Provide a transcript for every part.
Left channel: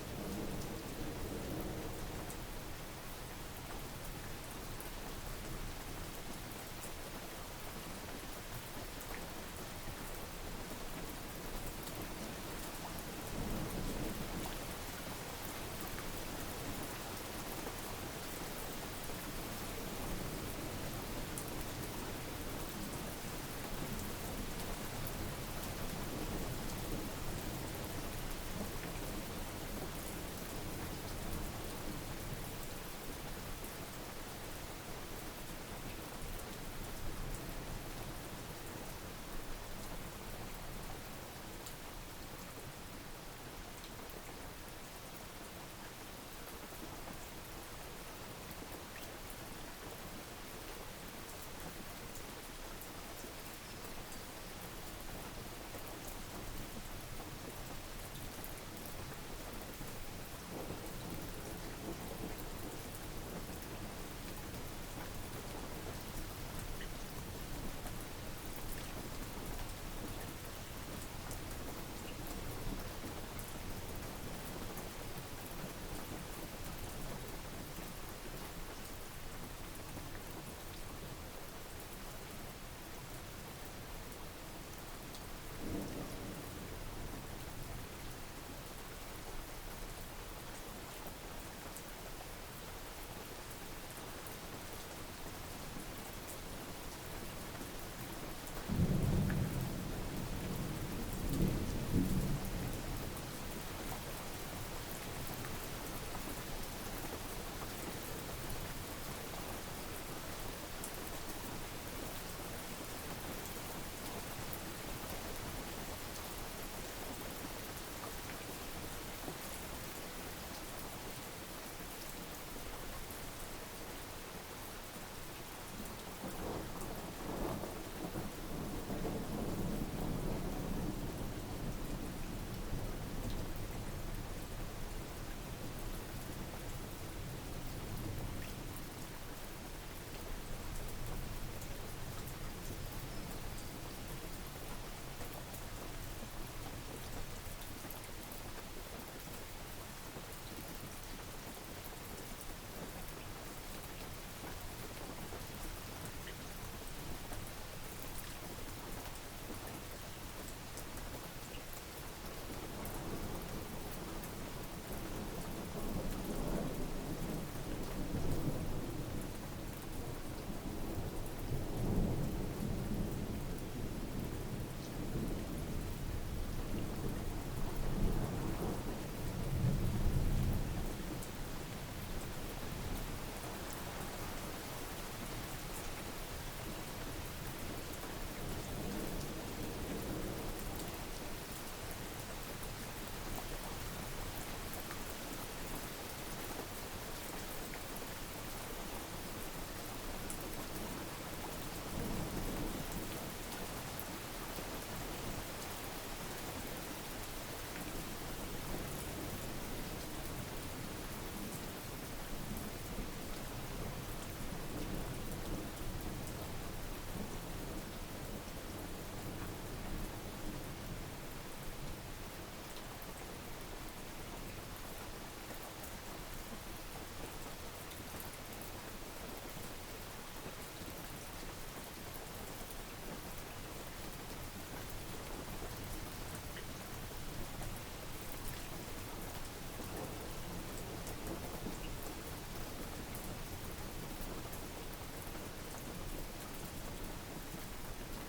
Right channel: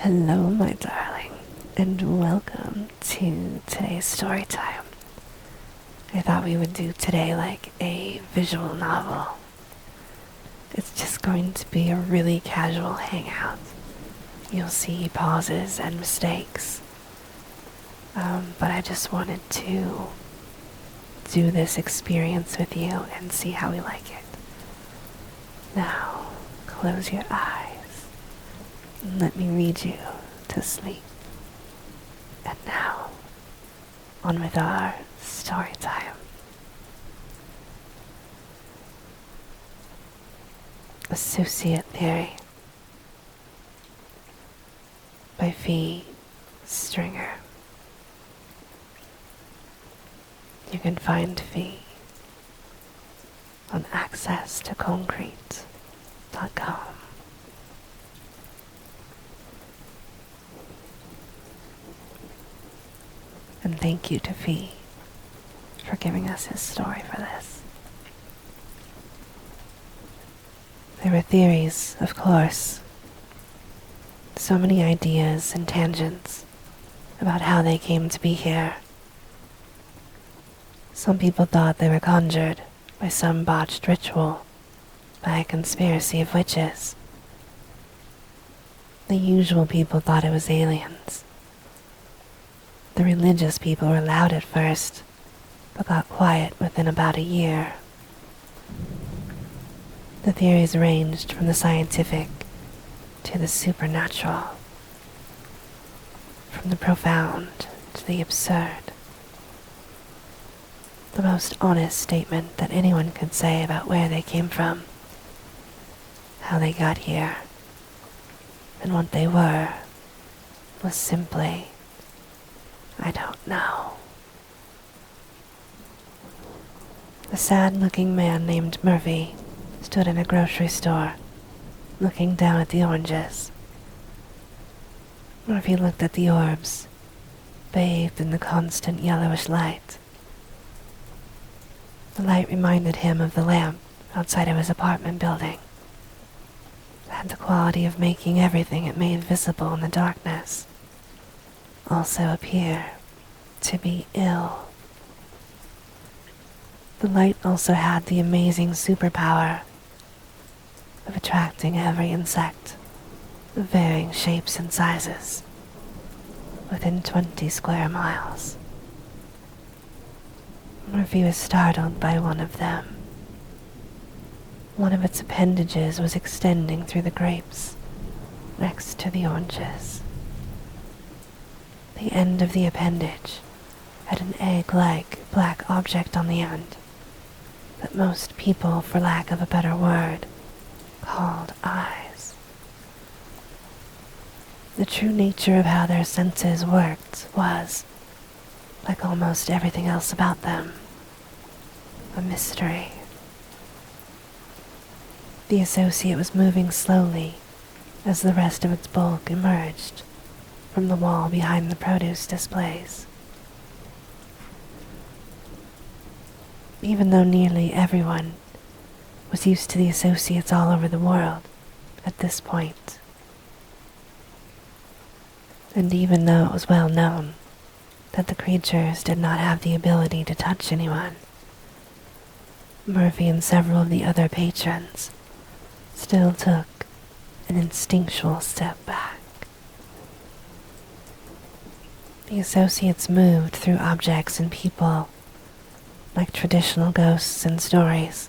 Hello, my darling, and welcome to today's story time. I thought we would do today like a visual novel. It's just going to be a really casual hangout. You'll see pauses and mistakes, but I just wanted to do this experience with you and see how we like it. Now, close your eyes. Let me read you to sleep. And now, on with our story time. Associate Theory by Phee Stringer. You can find Phee on accesstoconcrete.com. And thank you to Phee for giving us his story for this. There were theories, of course. So many ideas and tangents about how they came to be here. Some people thought they were conjured by some botched ritual, by a conspiracy of witches. The usual people thought it was aliens. The religious people were loud at first, but got quiet within about a year. The theories ranged from the scientific to the supernatural, from the profound to the absurd. The most honest statement that anyone could say about where they came from, how they got here, and what they were, was simply, I don't know. A sad-looking man named Murphy stood in a grocery store, looking down at the oranges. Murphy looked at the orbs, bathed in the constant yellowish light. The light reminded him of the lamp outside of his apartment building. It had the quality of making everything it made visible in the darkness also appear to be ill. The light also had the amazing superpower of attracting every insect of varying shapes and sizes within 20 square miles. Murphy was startled by one of them. One of its appendages was extending through the grapes next to the oranges. The end of the appendage had an egg-like black object on the end that most people, for lack of a better word, called eyes. The true nature of how their senses worked was, like almost everything else about them, a mystery. The associate was moving slowly as the rest of its bulk emerged from the wall behind the produce displays. Even though nearly everyone was used to the associates all over the world at this point, and even though it was well known that the creatures did not have the ability to touch anyone, Murphy and several of the other patrons still took an instinctual step back. The associates moved through objects and people like traditional ghosts in stories.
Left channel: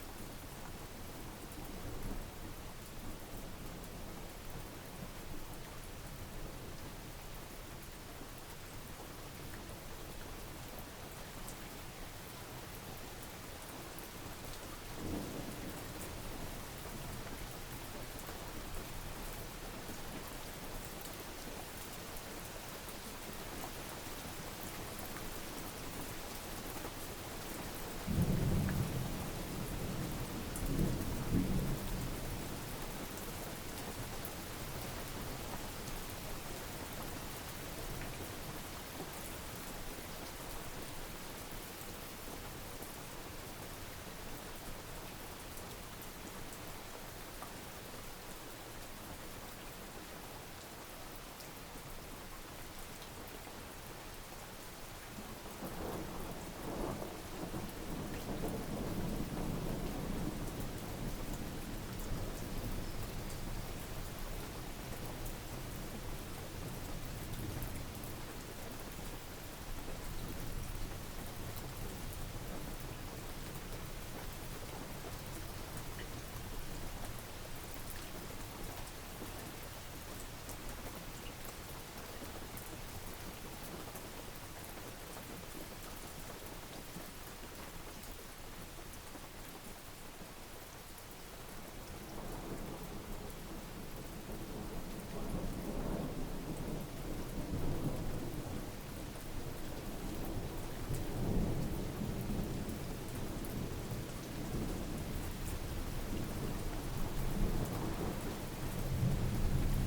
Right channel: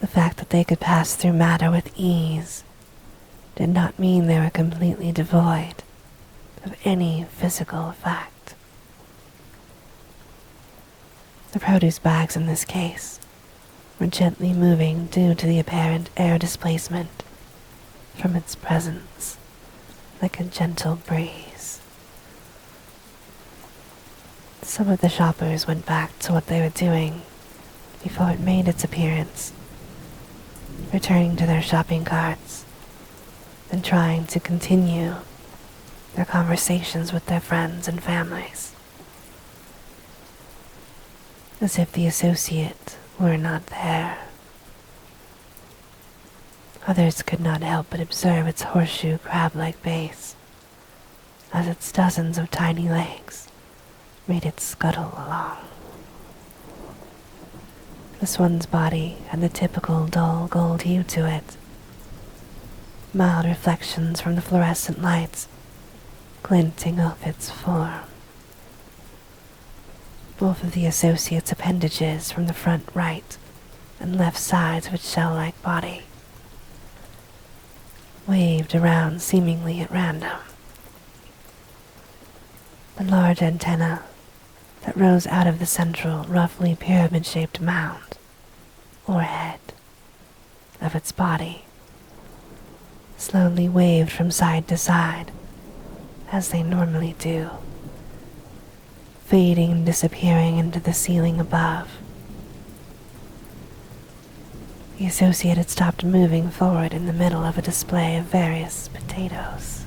The fact that they could pass through matter with ease did not mean they were completely devoid of any physical effect. The produce bags in this case were gently moving due to the apparent air displacement from its presence, like a gentle breeze. Some of the shoppers went back to what they were doing before it made its appearance, returning to their shopping carts and trying to continue their conversations with their friends and families, as if the associate were not there. Others could not help but observe its horseshoe crab-like base, as its dozens of tiny legs made it scuttle along. This one's body had the typical dull gold hue to it, mild reflections from the fluorescent lights glinting off its form. Both of the associates' appendages from the front right and left sides of its shell-like body waved around seemingly at random. The large antenna that rose out of the central, roughly pyramid-shaped mound, or head, of its body slowly waved from side to side, as they normally do, fading and disappearing into the ceiling above. The associate had stopped moving forward in the middle of a display of various potatoes.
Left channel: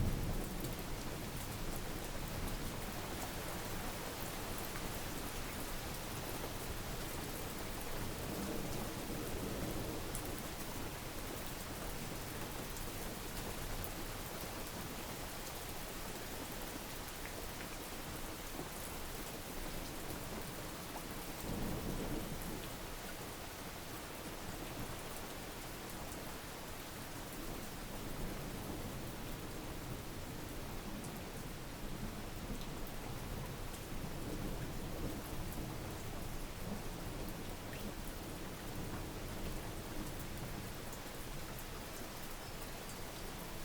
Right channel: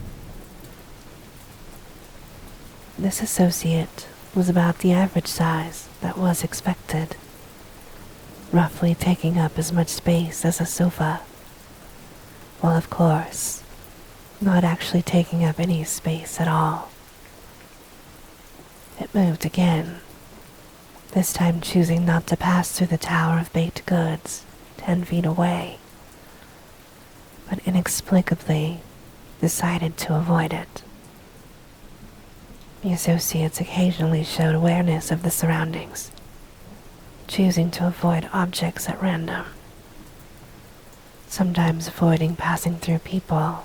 This associate was about the average size that was expected, roughly taking up as much space as a sofa, while of course not actually taking up any space at all. It moved again, this time choosing not to pass through the tower of baked goods 10 feet away, but inexplicably decided to avoid it. The associates occasionally showed awareness of the surroundings, choosing to avoid objects at random, sometimes avoiding passing through people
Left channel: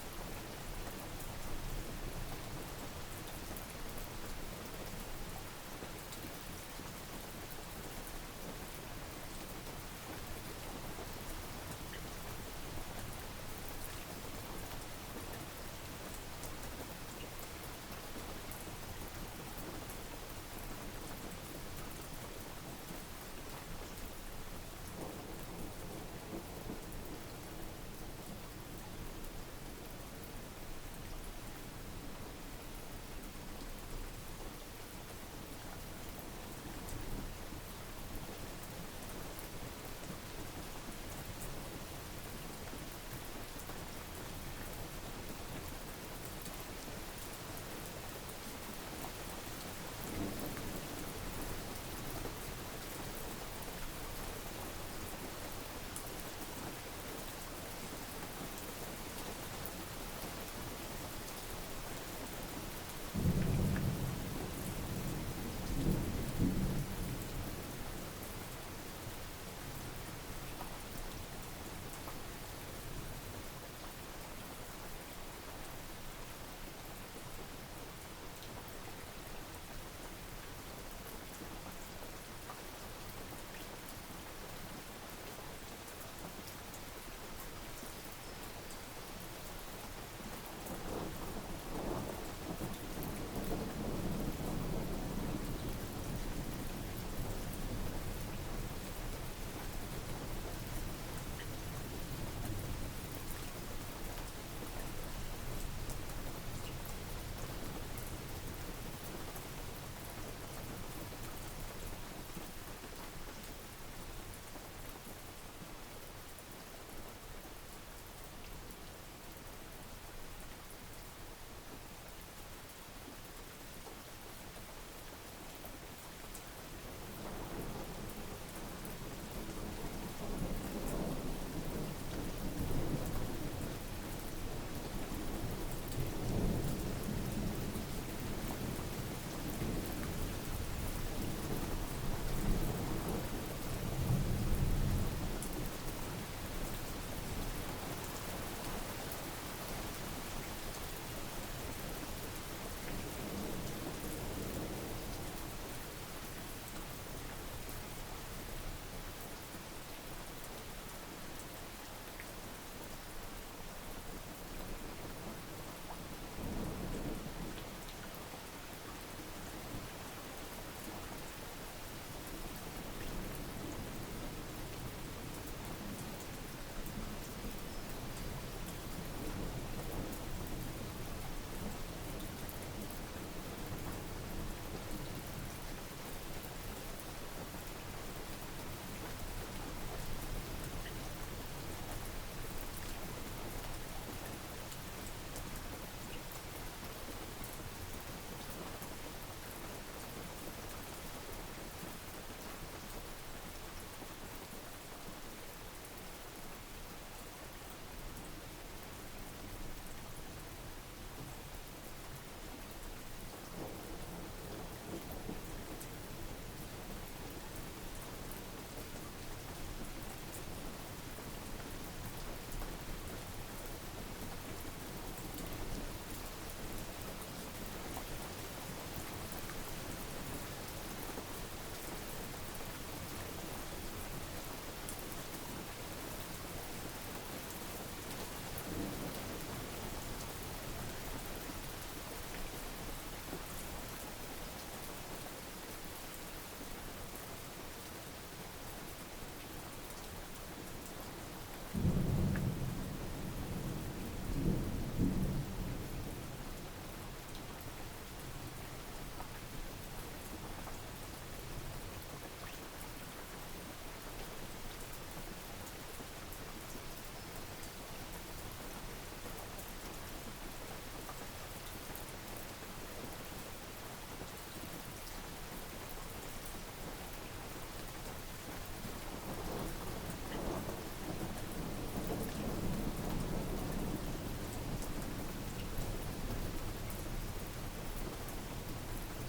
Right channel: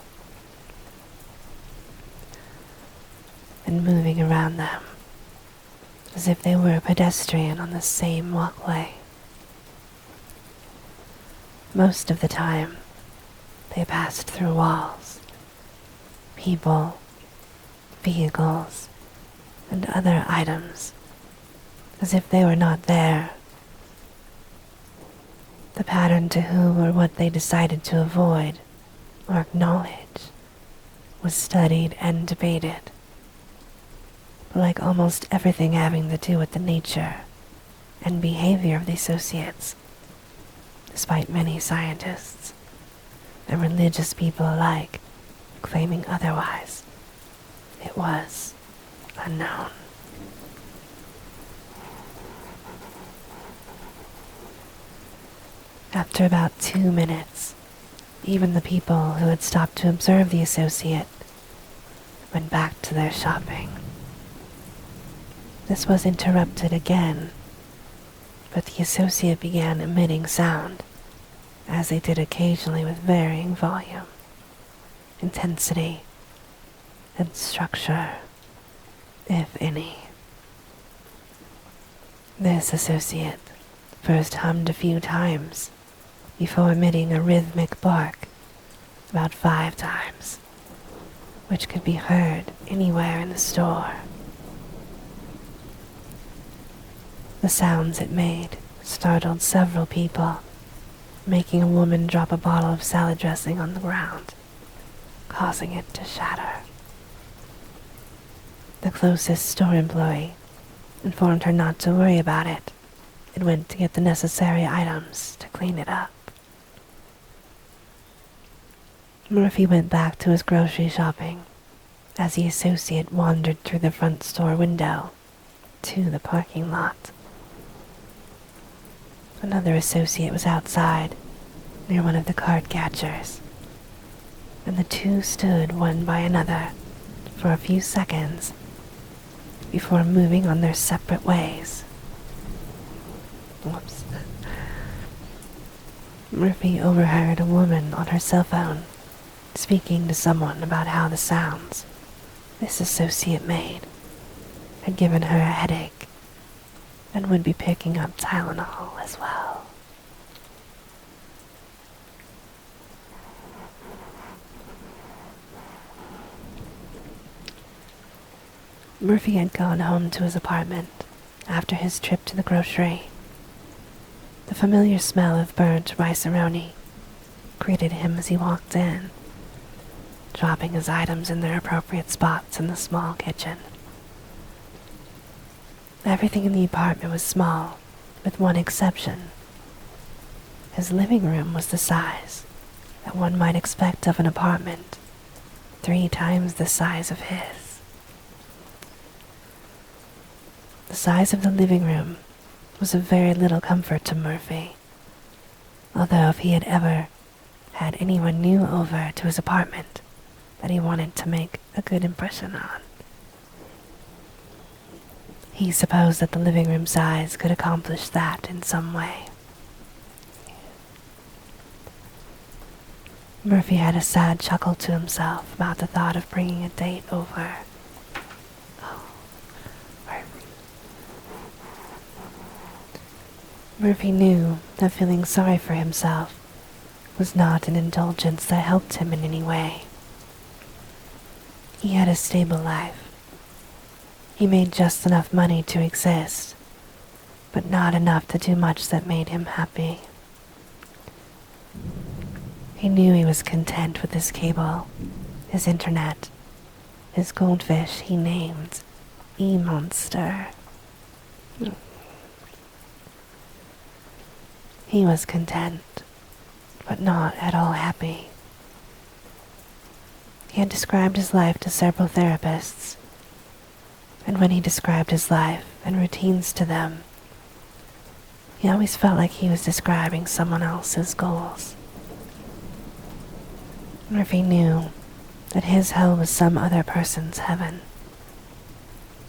and moving around them as if they were a pedestrian on the same walkway. Most of the time, they passed through walls, people, vehicles, and other items, as if they were not there. The pattern to whom or what they decided to avoid or acknowledge was studied and debated. Like almost everything having to do with the nature and behavior of the associates, despite many scientists and religious people alike claiming otherwise, it was unknown. After about 2 minutes, even the people who had stopped to observe the associate went back to their shopping. This was interrupted again, but the associate began emitting sound, as they did occasionally with varying volume, intensity, and structure, if any. This associate first hummed a few times before emitting a rhythmic bark about 5 times, which could be heard anywhere in the store. The sounds it made startled several people, making a woman drop a bottle of salad dressing on the ground, causing it to shatter. The closest store employee informed her not to worry about it and went to get the necessary items to clean it up. Murphy went back to his grocery shopping as the associate wandered through the front store window to the parking lot. Another associate was outside, near one of the card catchers, and the two stood one by another for a few seconds before moving on their separate ways. Whoops. Murphy overheard a woman on her cell phone speaking to someone about how the sounds this associate made had given her a headache and would be picking up Tylenol as well. Murphy had gone home to his apartment after his trip to the grocery. The familiar smell of burnt rice-a-roni greeted him as he walked in, dropping his items in their appropriate spots in the small kitchen. Everything in the apartment was small, with one exception. His living room was the size that one might expect of an apartment 3 times the size of his. The size of the living room was of very little comfort to Murphy, although if he had ever had anyone new over to his apartment that he wanted to make a good impression on, he supposed that the living room size could accomplish that in some way. Murphy had a sad chuckle to himself about the thought of bringing a date over. Murphy knew that feeling sorry for himself was not an indulgence that helped him in any way. He had a stable life. He made just enough money to exist, but not enough to do much that made him happy. He knew he was content with his cable, his internet, his goldfish he named E-Monster. He was content, but not at all happy. He had described his life to several therapists, and when he described his life and routines to them, he always felt like he was describing someone else's goals. Murphy knew that his hell was some other person's heaven.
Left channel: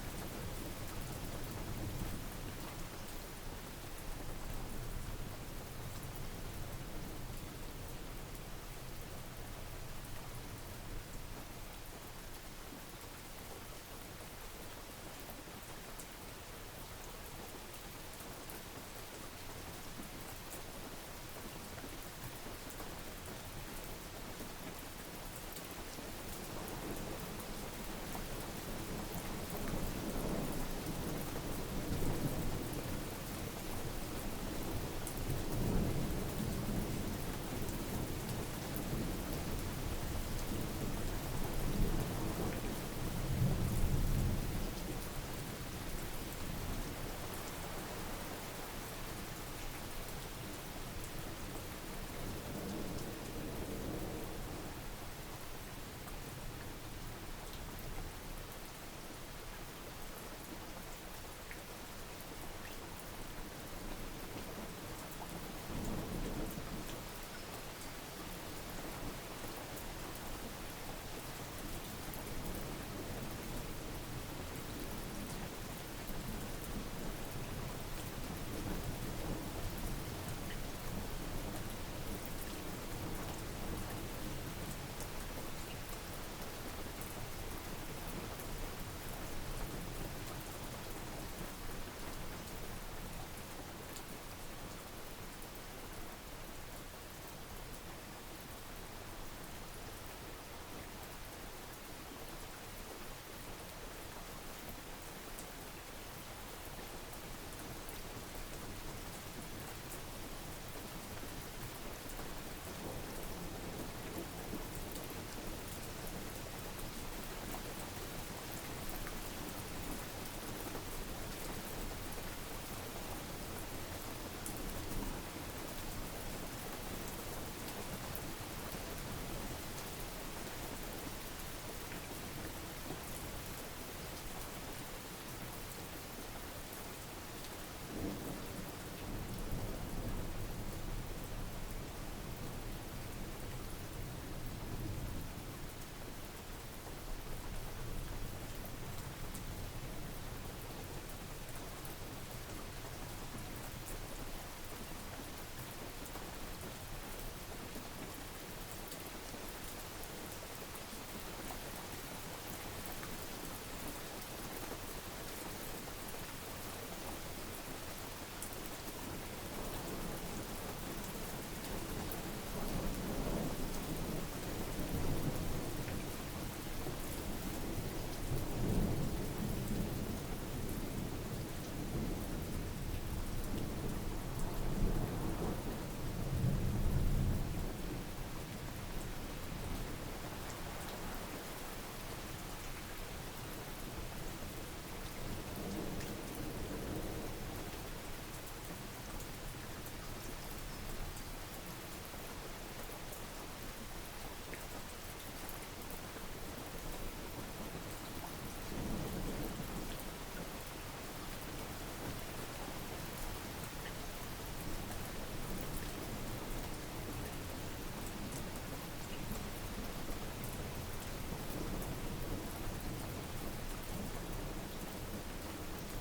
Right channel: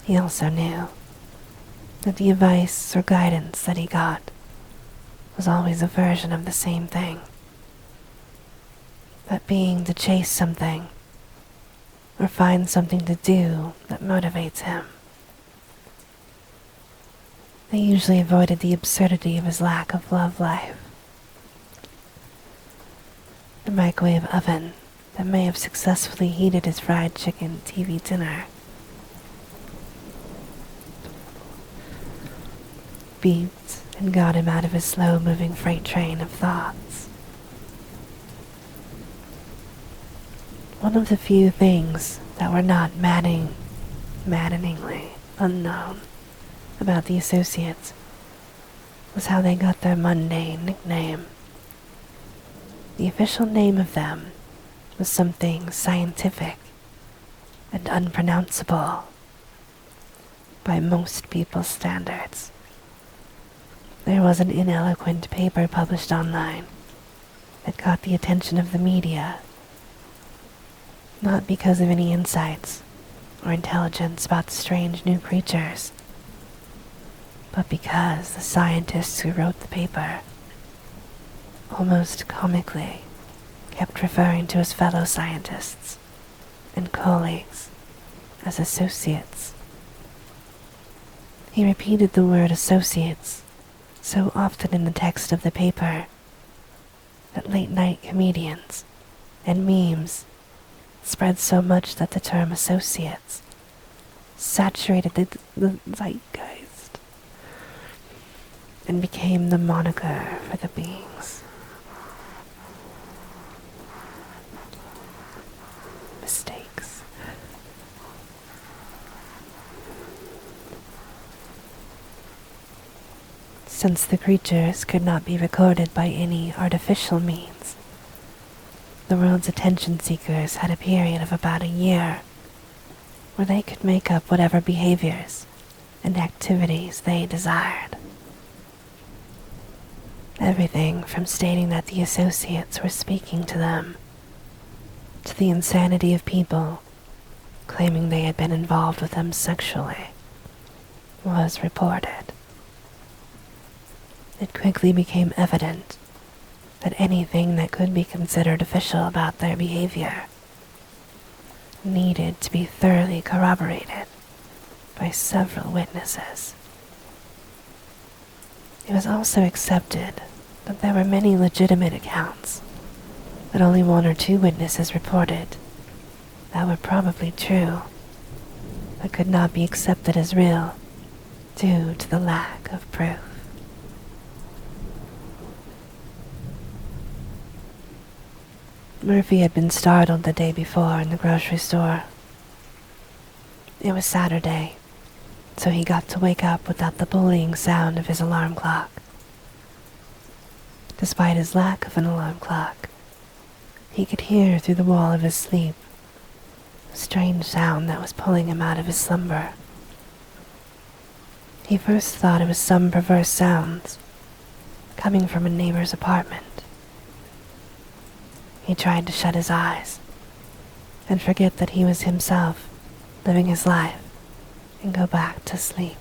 He also knew that the advice or guidance that he got was always a version of the same thing. That being to chase something or find something to do that motivates him. They usually avoided the absurdity of his lack of love life. The microwave oven that may have successfully heated his fried chicken TV dinner beeped and got him out of his slow-moving freight train of thoughts. One of the few things that were not maddeningly unknown about the associates was how they got their mundane nickname. The official name of them was something scientific and unpronounceable by most people's standards. There was an ineloquent paper published online that caught the attention of the media, not because of any insights or intelligence about the strange new creatures, but because the scientists who wrote the paper, almost comically, kept referring to his fellow scientists and colleagues as associates. He repeated the word associates so often in the text of the paper that late-night comedians and memes spread so much that the term associates saturated the zeitgeist and became the moniker for the beings. Mistakes. Since the creatures could not be recorded by any artificial means, the world's attention seekers had a period of about a year where they could make up whatever behaviors and activities they desired. Everything from stating that the associates were speaking to them, to the insanity of people claiming they had been involved with them sexually, was reported. It quickly became evident that anything that could be considered official about their behavior needed to be thoroughly corroborated by several witnesses. It was also accepted that there were many legitimate accounts that only 1 or 2 witnesses reported that were probably true, but could not be accepted as real due to the lack of proof. Murphy had been startled the day before in the grocery store. It was Saturday, so he got to wake up without the bullying sound of his alarm clock. Despite his lack of an alarm clock, He could hear through the wall of his sleep a strange sound that was pulling him out of his slumber. He first thought it was some perverse sounds coming from a neighbor's apartment. He tried to shut his eyes and forget that he was himself living his life and go back to sleep.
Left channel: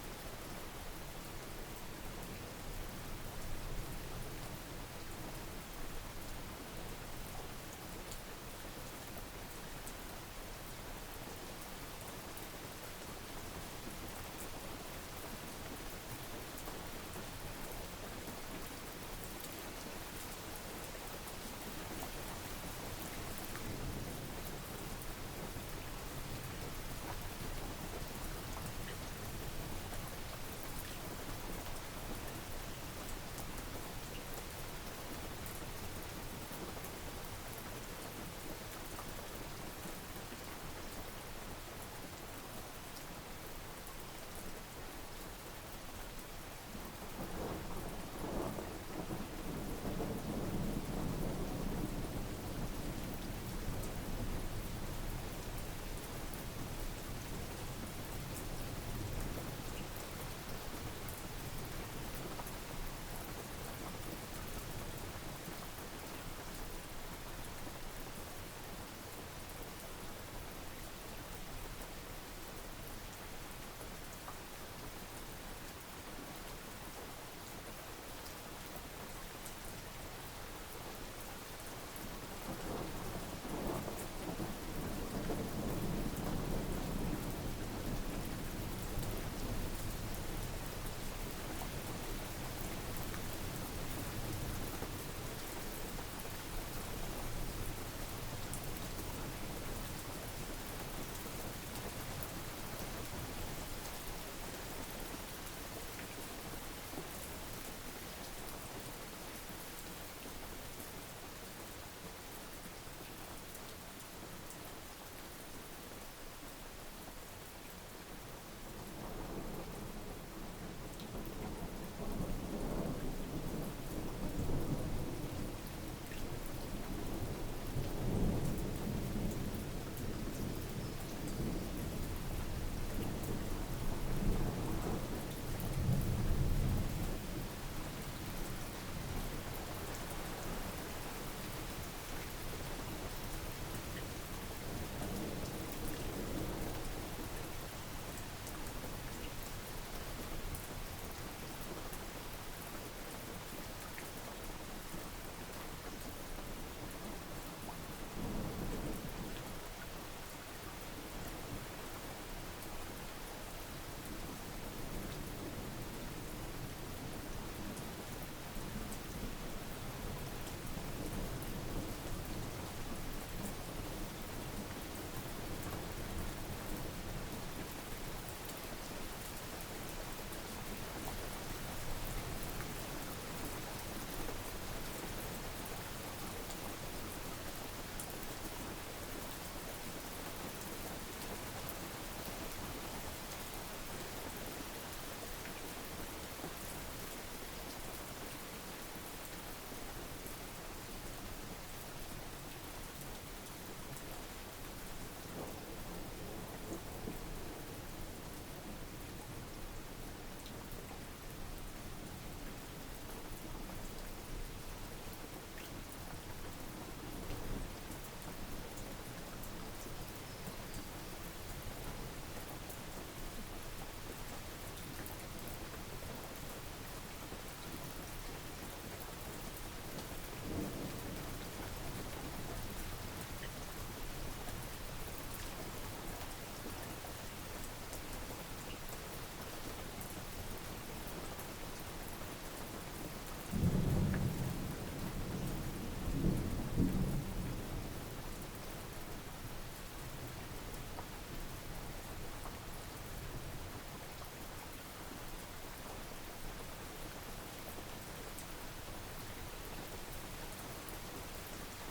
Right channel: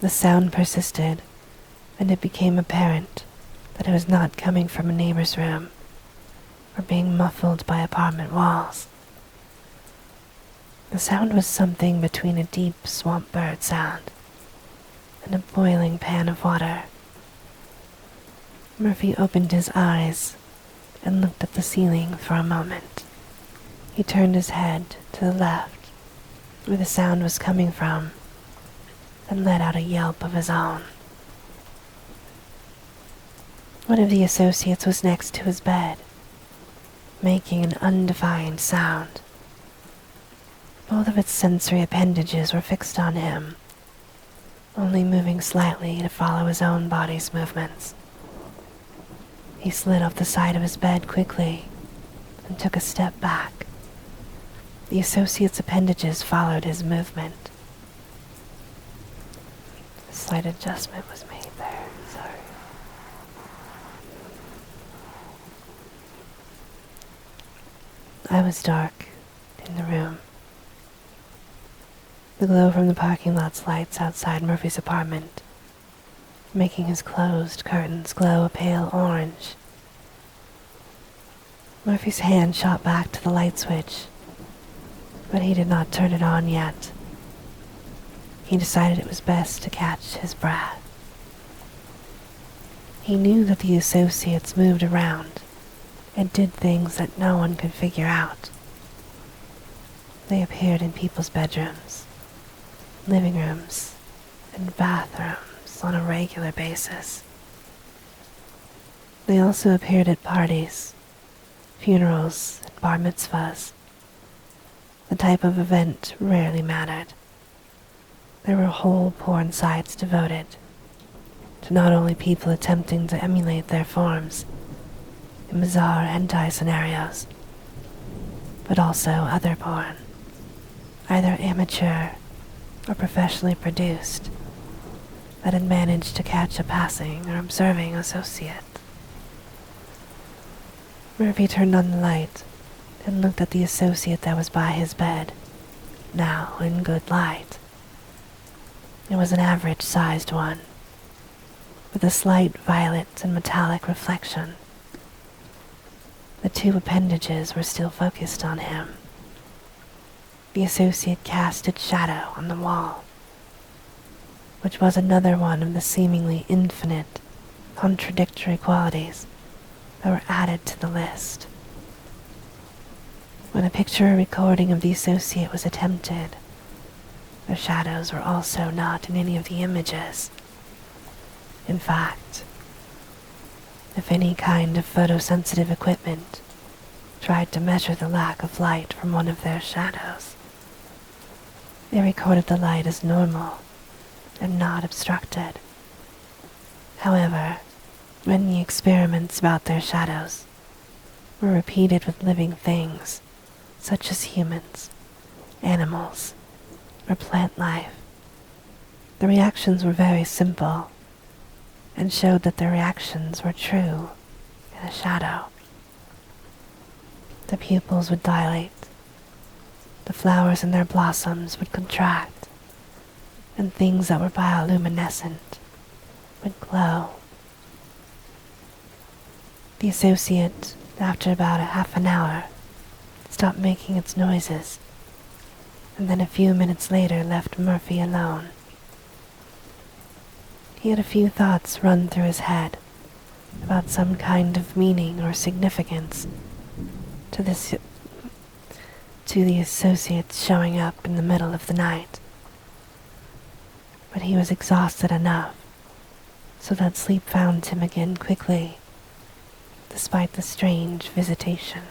The sound persisted, and it became apparent that it was not coming from a neighbor's room or being muffled by apartment walls. The sound was something between a deep swamp bird sound and a boiling pan of water. Murphy opened his eyes and looked at the ceiling for a moment. He turned his head to the left, where the sound was coming from, and let out a yelp of his own. One of the associates was next to his bed, making an undefined sound. Both of its sensory appendages were fixed on him, only moving slightly to follow his own body's movements. He slid off the side of his bed quickly and took a step back. The associate's appendages followed his movement. A slight adjustment was made there, sorry. I was dark in the room. The glow from the parking lot's lights outside Murphy's apartment, making his closed curtains glow a pale orange. Murphy's hand shot back to the light switch, but he did not turn it on yet. He decided it was best to catch his breath. He knew that the associates moved around and did things that no one could figure out. They appeared in people's bedrooms, living rooms, and bathrooms on a regular basis. They also appeared at parties, funerals, and bar mitzvahs. The type of event rarely mattered. There were whole porn sites devoted to not only people attempting to emulate their forms in bizarre hentai scenarios, but also other porn, either amateur or professionally produced, that had managed to catch a passing or observing associate. Murphy turned on the light and looked at the associate that was by his bed, now in good light. It was an average-sized one, with a slight violet and metallic reflection. The two appendages were still focused on him. The associate cast its shadow on the wall, which was another one of the seemingly infinite, contradictory qualities that were added to the list. When a picture or recording of the associate was attempted, the shadows were also not in any of the images. In fact, if any kind of photosensitive equipment tried to measure the lack of light from one of their shadows, they recorded the light as normal and not obstructed. However, when the experiments about their shadows were repeated with living things, such as humans, animals, or plant life, the reactions were very simple and showed that their reactions were true in a shadow. The pupils would dilate, the flowers in their blossoms would contract, and things that were bioluminescent would glow. The associate, after about a half an hour, stopped making its noises, and then a few minutes later left Murphy alone. He had a few thoughts run through his head about some kind of meaning or significance to the associates showing up in the middle of the night. But he was exhausted enough so that sleep found him again quickly, despite the strange visitation.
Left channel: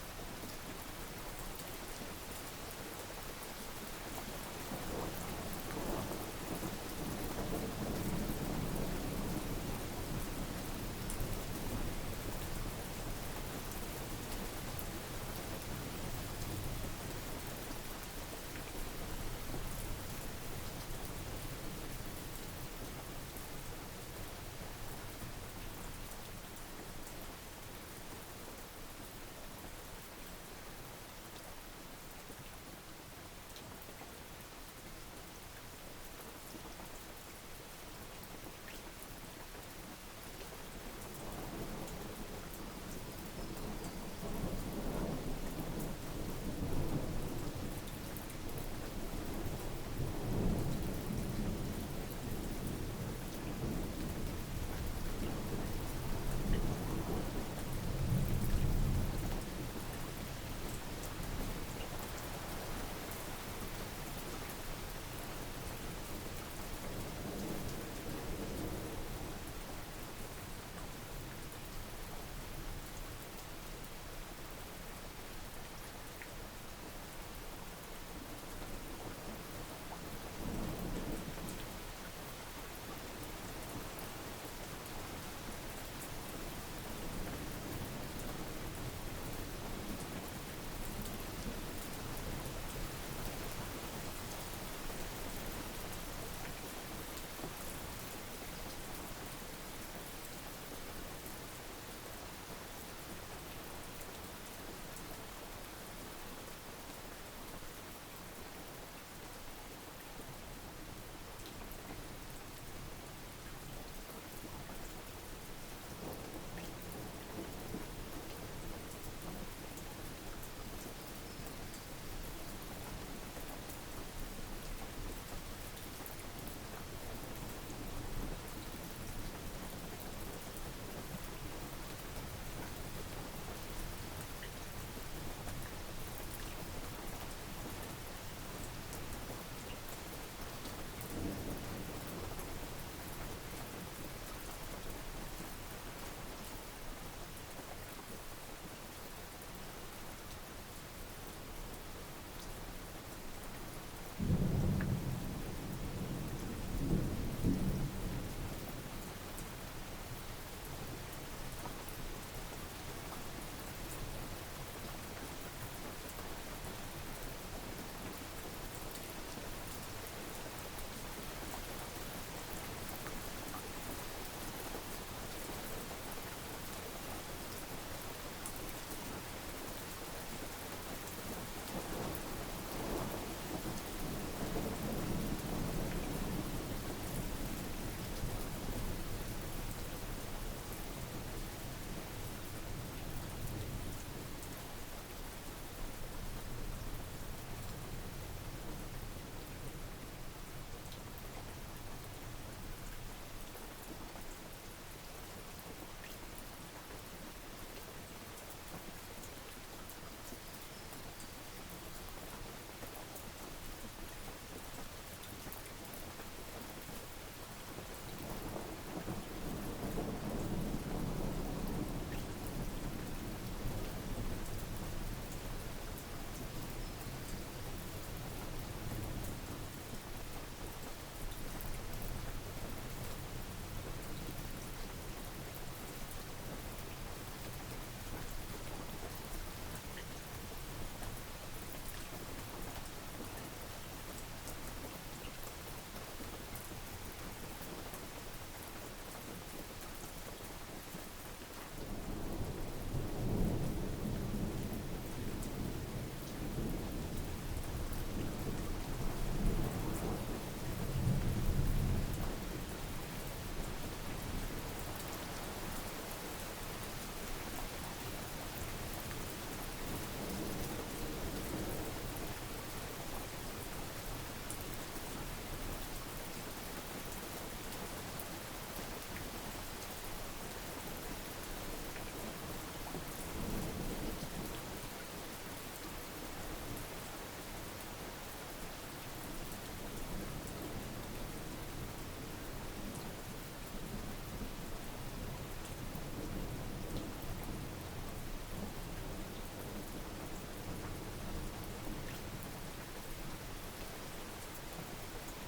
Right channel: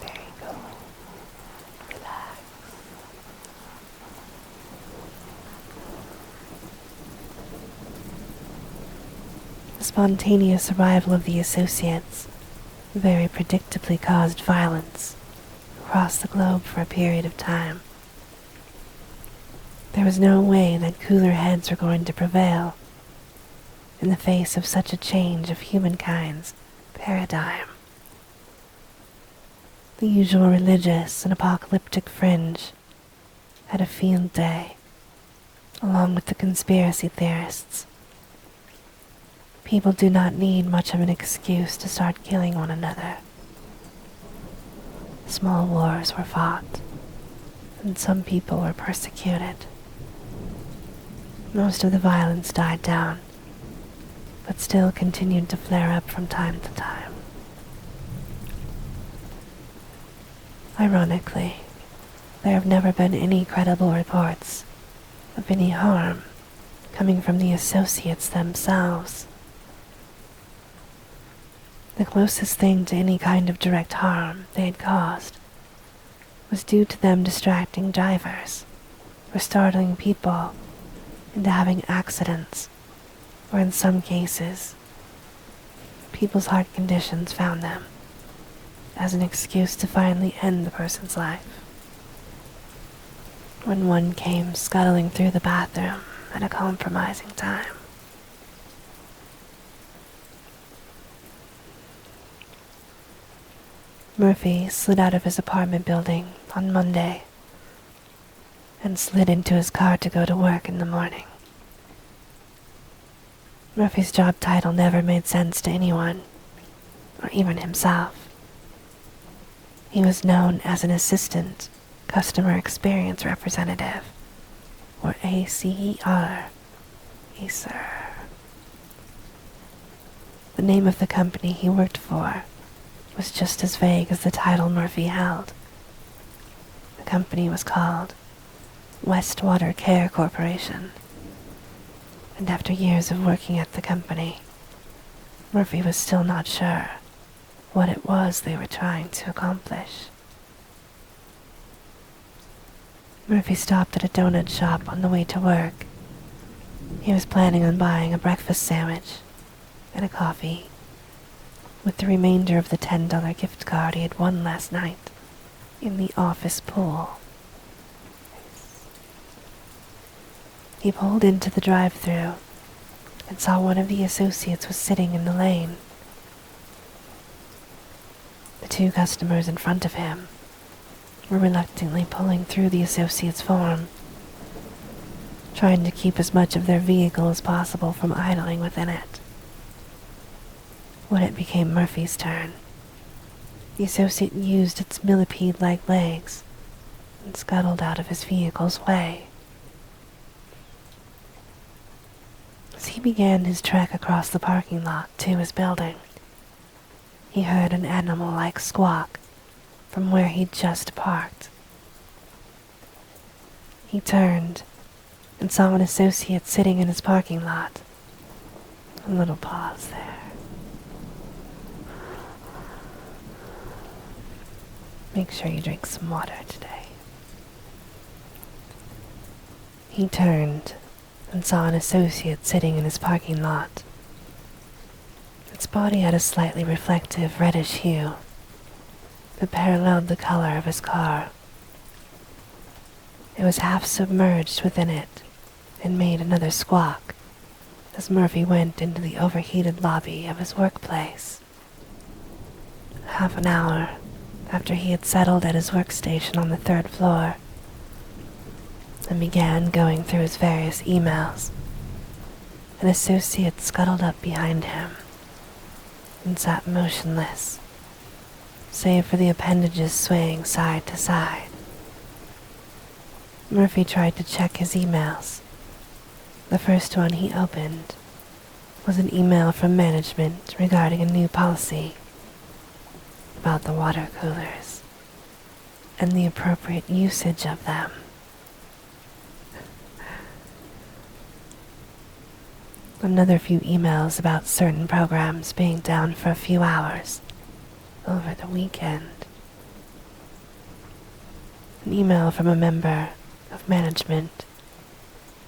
There you go. Relax. spontaneous arrival of the associates very predictably caused violence across the globe for a period of time. There was no way that cooler heads were going to prevail in the face of such a change of humankind's paradigm. The usual religious and apocalyptic fringe had a field day, along with the conspiracy theorists. People do not need much of an excuse to start killing one another. Small wars were fought, and some people were persecuted. Most of the violence died down, but still continued to flare up from time to time. Ironically, there have never been any credible reports of any harm coming from the associates themselves. The closest thing to any kind of direct harm they had caused was due to them distracting drivers or startling people into having accidents, or in some cases, people's heart conditions found them as an excuse to finally end the person's life. When one came scuttling through the bathroom at a compromising time. Murphy slid out of his apartment building on Monday and slid into his car to go to work in the morning. Murphy's job title never made sense to anyone, or even himself. He was known as an Assistant Customer Experience Representative, or ACER. ACER. The name of the company he worked for was just as vague as the title Murphy held. The company was called Westwater Care Corporation, and after years of working at the company, Murphy was still not sure what it was they were trying to accomplish. Murphy stopped at a donut shop on the way to work. He was planning on buying a breakfast sandwich and a coffee with the remainder of the $10 gift card he had won last night in the office pool. He pulled into the drive-thru and saw one of the associates was sitting in the lane. The two customers in front of him were reluctantly pulling through the associate's form, trying to keep as much of their vehicle as possible from idling within it. When it became Murphy's turn, the associate used its millipede-like legs and scuttled out of his vehicle's way. As he began his trek across the parking lot to his building, he heard an animal-like squawk from where he'd just parked. He turned and saw an associate sitting in his parking lot. A little pause there. Make sure you drink some water today. He turned and saw an associate sitting in his parking lot. Its body had a slightly reflective reddish hue that paralleled the color of his car. It was half submerged within it and made another squawk as Murphy went into the overheated lobby of his workplace. Half an hour after he had settled at his workstation on the 3rd floor and began going through his various emails, an associate scuttled up behind him and sat motionless, save for the appendages swaying side to side. Murphy tried to check his emails. The first one he opened was an email from management regarding a new policy about the water coolers and the appropriate usage of them. Another few emails about certain programs being down for a few hours over the weekend. An email from a member of management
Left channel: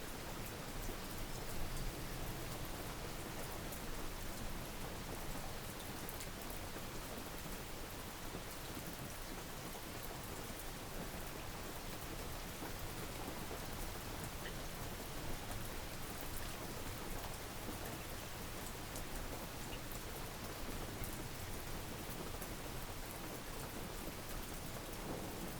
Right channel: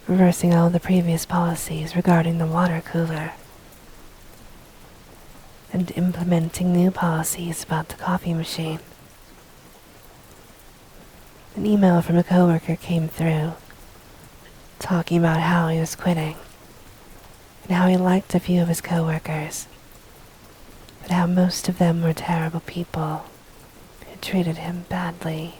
reversing all the previous policies regarding the water cooler and implementing new policies about the coffee machine. An email from a coworker came through, talking about how he was quitting, and how he liked a few of his coworkers, but how most of them were terrible people who treated him badly.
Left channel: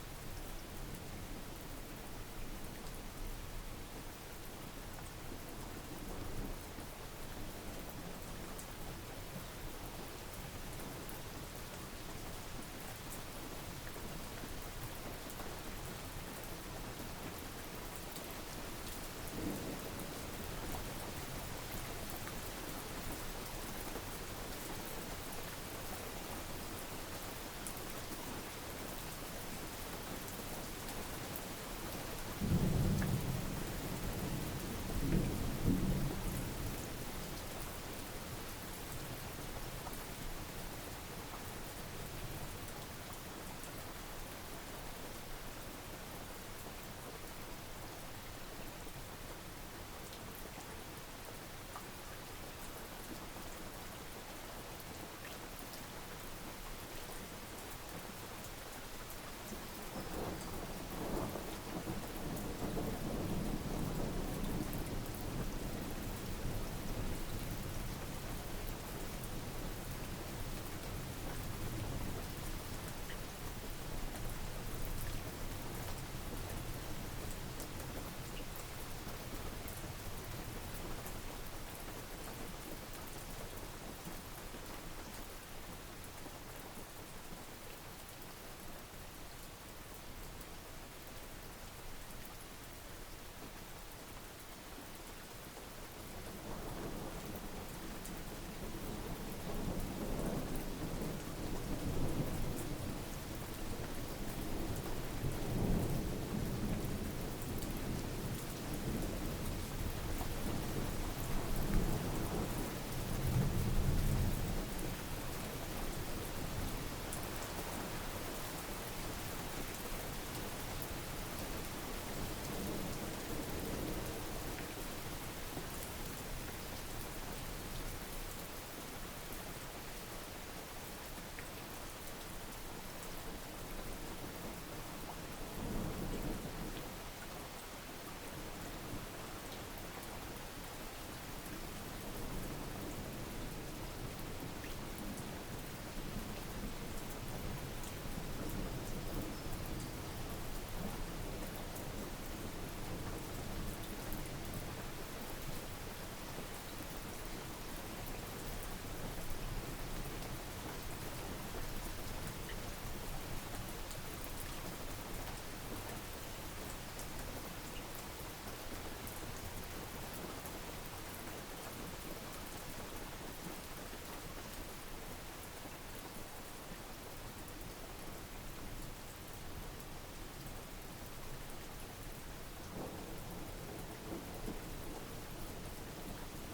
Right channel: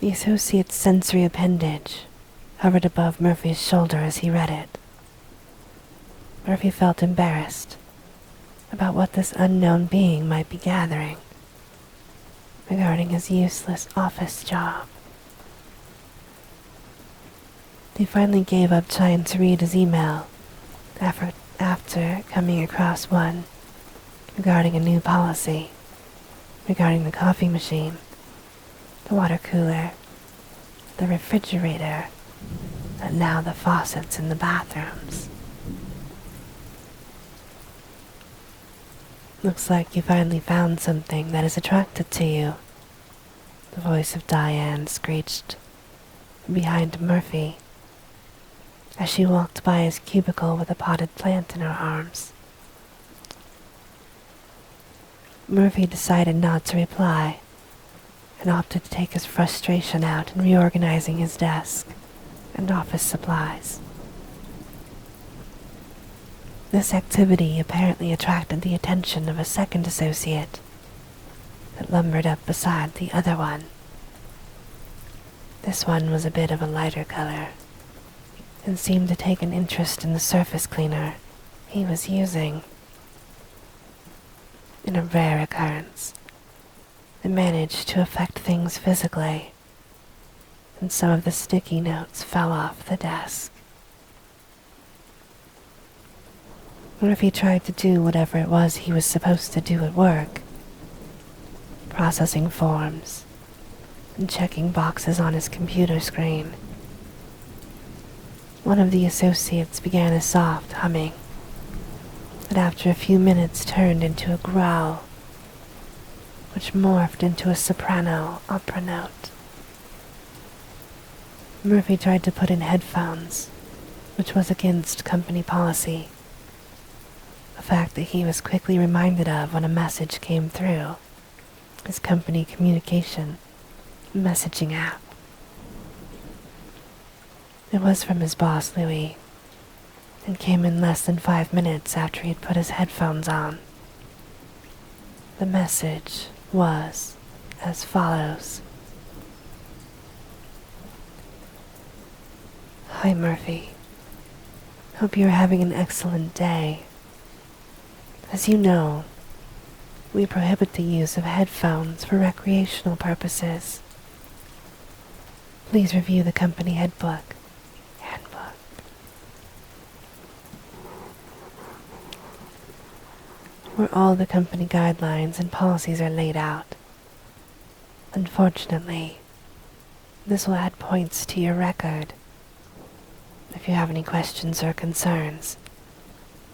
The associate's sensory appendage hovered above Murphy's shoulder as he read it. Murphy felt embarrassed about what this unknown being might be gathering regarding his useless office job. He finally gave up trying to read his email after coming across one regarding a new policy regarding the coffee machine, the water cooler, the refrigerator, and now the faucets in the bathrooms. Looks like you finally found something that is attractive to you, the voice of Diane screeched behind Murphy as she walked by his cubicle with a potted plant in her arms. Murphy decided not to reply and opted to take his frustration out in reorganizing his desk and office supplies. This activity apparently attracted the attention of a second associate that lumbered up beside the other one. This one was a bit of a lighter color and seemed to take an interest in the surface cleaner he was using. In a rare occurrence, it managed to affect things physically, and some of the sticky notes fell off the desk. Murphy tried to do whatever it was he was supposed to do at work, processing forms and checking boxes on his computer screen. One of the associates began a soft humming, but after a few minutes turned into a growl, which morphed into a soprano opera note. Murphy tried to put in headphones, which was against company policy, a fact that he was quickly reminded of when a message came through his company communication messaging app. It was from his boss, Louis, and came in less than 5 minutes after he'd put his headphones on. The message was as follows. Hi, Murphy. Hope you're having an excellent day. As you know, we prohibit the use of headphones for recreational purposes. Please review the company handbook. Where all the company guidelines and policies are laid out. Unfortunately, this will add points to your record. If you have any questions or concerns,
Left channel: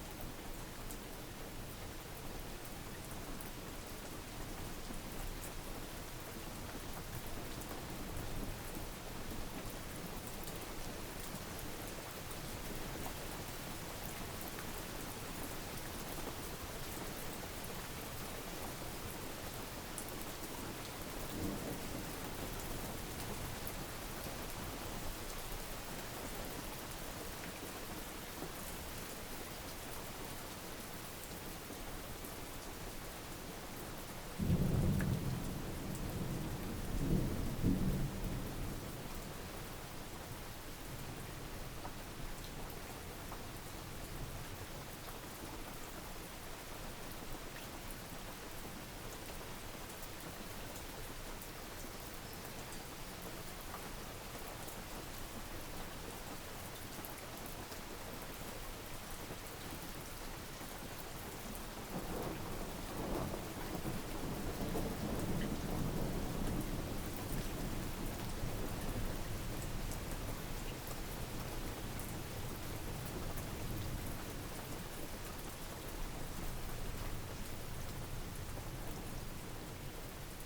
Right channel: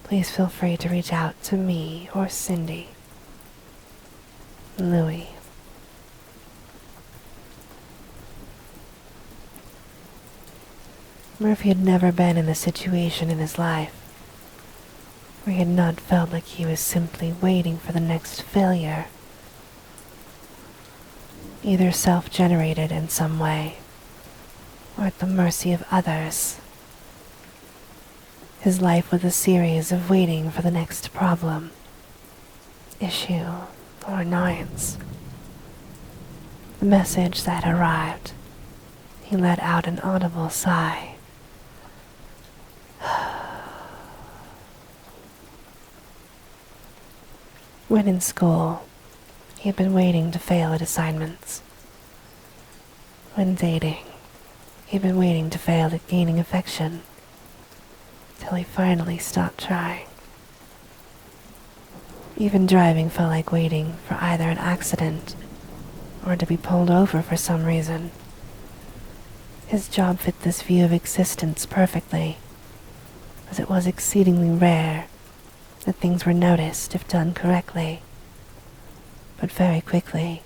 please feel free to reach out to me or Cindy. Louis. Murphy had never been in a situation in his life where he had not felt like he was simply waiting for the next failure, either self-generated in some way or at the mercy of others. His life was a series of waiting for the next problem, issue, or annoyance. The message that arrived, he let out an audible sigh. When in school, he had been waiting to fail at assignments. When dating, he had been waiting to fail at gaining affection, till he finally stopped trying. Even driving felt like waiting for either an accident or to be pulled over for some reason. His job fit this view of existence perfectly, as it was exceedingly rare that things were noticed if done correctly. But very quickly,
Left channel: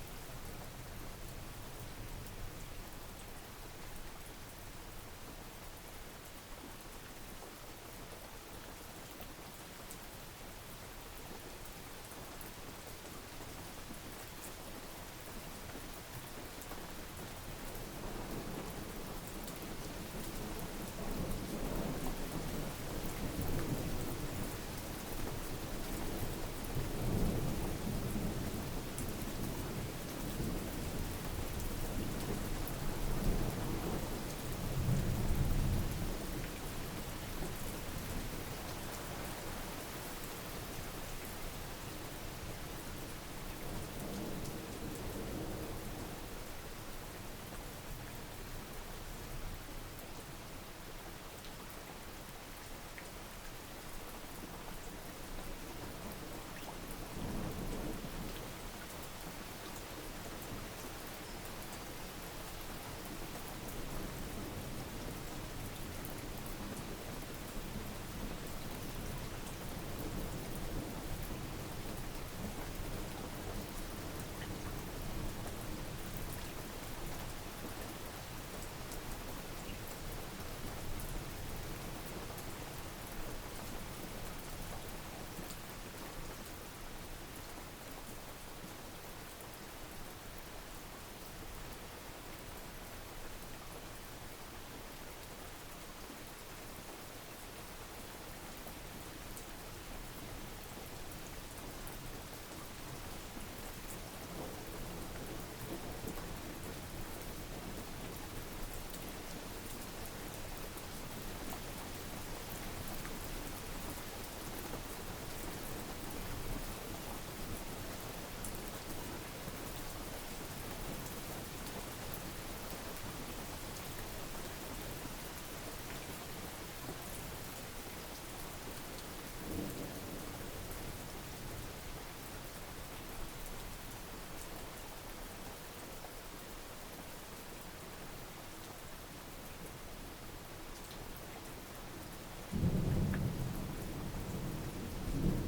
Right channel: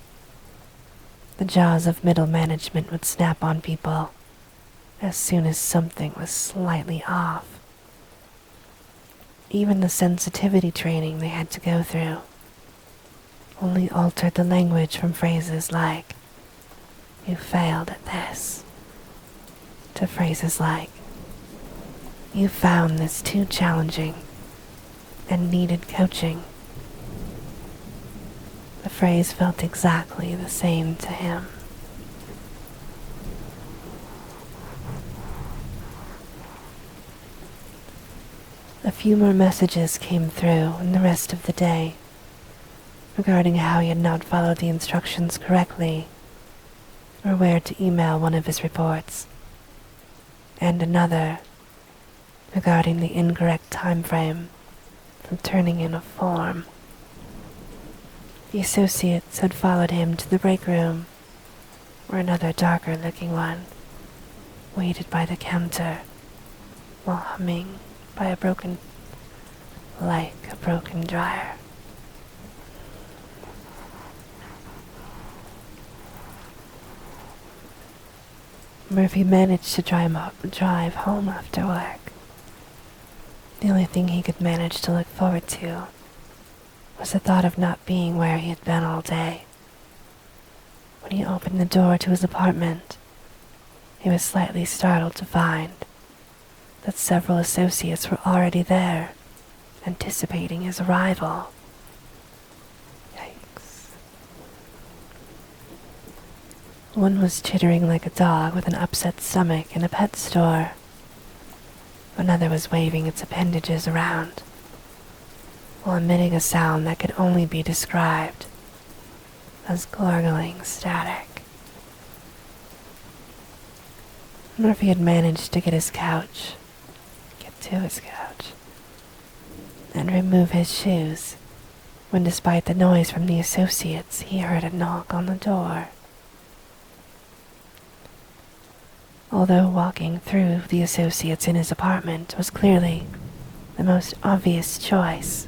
the jaws of middle management would snap on people as soon as something was slightly off. even the sensitivity training they had to go through only altered the language from phrases like, "You failed at this," to phrases like, "You found this too challenging and needed coaching." The phrase felt exactly the same to him. A few more messages came through in the rest of the day regarding how he had not followed the instructions correctly or where to email one of his reports, and another regarding the incorrect time frame for turning in a form. The associates had followed him to the break room, where another darker-looking one waited by the counter while humming by a broken dryer. Murphy managed to drive home after work. The only thing he could manage to look forward to was the thought of not being where he had been all day. When he opened the door to his apartment, he was slightly startled to find that several associates were already there, anticipating his arrival. Yikes. One was chittering like a dog with an upset stomach in a pet store. Another was waving its appendages around while emitting a sound that could only be described as gargling static. Murphy had managed to get to his couch, and remove his shoes when, despite the noise from the associates, he heard a knock on the door. Although walking through the associates in his apartment was clearly the most obvious choice,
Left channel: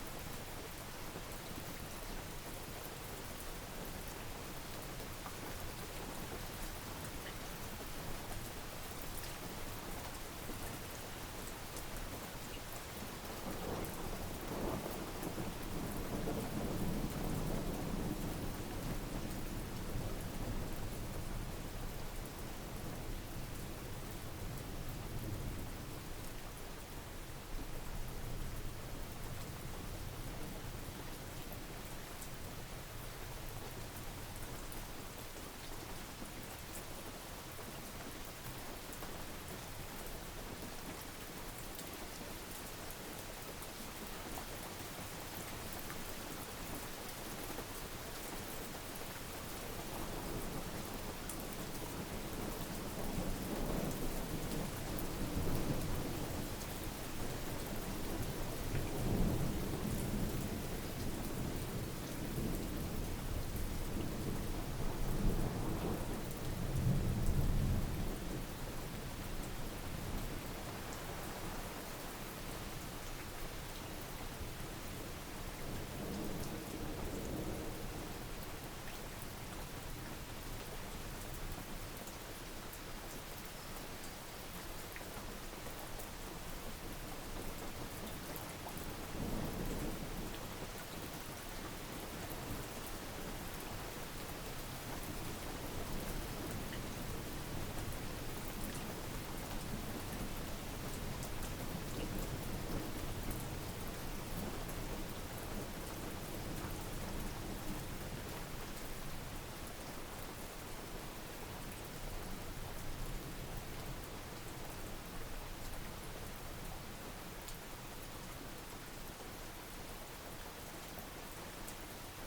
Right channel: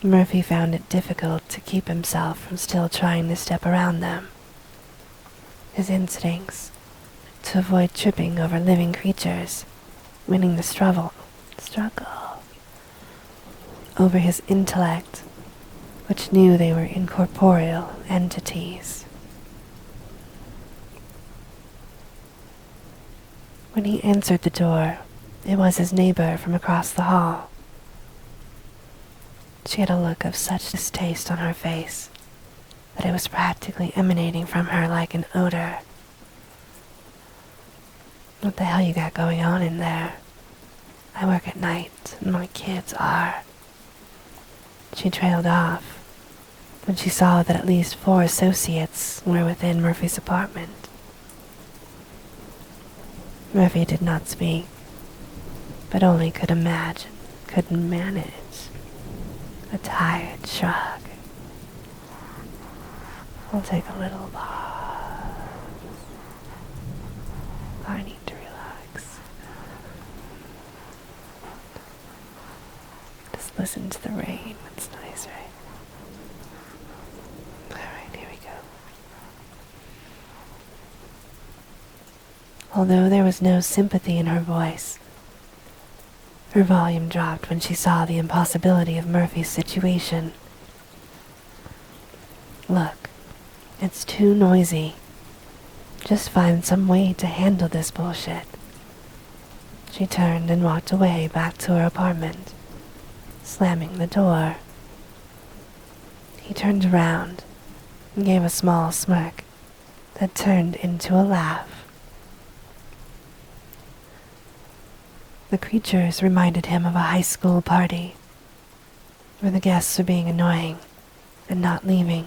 Murphy found it difficult to keep himself from still trying to step around them. His instincts to avoid tripping over living creatures, winning the struggle over his intellect, which knew they were incorporeal entities. When he answered the door, it was his neighbor from across the hall. She had a look of such distaste on her face that it was practically emanating from her like an odor. "What the hell you got going on in there? I work at night, and my kids are..." She trailed off when she saw that at least 4 associates were within Murphy's apartment. Murphy did not speak, but only couldn't manage a tired shrug. "I'll take a little pause. I need to relax. Just listen to the rain. It's nice, right? Alright, here we go." Although there was no sympathy in her voice, her volume dropped when she saw the impossibility of Murphy's situation. "Look, it's too noisy. Just find some way to handle this bullshit." She turned and walked away back to her apartment, slamming the door. He turned around and gave a small smirk that turned into a laugh. The creatures reminded him of a high school party, where the guests were being annoying and not leaving,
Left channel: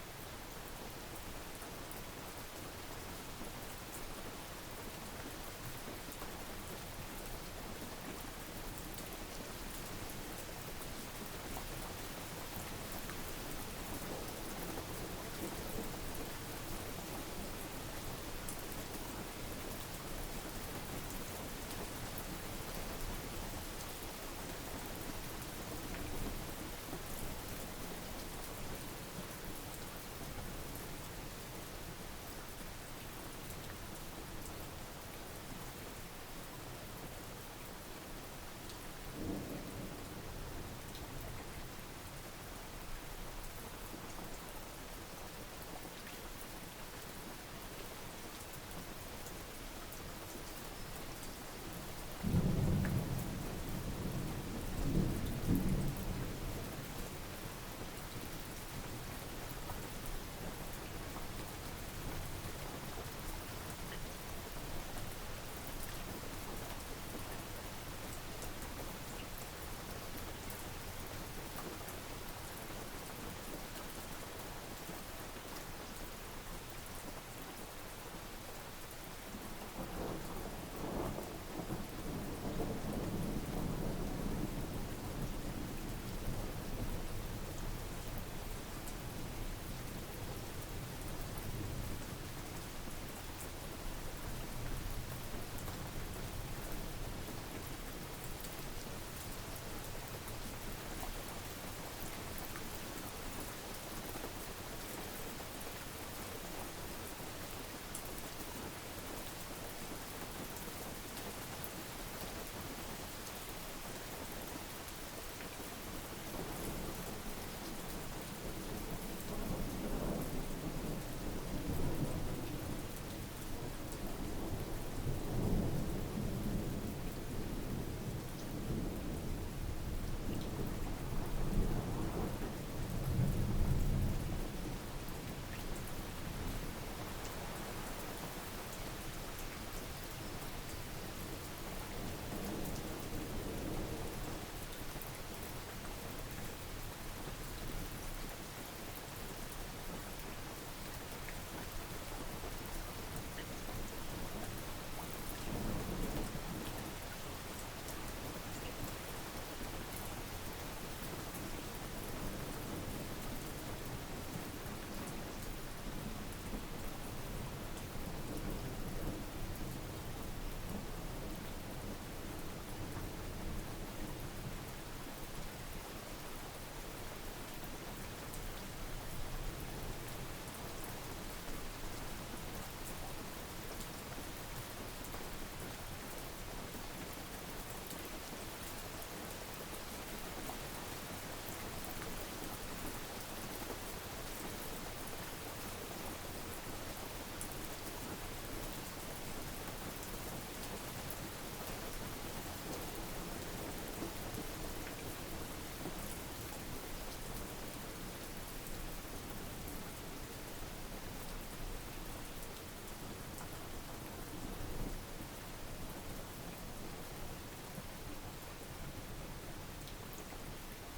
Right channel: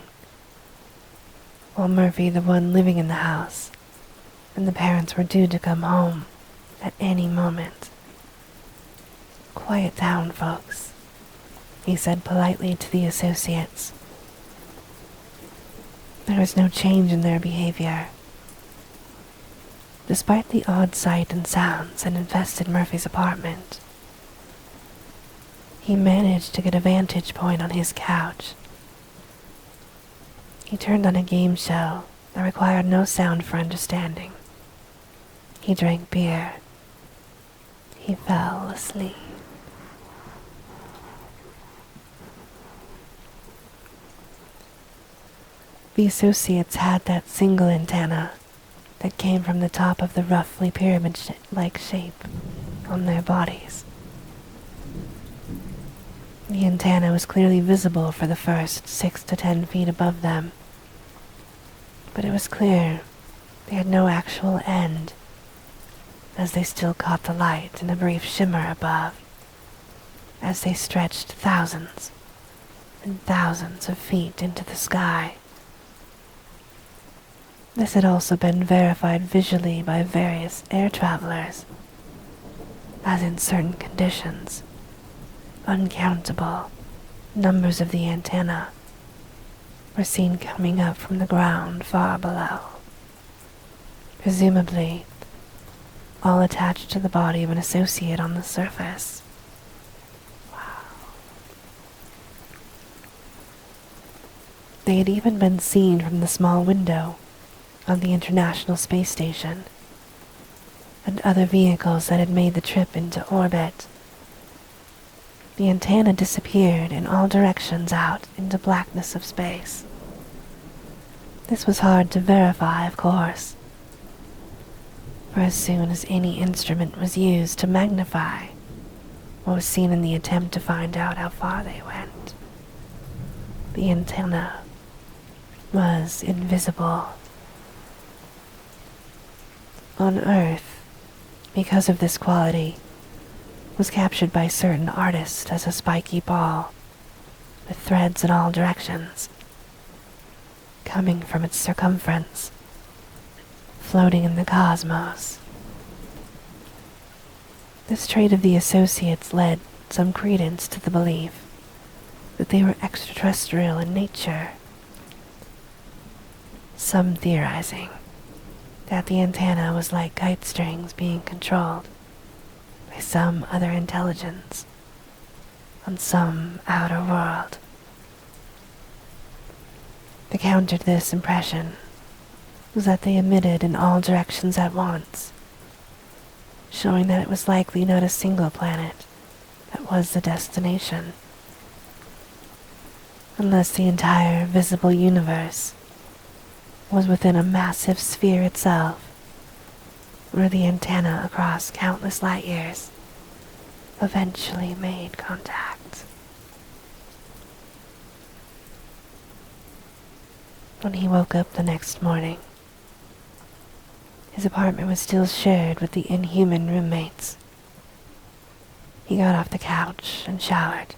while Murphy, the one living in the house, and the parents were due to come home at any moment. "Quiet down, folks," he said politely to the associates. There was no change in their behavior. Despite the odd sight and sounds that infested Murphy's apartment, he managed to get a vantage point on his couch. He turned on a game show that required no sound for understanding. He drank beer. he fell asleep. The associates had that single antenna that came from the top of the roughly pyramid-like shape on their bodies. The antenna was clearly visible for the first 6 to 10 feet above them, but it was clear they had no actual end, as they still caught the light in a brief shimmer above, as they stretched thousands and thousands of feet into the sky. This had also been verified visually by various air travelers, as in certain conditions, uncountable numbers of the antenna were seen coming up from the ground far below, presumably all attached to the body of an associate on the surface. They had even been seen from the small window of the International Space Station and other vehicles that had made the trip into orbit. The antenna disappeared in all directions out into blackness of space. This was hard to verify, of course, for as soon as any instrument was used to magnify what was seen in the attempt to find out how far they went, the antenna was invisible. On Earth, because of this quality, was captured by certain artists as a spiky ball, with threads in all directions, coming from its circumference, floating in the cosmos. This trait of the associates led some credence to the belief that they were extraterrestrial in nature, some theorizing that the antenna was like kite strings being controlled by some other intelligence on some outer world. The counter to this impression was that they emitted in all directions at once, showing that it was likely not a single planet that was the destination, unless the entire visible universe was within a massive sphere itself, where the antenna across countless light years eventually made contact. When he woke up the next morning, his apartment was still shared with the inhuman roommates. He got off the couch and showered.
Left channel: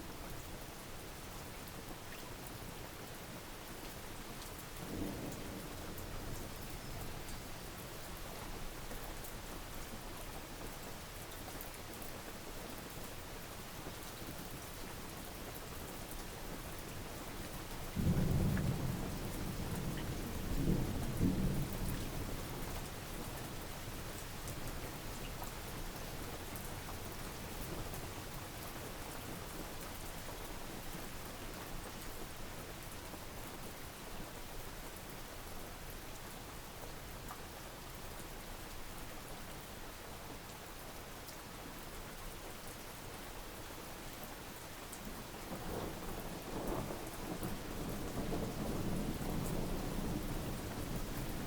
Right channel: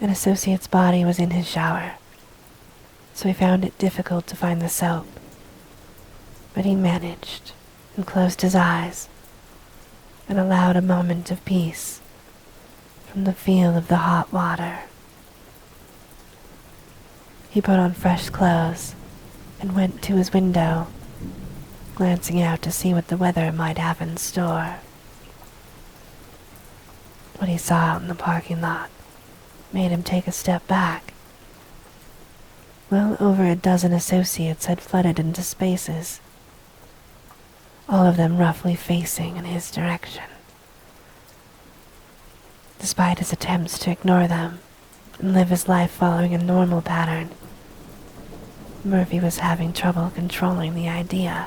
An associate's body was in his shower, so he found it difficult to find the soap, but he managed and closed his eyes and allowed a moment of peace from the feel of the hot water. He put on fresh clothes and went to his window, glancing out to see what the weather might have in store. What he saw out in the parking lot made him take a step back. Well over a dozen associates had flooded into spaces, all of them roughly facing in his direction. Despite his attempts to ignore them and live his life following a normal pattern, Murphy was having trouble controlling the idea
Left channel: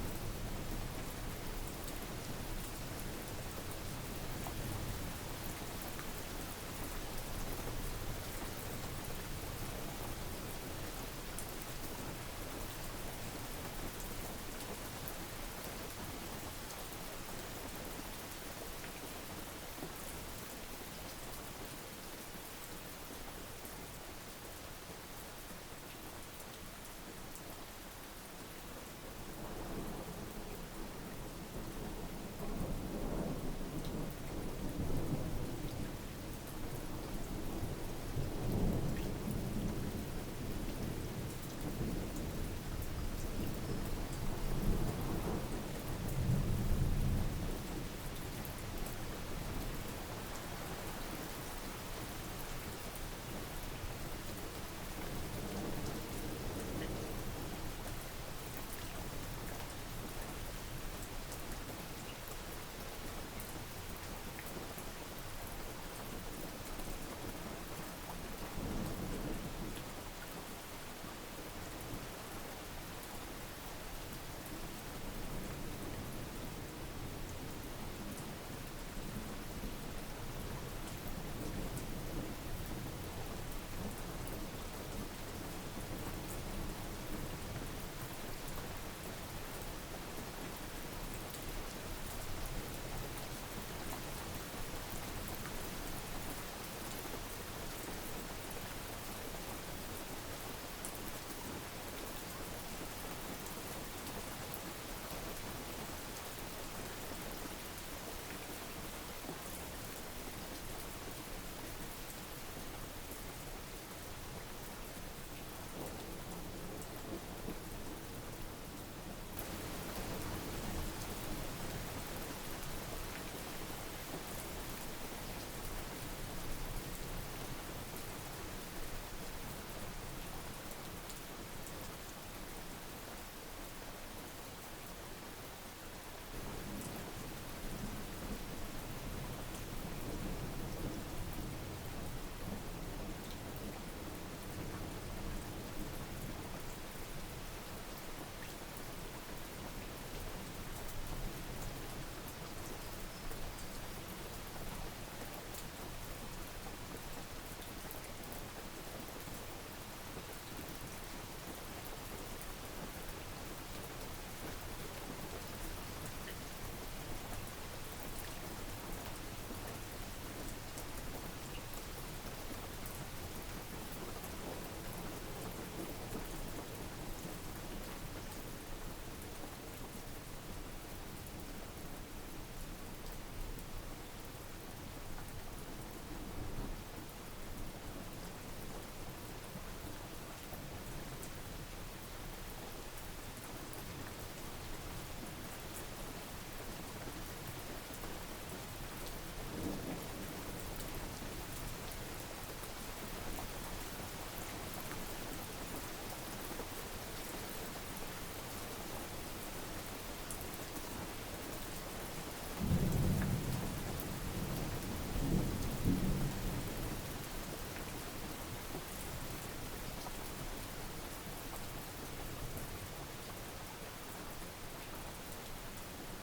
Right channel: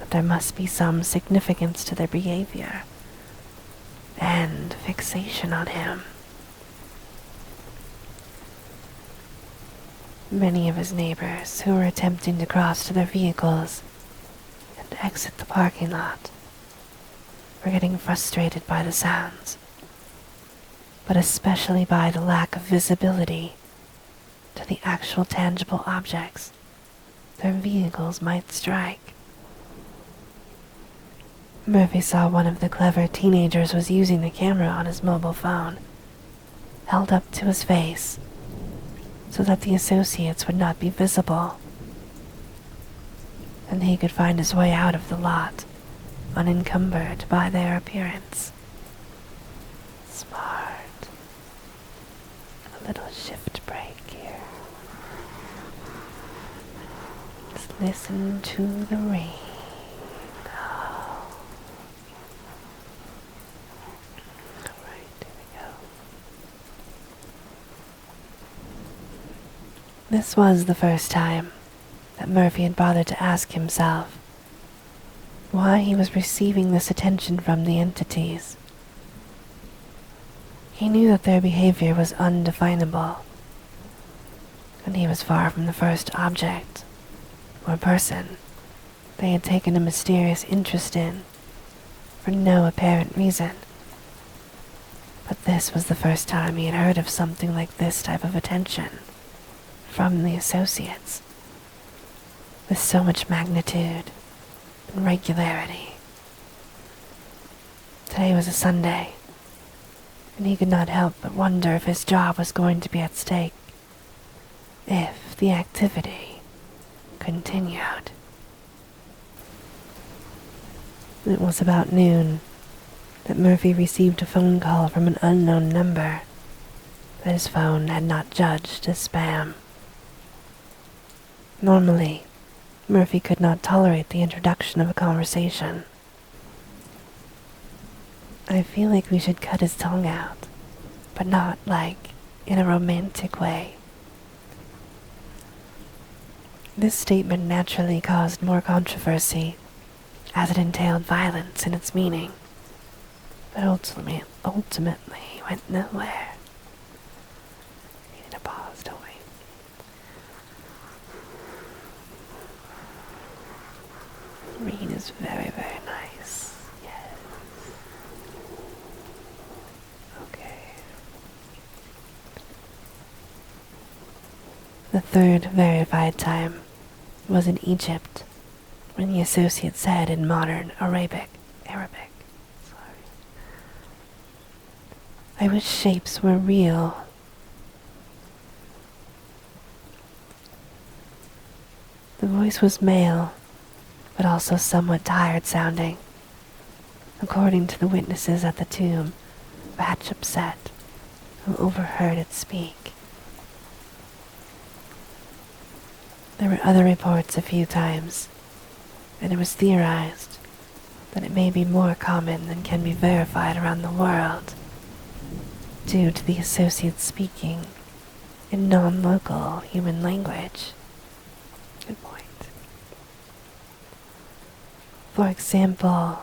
that there must be some significance to their behavior and fixation on him. Many of his neighbors who were attempting to cross to their vehicles and exit the parking lot were getting frustrated by the sounds, but especially by the lack of visibility to the actual tangible objects their vehicles might strike. Murphy saw one of the clever teenagers was using the camera on his mobile phone, held up to his face, so that the associates would not be visible, and he could find his way out of the lot unencumbered by their appearance. Smart. A little shift break here. Just listen to the rain. Oh. This was the first time that Murphy had bothered to ask himself why he was receiving this attention from the entities. He knew that their behavior was undefinable, and he was far from the first object or person they had taken a mysterious interest in for no apparent reason. But this was the first time he had heard of something like this type of attention from the associates, with so much magnitude and regularity. Today was a Sunday, and he could not help but wonder if his job was going to be at stake, if the activity continued. It was about noon that Murphy received a phone call from an unknown number that his phone had not judged as spam. Normally, Murphy could not tolerate the introduction of a conversation. I feel like we should cut his tongue out, but not like in a romantic way. This statement naturally caused more controversy, as it entailed violence in its meaning, but ultimately went nowhere. Need a pause, don't we? Read is very, very nice. Yes. Okay. The third verified time was in Egypt, when the associate said in modern Arabic, I wish shapes were real. The voice was male, but also somewhat tired sounding, according to the witnesses at the tomb, Hatshepsut, who overheard it speak. There were other reports a few times, and it was theorized that it may be more common than can be verified around the world, due to the associates speaking in non-local human language. Good point. For example,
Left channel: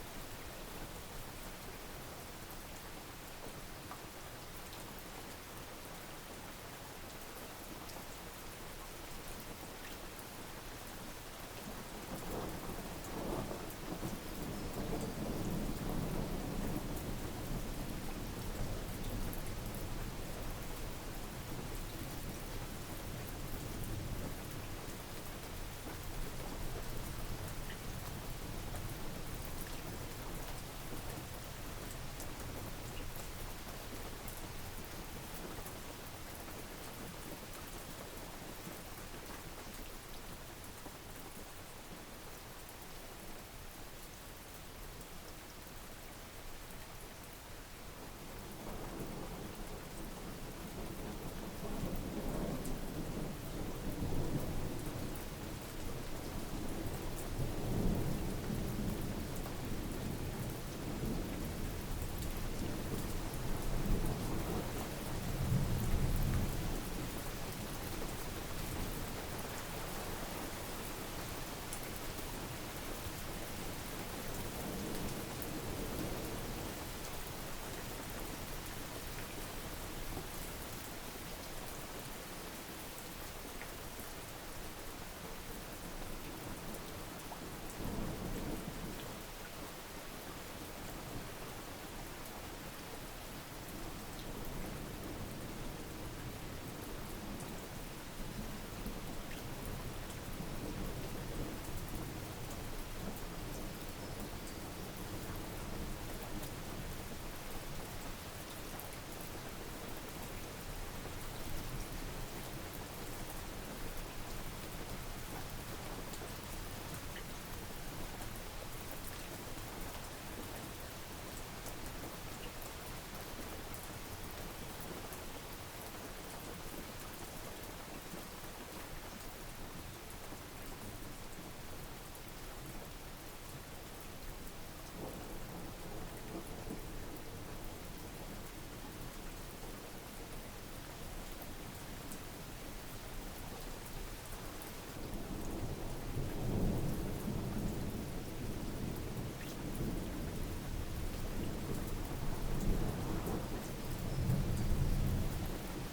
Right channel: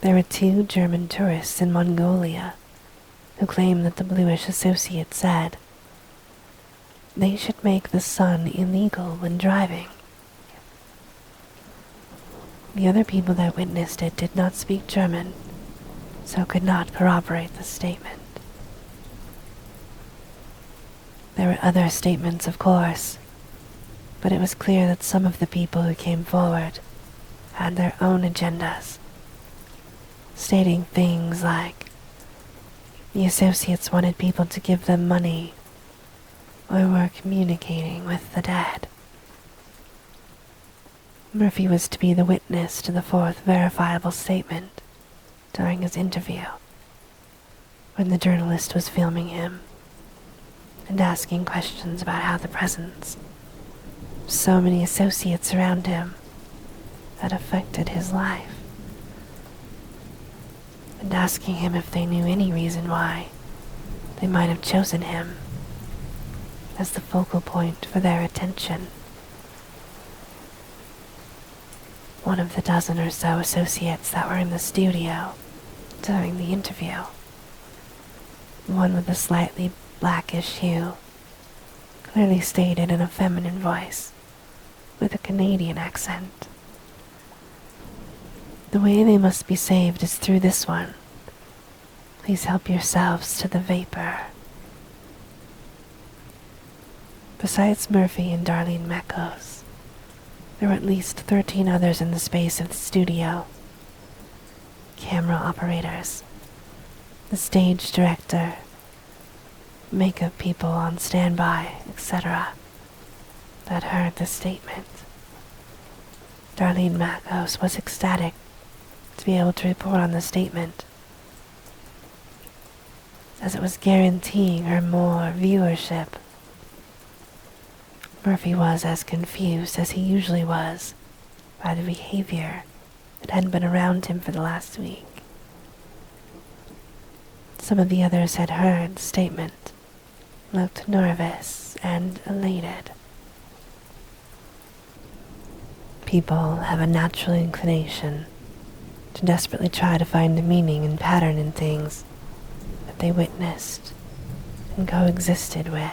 there were 2 German tourists in Mongolia who claimed that the bluish associate said they should make the sun illegal when driving. The other people that witnessed it did not speak German, so could not corroborate the statement. There were other statements, of course, but it was clear that some of the people who came forward had their own agendas, stating things like the associates wanted people to give them money or were communicating with the dead. Murphy was to be the witness to the 4th verifiable statement during his interview, when the journalist was filming him and asking questions about how the presence of so many associates around him had affected his life, and asking him if they knew any reason why they might have chosen him as the focal point for their attention. One of the dozen or so associates that were in the studio during the interview, the one with the slightly blackish hue, clearly stated in a feminine voice with a Canadian accent, the way they must be saved is through this one. Please help yourselves to the vapor. Besides Murphy and Darlene Mekos, there were at least 13 others in the space of the studio. Camera operators, the stage director, makeup people on standby, etc., that heard the statement. Darlene Mekos was ecstatic to be able to report on the statement, as it was guaranteeing her more viewership. Murphy was as confused as he usually was by the behavior that had been around him for the last week. Some of the others had heard the statement, looked nervous and elated. People have a natural inclination to desperately try to find a meaning and pattern in things that they witnessed and coexisted with.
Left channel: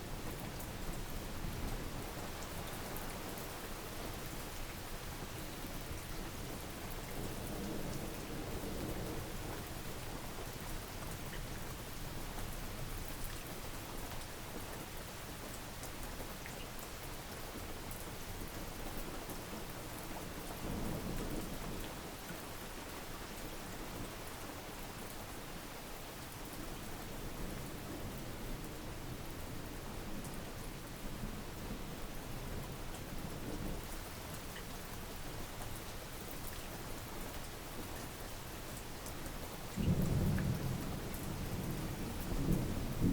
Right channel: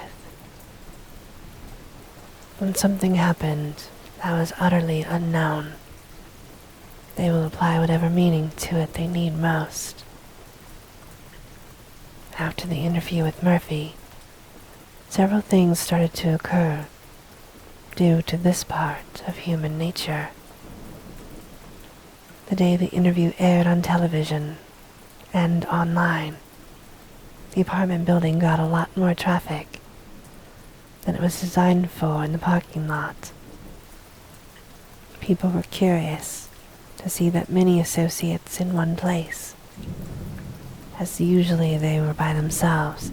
When something happened that was utterly unknown, they will apply whatever meaning to it they need most. After the interview with Murphy, several things started to occur due to this part of human nature. The day the interview aired on television and online, the apartment building got a lot more traffic than it was designed for in the parking lot. People were curious to see that many associates in one place, as usually they were by themselves,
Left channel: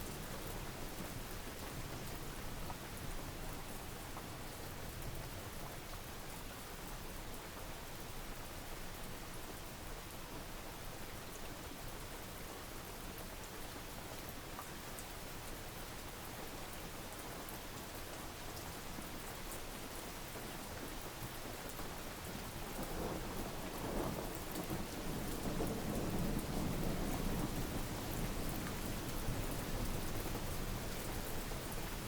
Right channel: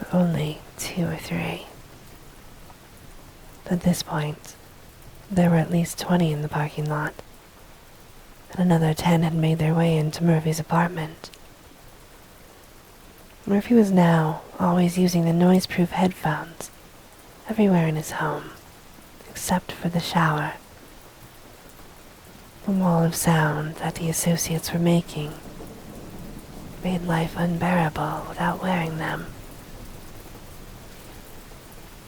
or only 2 or 3. At this point, there were at least 20 in the parking lot, and another 10 had made their way into Murphy's apartment. Murphy was now always using the noise-proof headphones everywhere in his home, except for the shower. The wall of sound that the associates were making made life unbearable without wearing them.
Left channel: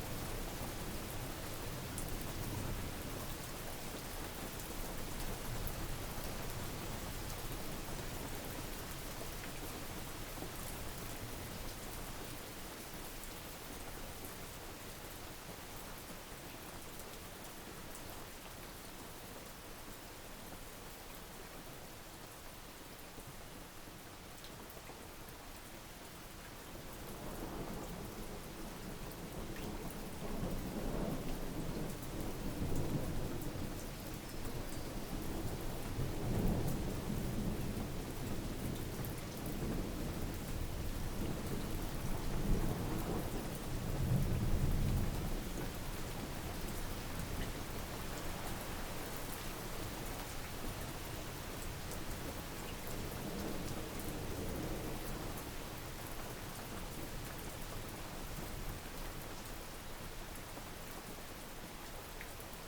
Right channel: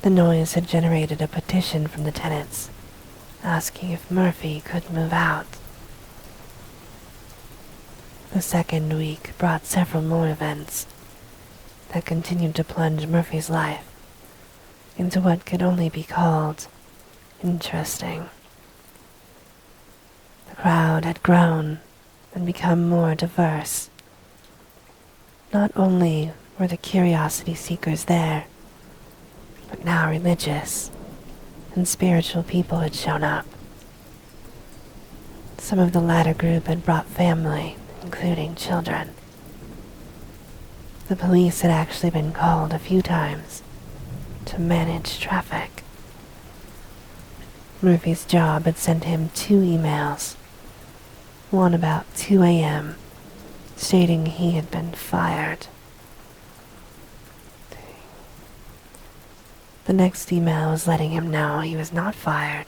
The noise had generated a petition from the tenants asking if Murphy could move out. The second week brought several more events that continued to plunge Murphy's life into what could only be called interesting. The crowd had grown and become more diverse. Not only were the curiosity seekers there, but now religious and spiritual people had shown up. Some of the latter group had brought family, including children. The police had actually been called a few times to manage traffic. Murphy's job had sent him 2 emails, one about 2 a.m., stating he had been fired. The next email was letting him know he was not fired,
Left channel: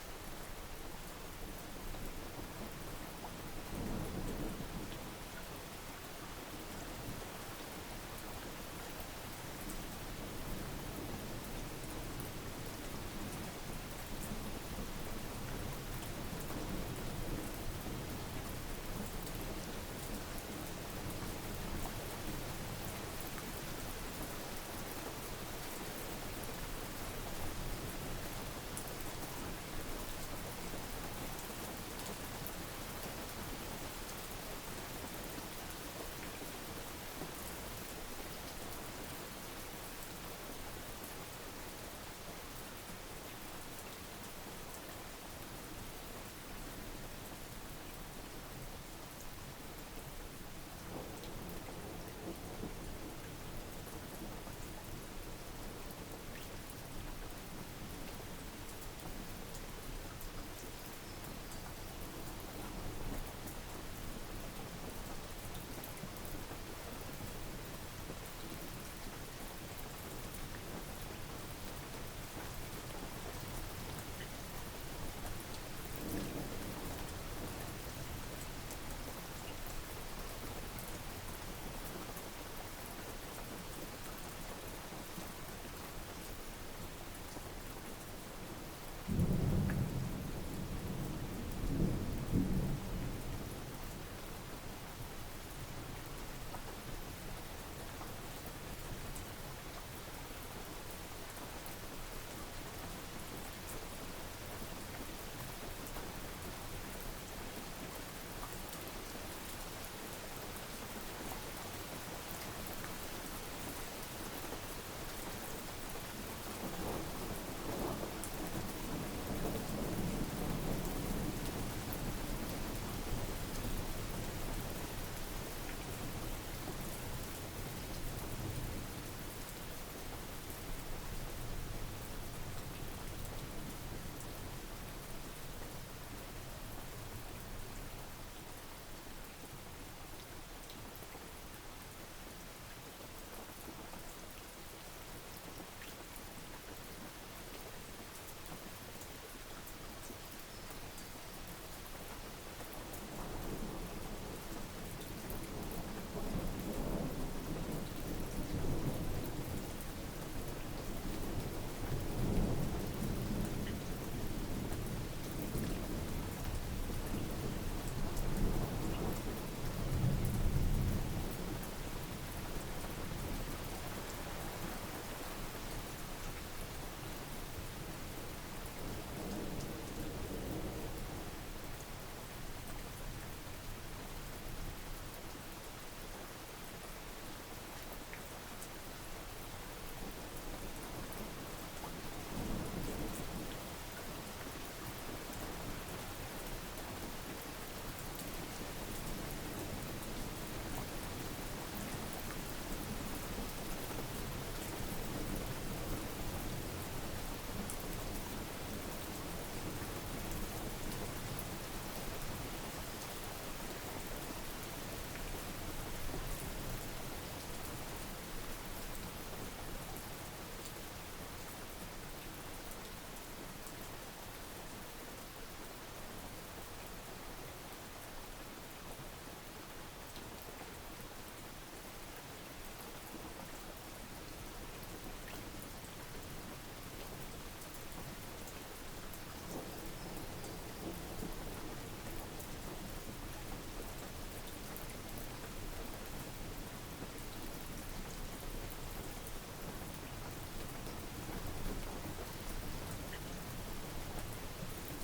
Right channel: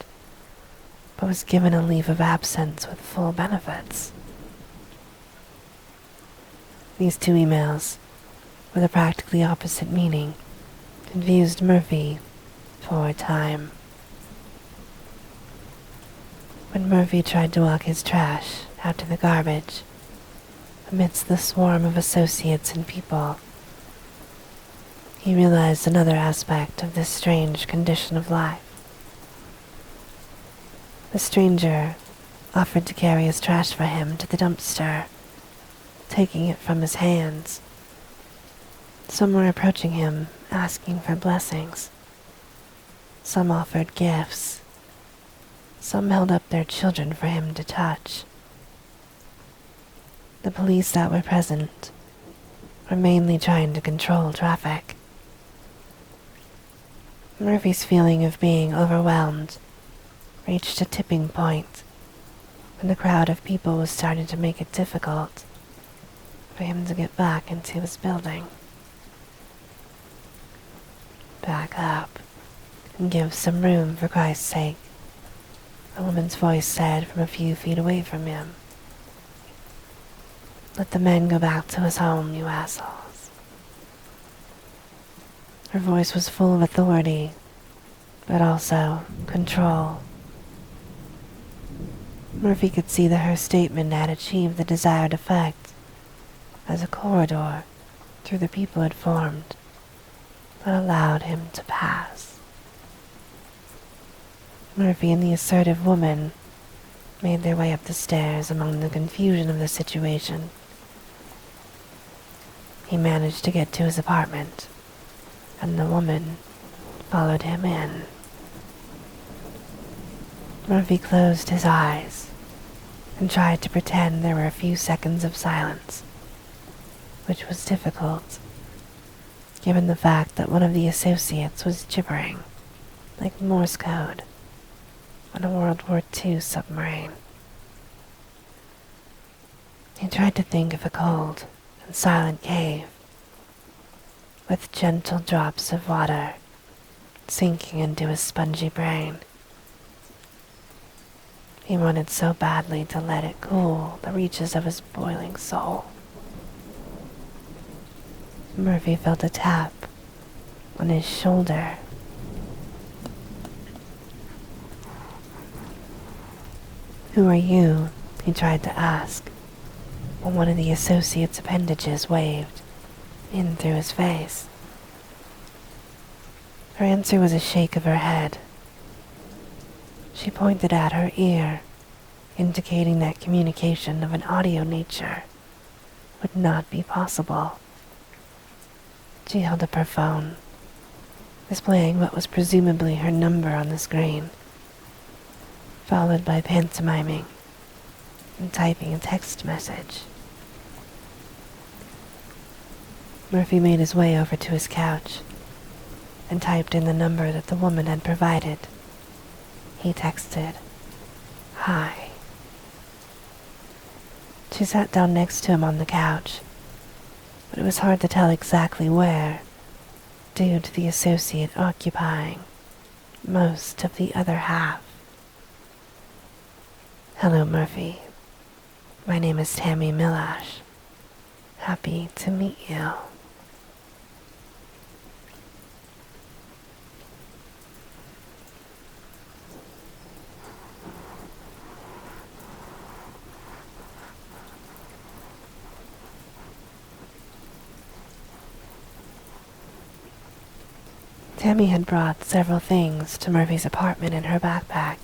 but was given a leave of absence with full benefits. These 2 emails, with a practically opposite meaning, confused Murphy for a time. When Murphy tried to walk his trash out to the garbage, amidst the swarm of associates and people, he realized another aspect of this strange condition of life. The stranger offered to carry his trash for him to the dumpster, taking it from his hands. Some were approaching him, asking for blessings. Some offered gifts. Some held up their children for him to touch. The police that were present were mainly trying to control traffic. Murphy's feeling of being overwhelmed reached a tipping point, and the crowd of people was starting to make it difficult for him to get back into his building. Back up and give some room, for Christ's sake, a woman's voice said from a few feet away from him. Let the man go back to his home, you assholes. Her voice was full of authority, but also control. Murphy could see that her statement had achieved the desired effect, as a corridor through the people had formed that allowed him to pass. Murphy and the assertive woman made their way up the stairs among the confusion of the situation. He managed to get to his apartment, and the woman followed him in. Murphy closed his eyes and tried to pretend there were a few seconds of silence, which was difficult, given the fact that one of the associates was gibbering, like Morse code, on a World War II submarine. He tried to think of a silent cave, with gentle drops of water sinking into his spongy brain. He wanted so badly to let it cool the reaches of his boiling soul. Murphy felt a tap on his shoulder. "Who are you?" he tried to ask, when one of the associate's appendages waved in through his face. Her answer was a shake of her head. She pointed at her ear, indicating that communication of an audio nature would not be possible. She held up her phone, displaying what was presumably her number on the screen, followed by pantomiming and typing a text message. Murphy made his way over to his couch and typed in the number that the woman had provided. He texted, "Hi." She sat down next to him on the couch, but it was hard to tell exactly where, due to the associate occupying most of the other half. "Hello, Murphy. My name is Tammy Millash. Happy to meet you." Tammy had brought several things to Murphy's apartment in her backpack,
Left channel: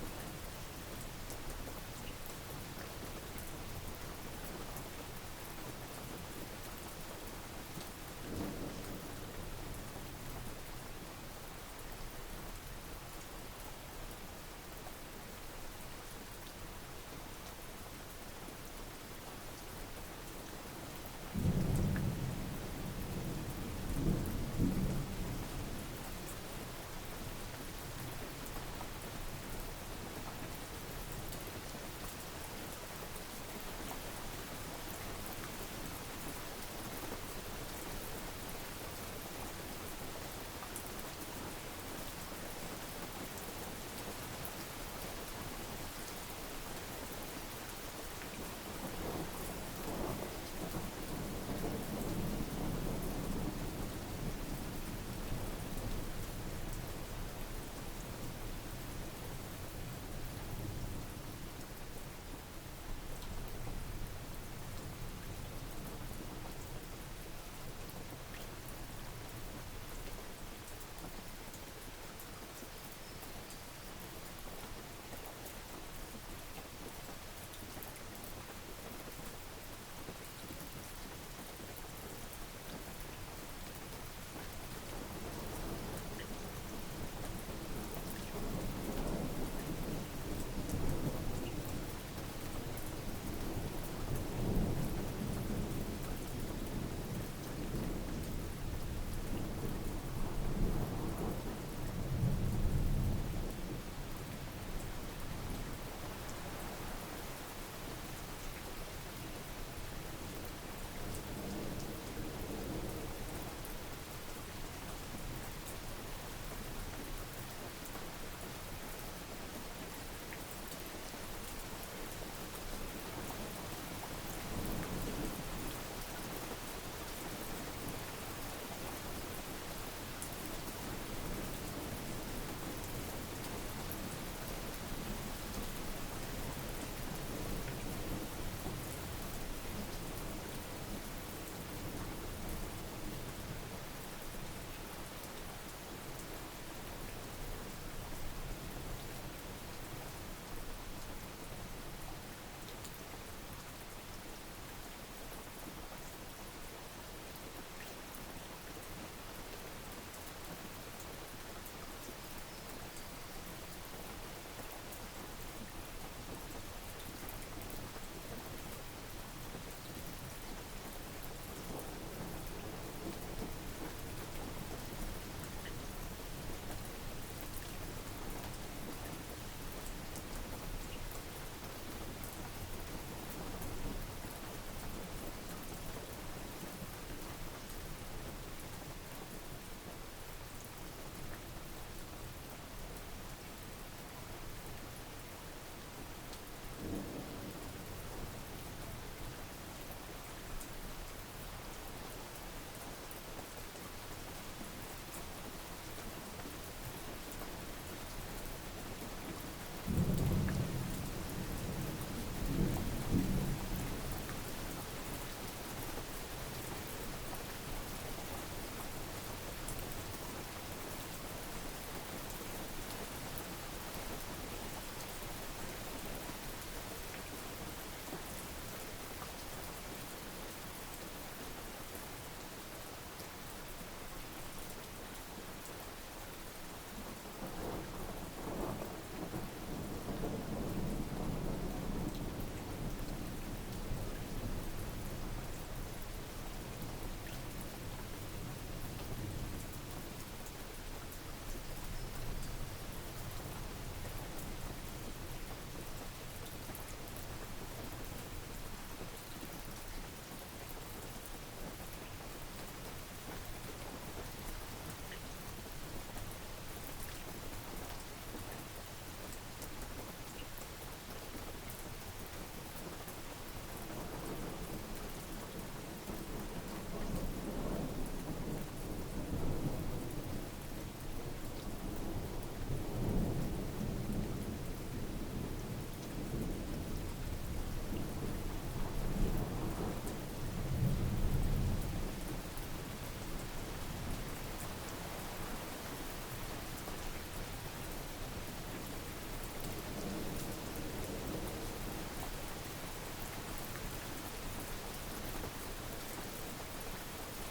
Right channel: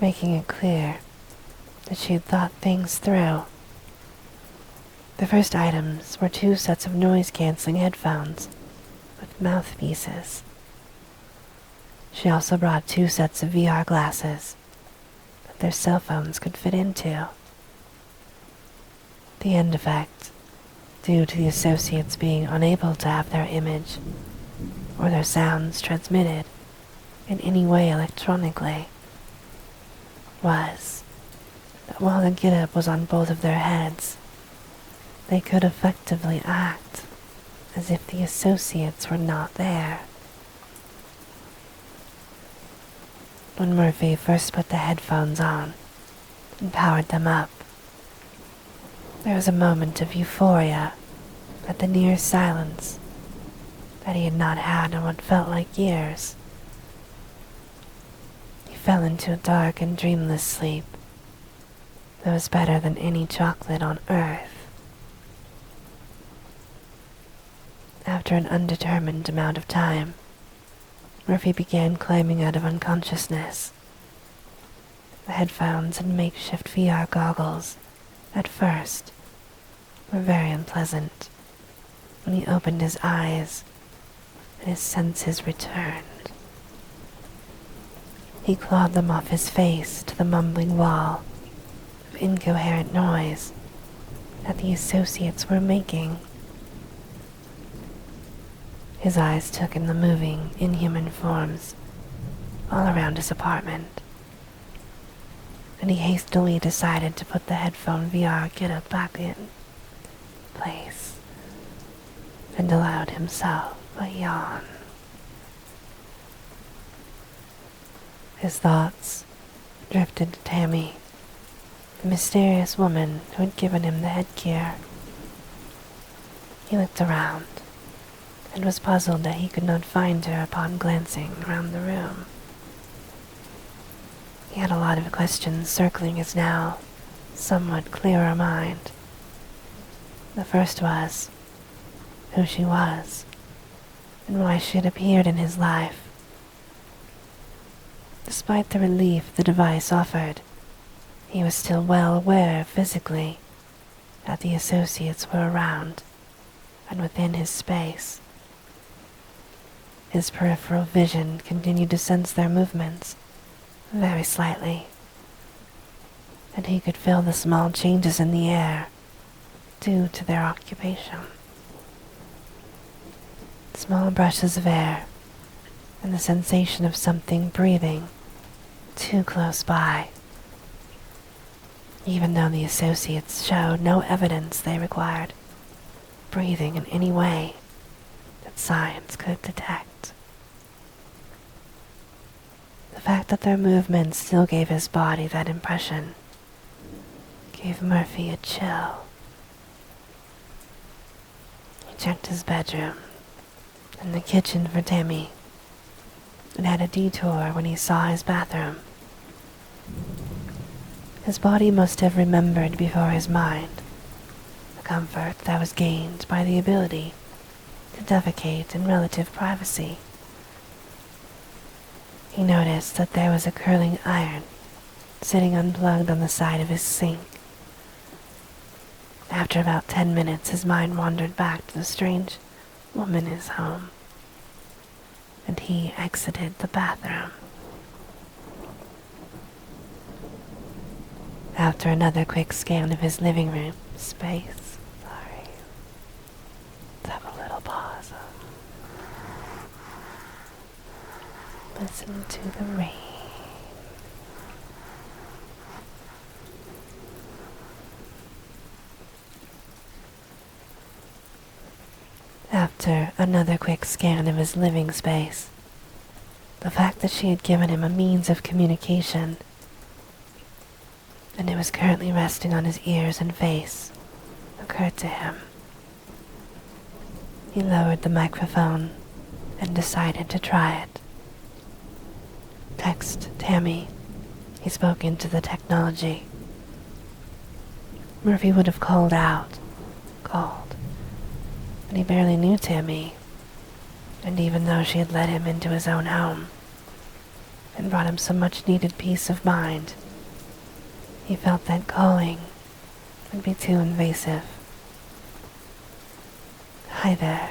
making it clear that she had thought things through. The first items were 2 sets of noise-canceling headphones with mouthpieces. She also brought 2 sets of VR glasses that their cell phones could fit into. The end effect, due to the associates being unable to have their image or their sounds transmitted in any way electronically, was that while the get-up was on both of their heads, they could effectively act as if the associates were not there. When Murphy first put the headphones on and powered them up, there was a moment of euphoria at the near silence that he had not had in what felt like years. He fell into a dark and dreamless sleep that was better than any chocolate on earth. After an undetermined amount of time, Murphy began climbing out of unconsciousness. The headphones and makeshift VR goggles, at first, were very unpleasant. When he opened his eyes, and his senses returned, he clawed them off his face to the mumbling wall of incoherent noise that the associates were making. His eyes took in the moving, inhuman forms all around his apartment, and he hastily decided to put the headphone VR get-up back in place and allowed himself a yawn. His thoughts drifted to Tammy, the mysterious woman who had given him the headgear. He looked around and was puzzled that he could not find her upon glancing around the room. He had a lot of questions circling his now somewhat clearer mind. The first was who she was and why she had appeared in his life. Despite the relief the device offered, he was still well aware physically that the associates were around and within his space. His peripheral vision continued to sense their movements very slightly, and he could feel the small changes in the air due to their occupation. Small brushes of air and the sensation of something breathing too close by, even though the associates showed no evidence they required breathing in any way that science could detect. The fact that their movements still gave his body that impression gave Murphy a chill. He checked his bedroom and the kitchen for Tammy, and had a detour when he saw his bathroom. His body must have remembered before his mind the comfort that was gained by the ability to defecate in relative privacy. He noticed that there was a curling iron sitting unplugged on the side of his sink. After about 10 minutes, his mind wandered back to the strange woman in his home, and he exited the bathroom. After another quick scan of his living room space, let's have a little pause. Listen to the rain. After another quick scan of his living space, the fact that she had given him a means of communication, and it was currently resting on his ears and face, occurred to him. He lowered the microphone and decided to try it. Text Tammy. He spoke into the technology. Murphy would have called, and he barely knew Tammy, and even though she had led him into his own home and brought him some much-needed peace of mind, he felt that calling would be too invasive. Hi there.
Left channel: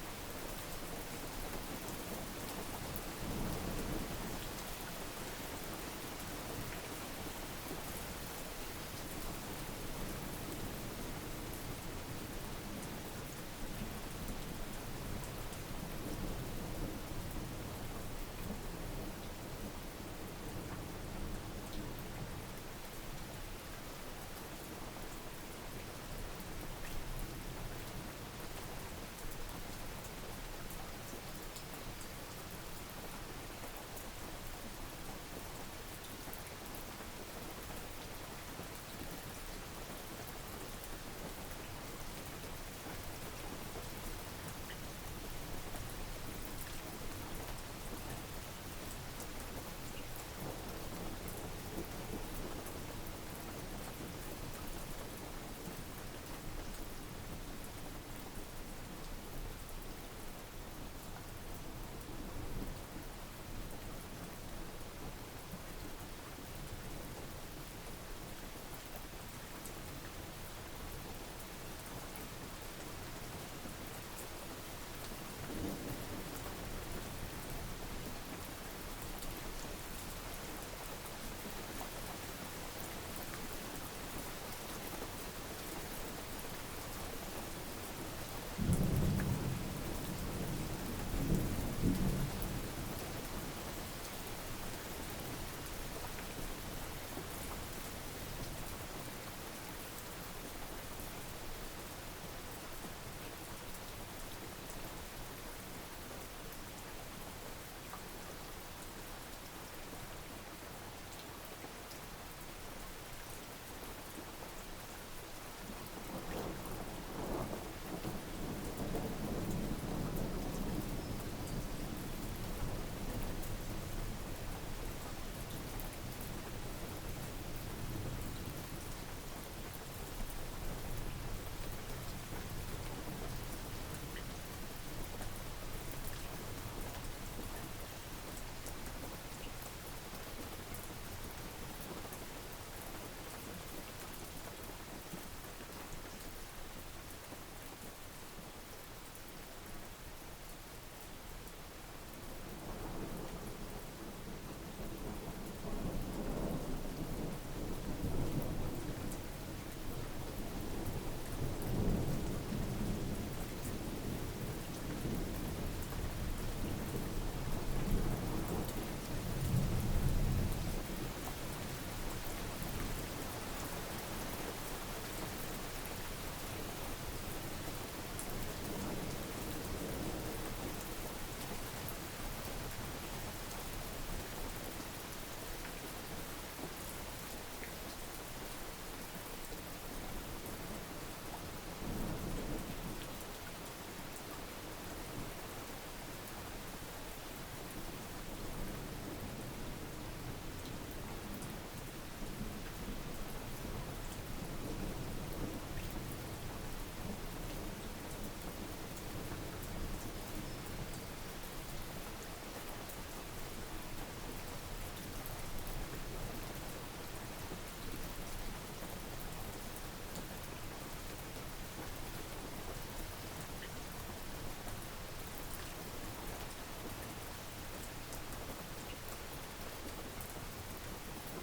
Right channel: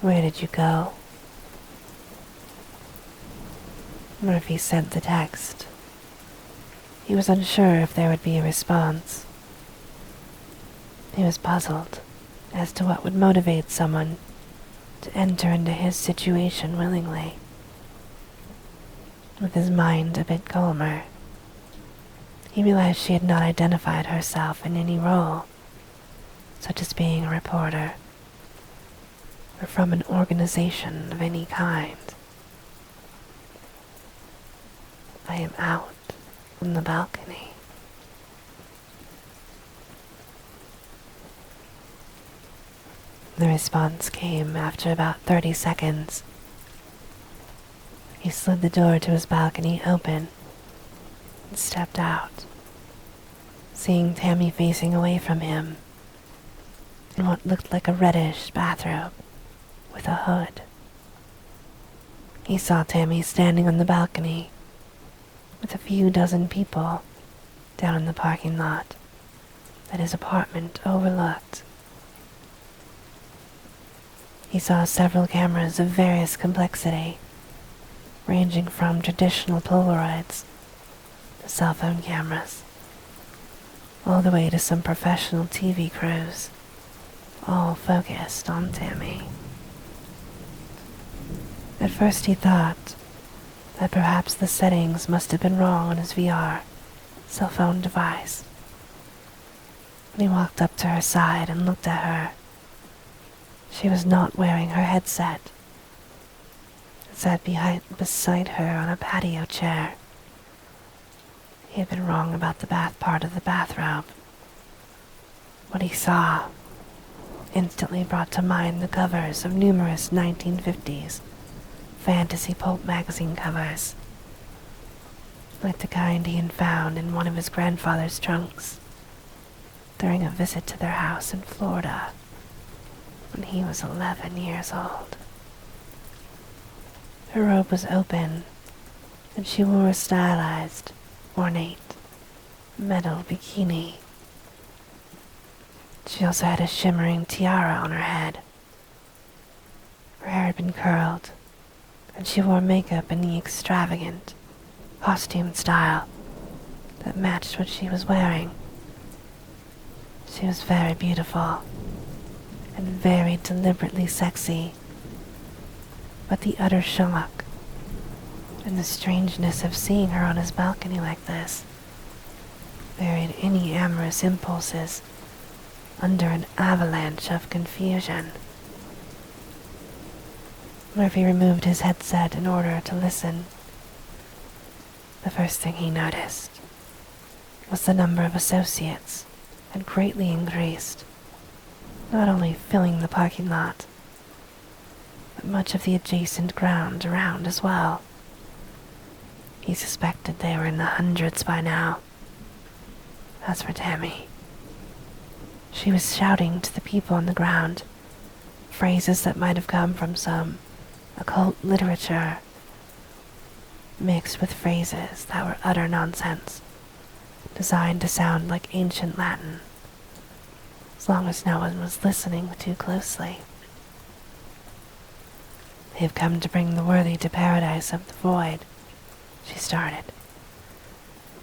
Where did you go? Murphy sent the text. He was unsure if there would be a response. He was puzzled as to what would motivate someone to enter into his situation willingly. With his mind a bit calmer, he realized she had not identified herself in any role, such as being a reporter, or from an organization of any kind. I am out on the balcony. The response came after about 30 seconds. He slid the door to his balcony open and stepped out, seeing Tammy facing away from him in what looked like a reddish bathrobe with a hood. He saw Tammy standing on the balcony with a few dozen people down in the parking lot that his apartment overlooked. He saw several cameras of various complexity, ranging from traditional Polaroids to cell phone cameras, all the way to some professional TV crews, all focused on Tammy. At first he thought that perhaps the settings must have been wrong on his VR cell phone device. He walked up to her side and looked at her. She was not wearing her headset. It sat beside her on a patio chair. He had been wrong about the bath part of the bathrobe. What he saw instantly brought to mind the covers of numerous 1950s fantasy pulp magazine covers, like the kind he had found in one of his grandfather's trunks during a visit to their house in Florida when he was 11 years old. Her robe was open, and she wore a stylized, ornate, metal bikini. She also had a shimmering tiara on her head. Her hair had been curled, and she wore makeup in the extravagant costume style that matched what she was wearing. She was very beautiful and very deliberately sexy, but the utter shock and the strangeness of seeing her on his balcony like this buried any amorous impulses under an avalanche of confusion. Murphy removed his headset in order to listen. The first thing he noticed was the number of associates had greatly increased, not only filling the parking lot, but much of the adjacent ground around as well. He suspected they were in the hundreds by now. As for Tammy, she was shouting to the people on the ground phrases that might have come from some occult literature, mixed with phrases that were utter nonsense, designed to sound like ancient Latin, as long as no one was listening too closely. "They've come to bring the worthy to paradise of the void," she started.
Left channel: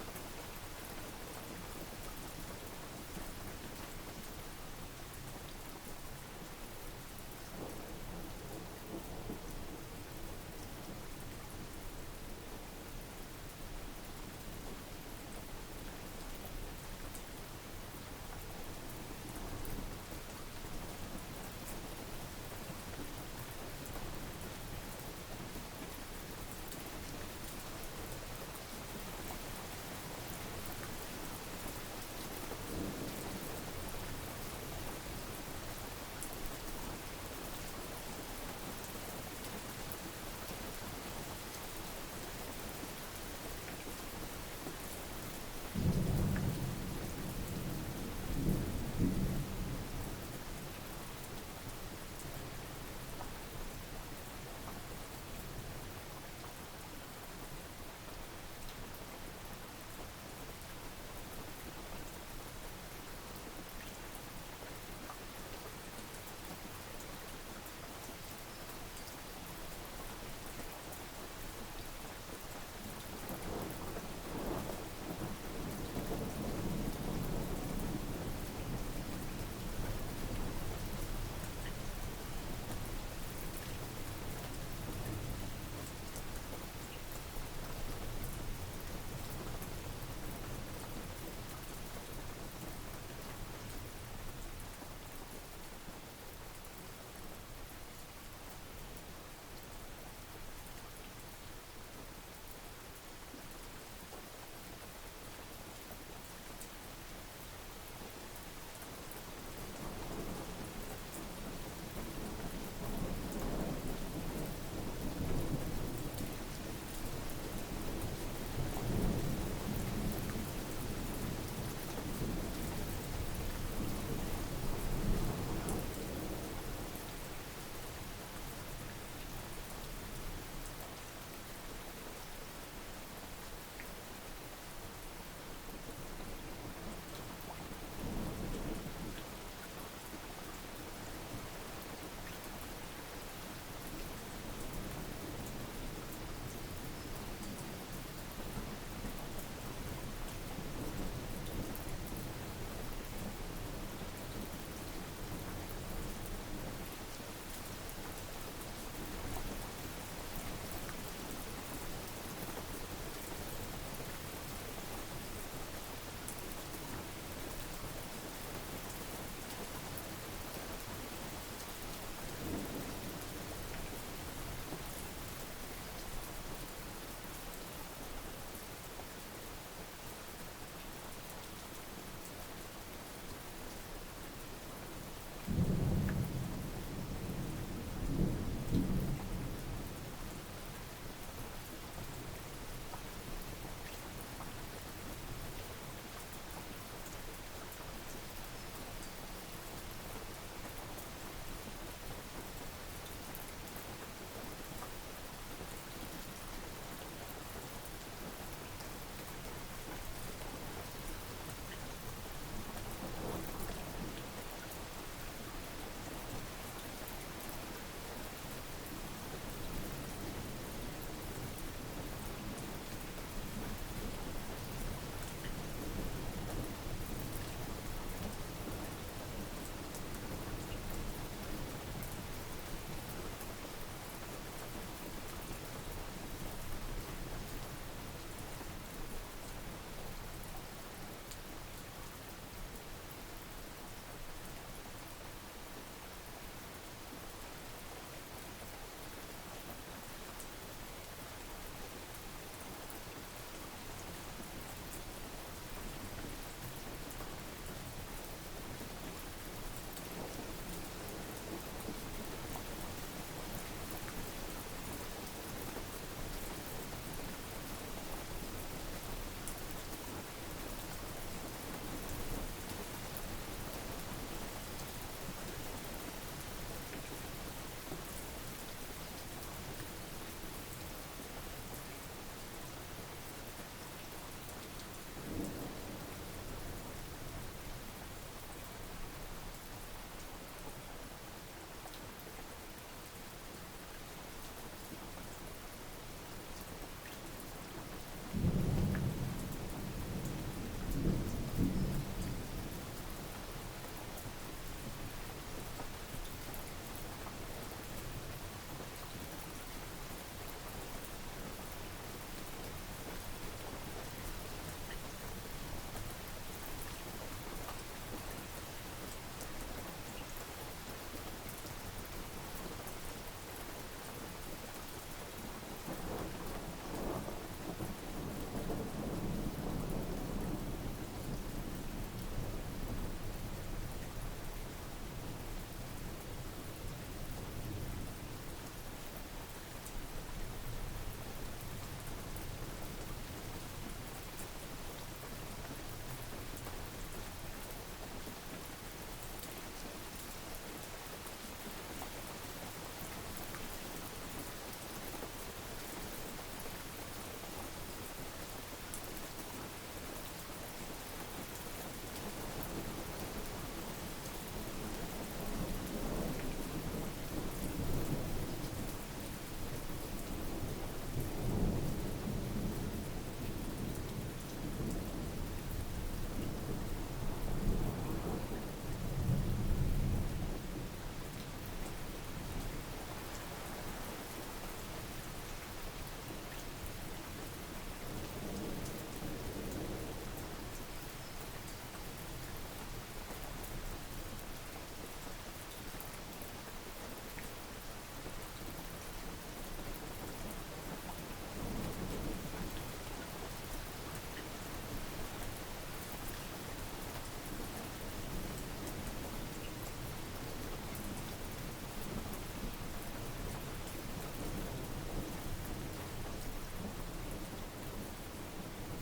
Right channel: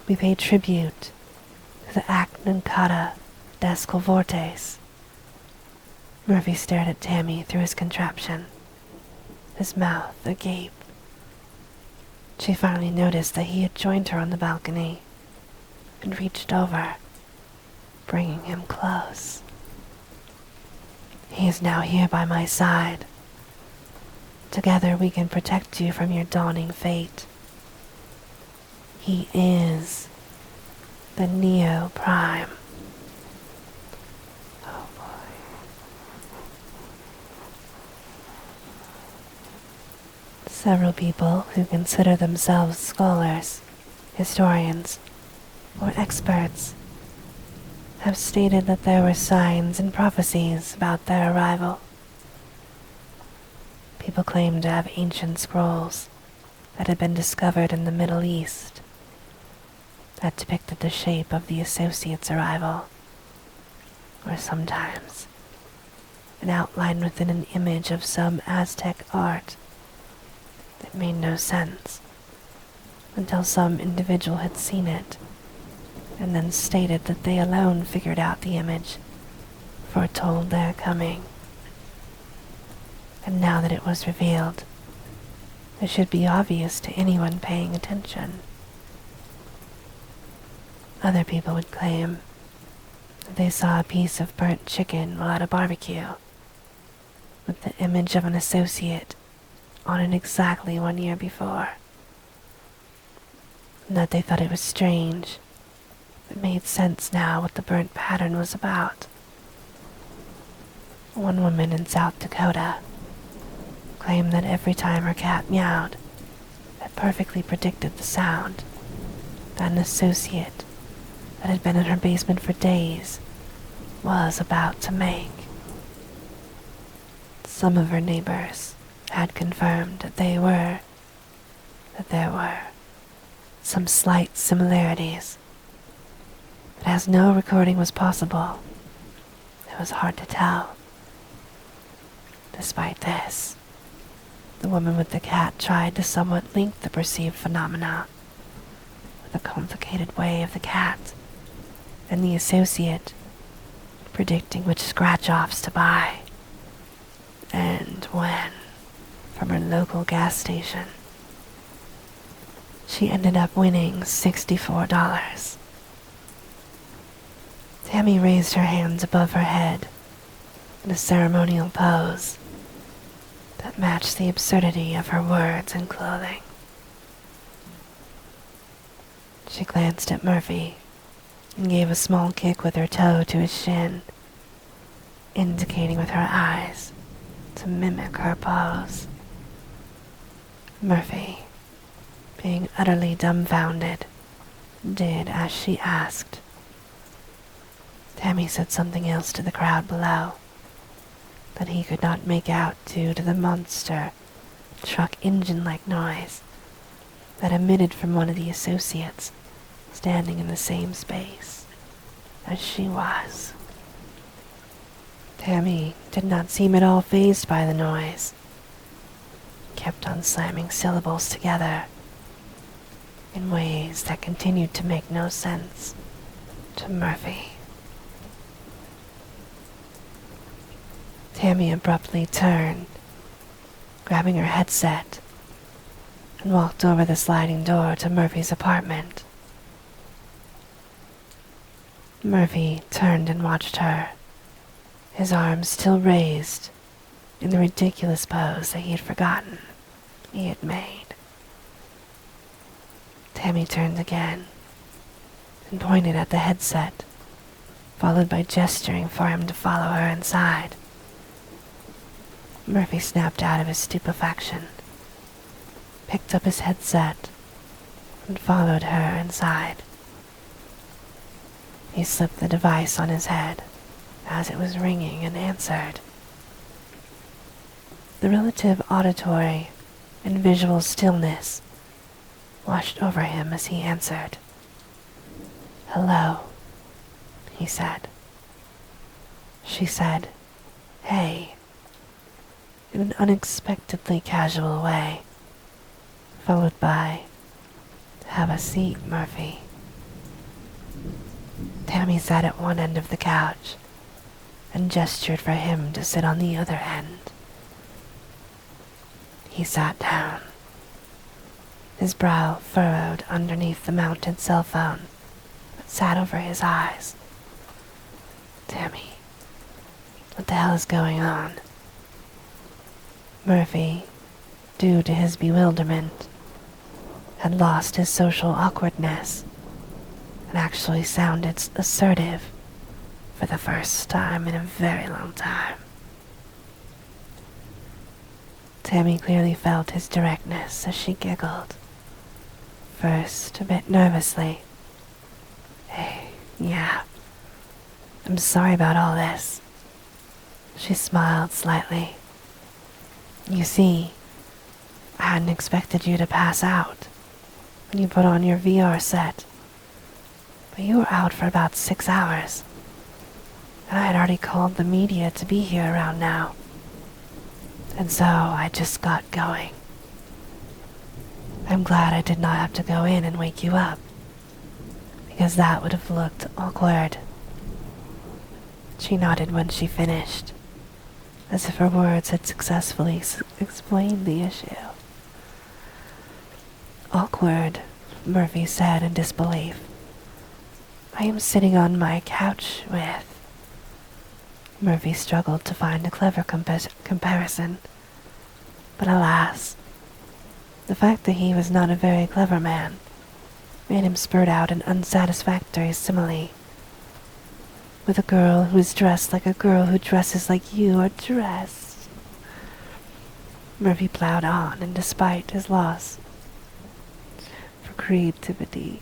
"We pay tribute to the Acton Kata Descal Vortes." Murphy stared at Tammy through his contraption, his mouth agape. She finally noticed that he had joined her on the balcony and reached over, bringing him close. "He is now here by my side. Together we can protect you from your dawning fate. He is the Neo Prime." Several people who consider themselves scholars, historians, or experts have stated that there were signs and prophecies about their arrival. People claim to have ancient scrolls that had been discovered in the Middle East that depicted the shape of the associates' arrival, or sometimes an outline within an image of some Aztec art. It made no sense until some individual had seen it and then stated that they alone figured out the image, foretold their coming. And now that it was revealed, it should be obvious to anyone paying attention. Other people would claim that they saw a piece of burnt chicken while at a barbecue, with the image of an associate on it exactly 1 year before, and that they thought it was strange. It made sense now what the burnt pattern was about. One woman in South Dakota claimed that every time her cat meowed, it perfectly predicted the sound that an associate that had been in her basement for days was about to make. Some of her neighbors had confirmed that there were some slight similarities, but as no recording was possible, it was hard to tell. Despite this, the woman with the cat tried to somewhat link the perceived phenomena with the complicated way of the cat and the associate predicting which scratch-offs to buy and when from her local gas station. She ended up winning $64. Tammy raised her hands above her head in a ceremonial pose that matched the absurdity of her words and clothing. She glanced at Murphy and gave a small kick with her toe to his shin, indicating with her eyes to mimic her pose. Murphy, being utterly dumbfounded, did as she asked. Tammy said something else to the crowd below that he could not make out due to the monster truck engine-like noise that emitted from one of the associates standing in the same space as she was. Tammy did not seem at all fazed by the noise. Kept on slamming syllables together in ways that continued to make no sense to Murphy. Tammy abruptly turned, grabbing her headset, and walked over the sliding door to Murphy's apartment. Murphy turned and watched her, his arms still raised, in the ridiculous pose that he had forgotten he had made. Tammy turned again and pointed at the headset, followed by gesturing for him to follow her inside. Murphy snapped out of his stupefaction, picked up his headset, and followed her inside. He slipped the device on his head as it was ringing and answered. The relative auditory and visual stillness washed over him as he answered. "Hello," he said. She said, "Hey," in an unexpectedly casual way, followed by, "Have a seat, Murphy." Tammy sat at one end of the couch and gestured for him to sit on the other end. He sat down, his brow furrowed underneath the mounted cell phone that sat over his eyes. "Tammy, what the hell is going on?" Murphy, due to his bewilderment, had lost his social awkwardness and actually sounded assertive for the first time in a very long time. Tammy clearly felt his directness as she giggled, first a bit nervously. "Hey, yeah, I'm sorry about all this." She smiled slightly. "You see, I hadn't expected you to pass out when you put on your VR set. But you were out for about 6 hours, and I had already called the media to be here around now. And so I just got going. I'm glad I did not have to go in and wake you up, because that would have looked awkward." She nodded when she finished, as if her words had successfully explained the issue. "Awkward," Murphy said in disbelief. "I am sitting on my couch with..." Murphy struggled to find a clever comparison, but alas, the fact that he was not a very clever man made him spurt out an unsatisfactory simile. "With a girl who is dressed like a girl who dresses like you are dressed." Murphy plowed on, and despite his loss for creativity,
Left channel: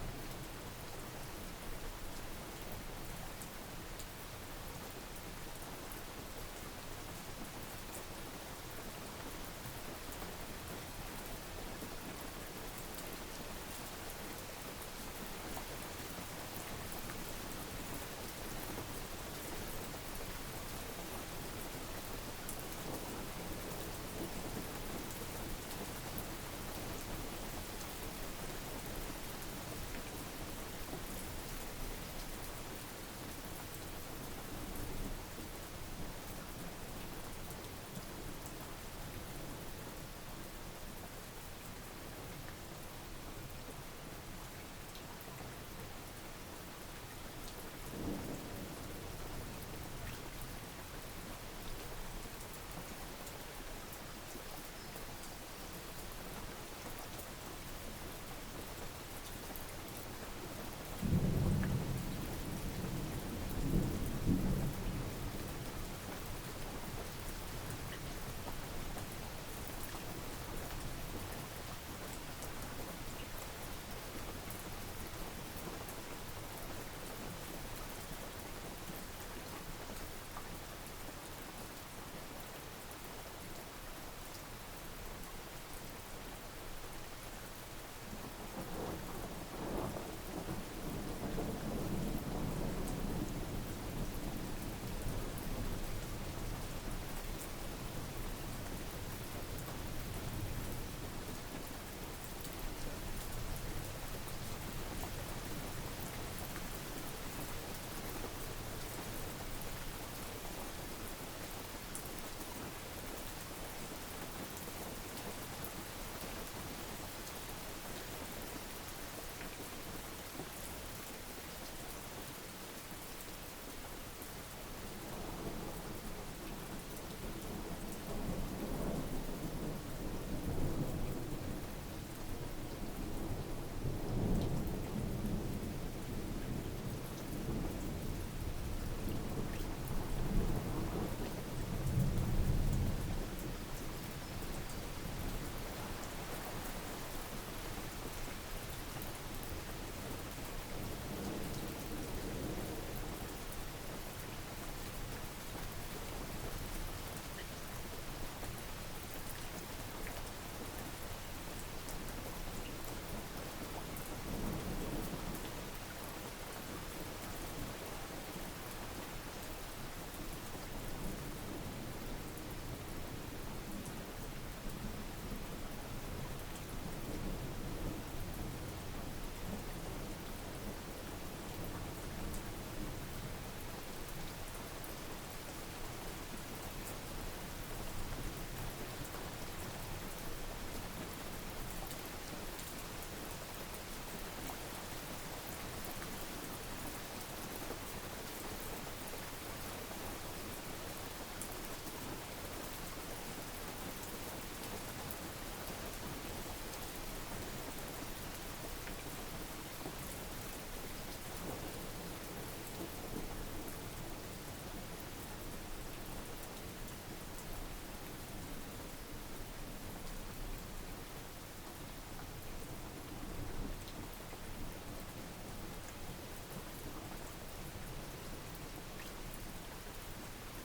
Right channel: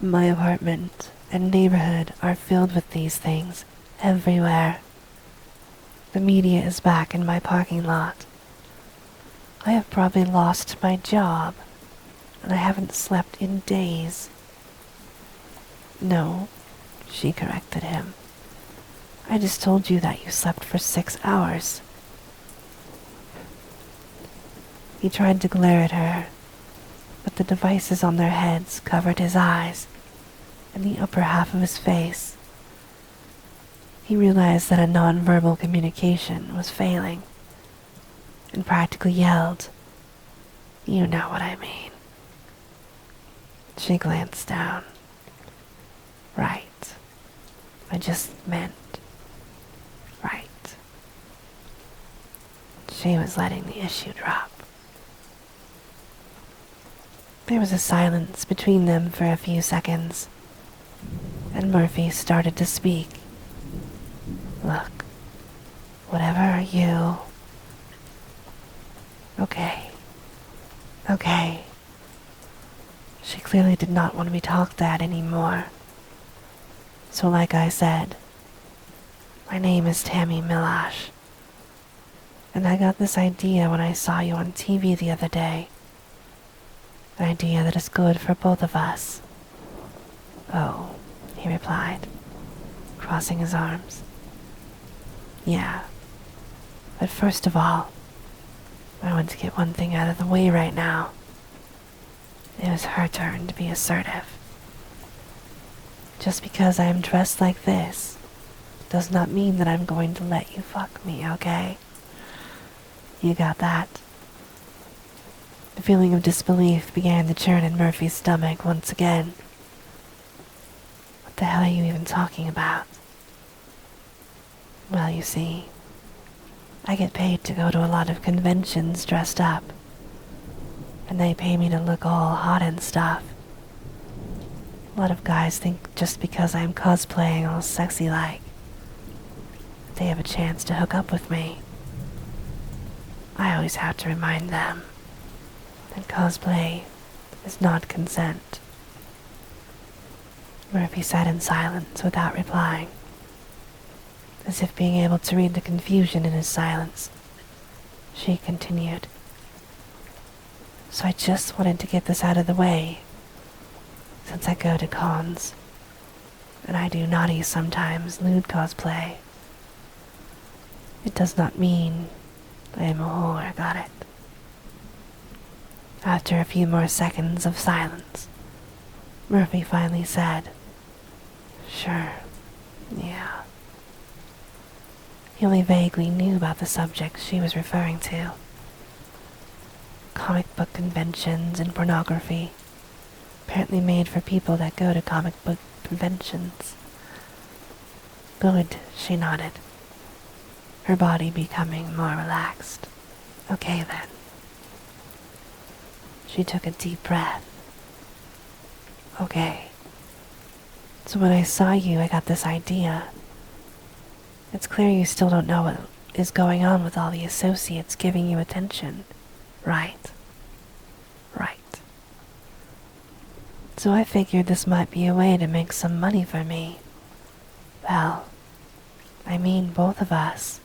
my apartment and neighborhood are filled with these things everywhere. The media is back in my parking lot. I have probably lost my job, and I haven't slept in days. "No," she corrected him. "I just told you that you slept for 6 hours. He tried to glare at her, but the devices on their heads covered his eyes and the upper half of his face. He realized that a nonverbal communication was failing and practically yelled, "You know what I mean." She glanced down. "Right. I just meant right." She was letting the issue drop. There was a silence between them for a few seconds, and Murphy started to speak. "Look, whatever you..." Okay. She clearly did not want to be talked at anymore. "So like I said, my name is Tammy Milash, and I got this idea when I saw you on TV the other day. An idea that is good for both of us." "Oh," he replied, crossing his arms. "Yeah, but first of all, I want to get one thing out of the way right now. It was her turn to be assertive. Just because I am dressed like this does not mean that I'm going to let you fuck me, okay? You got that?" The feeling of disbelief began to churn in Murphy's stomach once again. the hell are you even talking about? Well, you see, I get paid to go to a lot of conventions dressed up, and they pay me to look all hot and stuff. A lot of guys think just because I'm cosplaying all sexy like, they have a chance to hook up with me. I always have to remind them that cosplay is not consent. Murphy sat in silence without replying, as if being able to read the confusion in his silence. She continued. So I just wanted to get this out of the way, since I go to cons, and I do naughty sometimes nude cosplay. It does not mean I am a whore, got it? After a few more seconds of silence, Murphy finally said, Sure, yeah. He only vaguely knew about the subject she was referring to. Comic book conventions and pornography, apparently made for people that go to comic book conventions. Good, she nodded, her body becoming more relaxed. Okay then. She took a deep breath. Okay. So when I saw you, I got this idea. It's clear you still don't know what is going on with all the associates giving you attention, right? Right. So I figured this might be a way to make some money for me. Well, I mean both of us.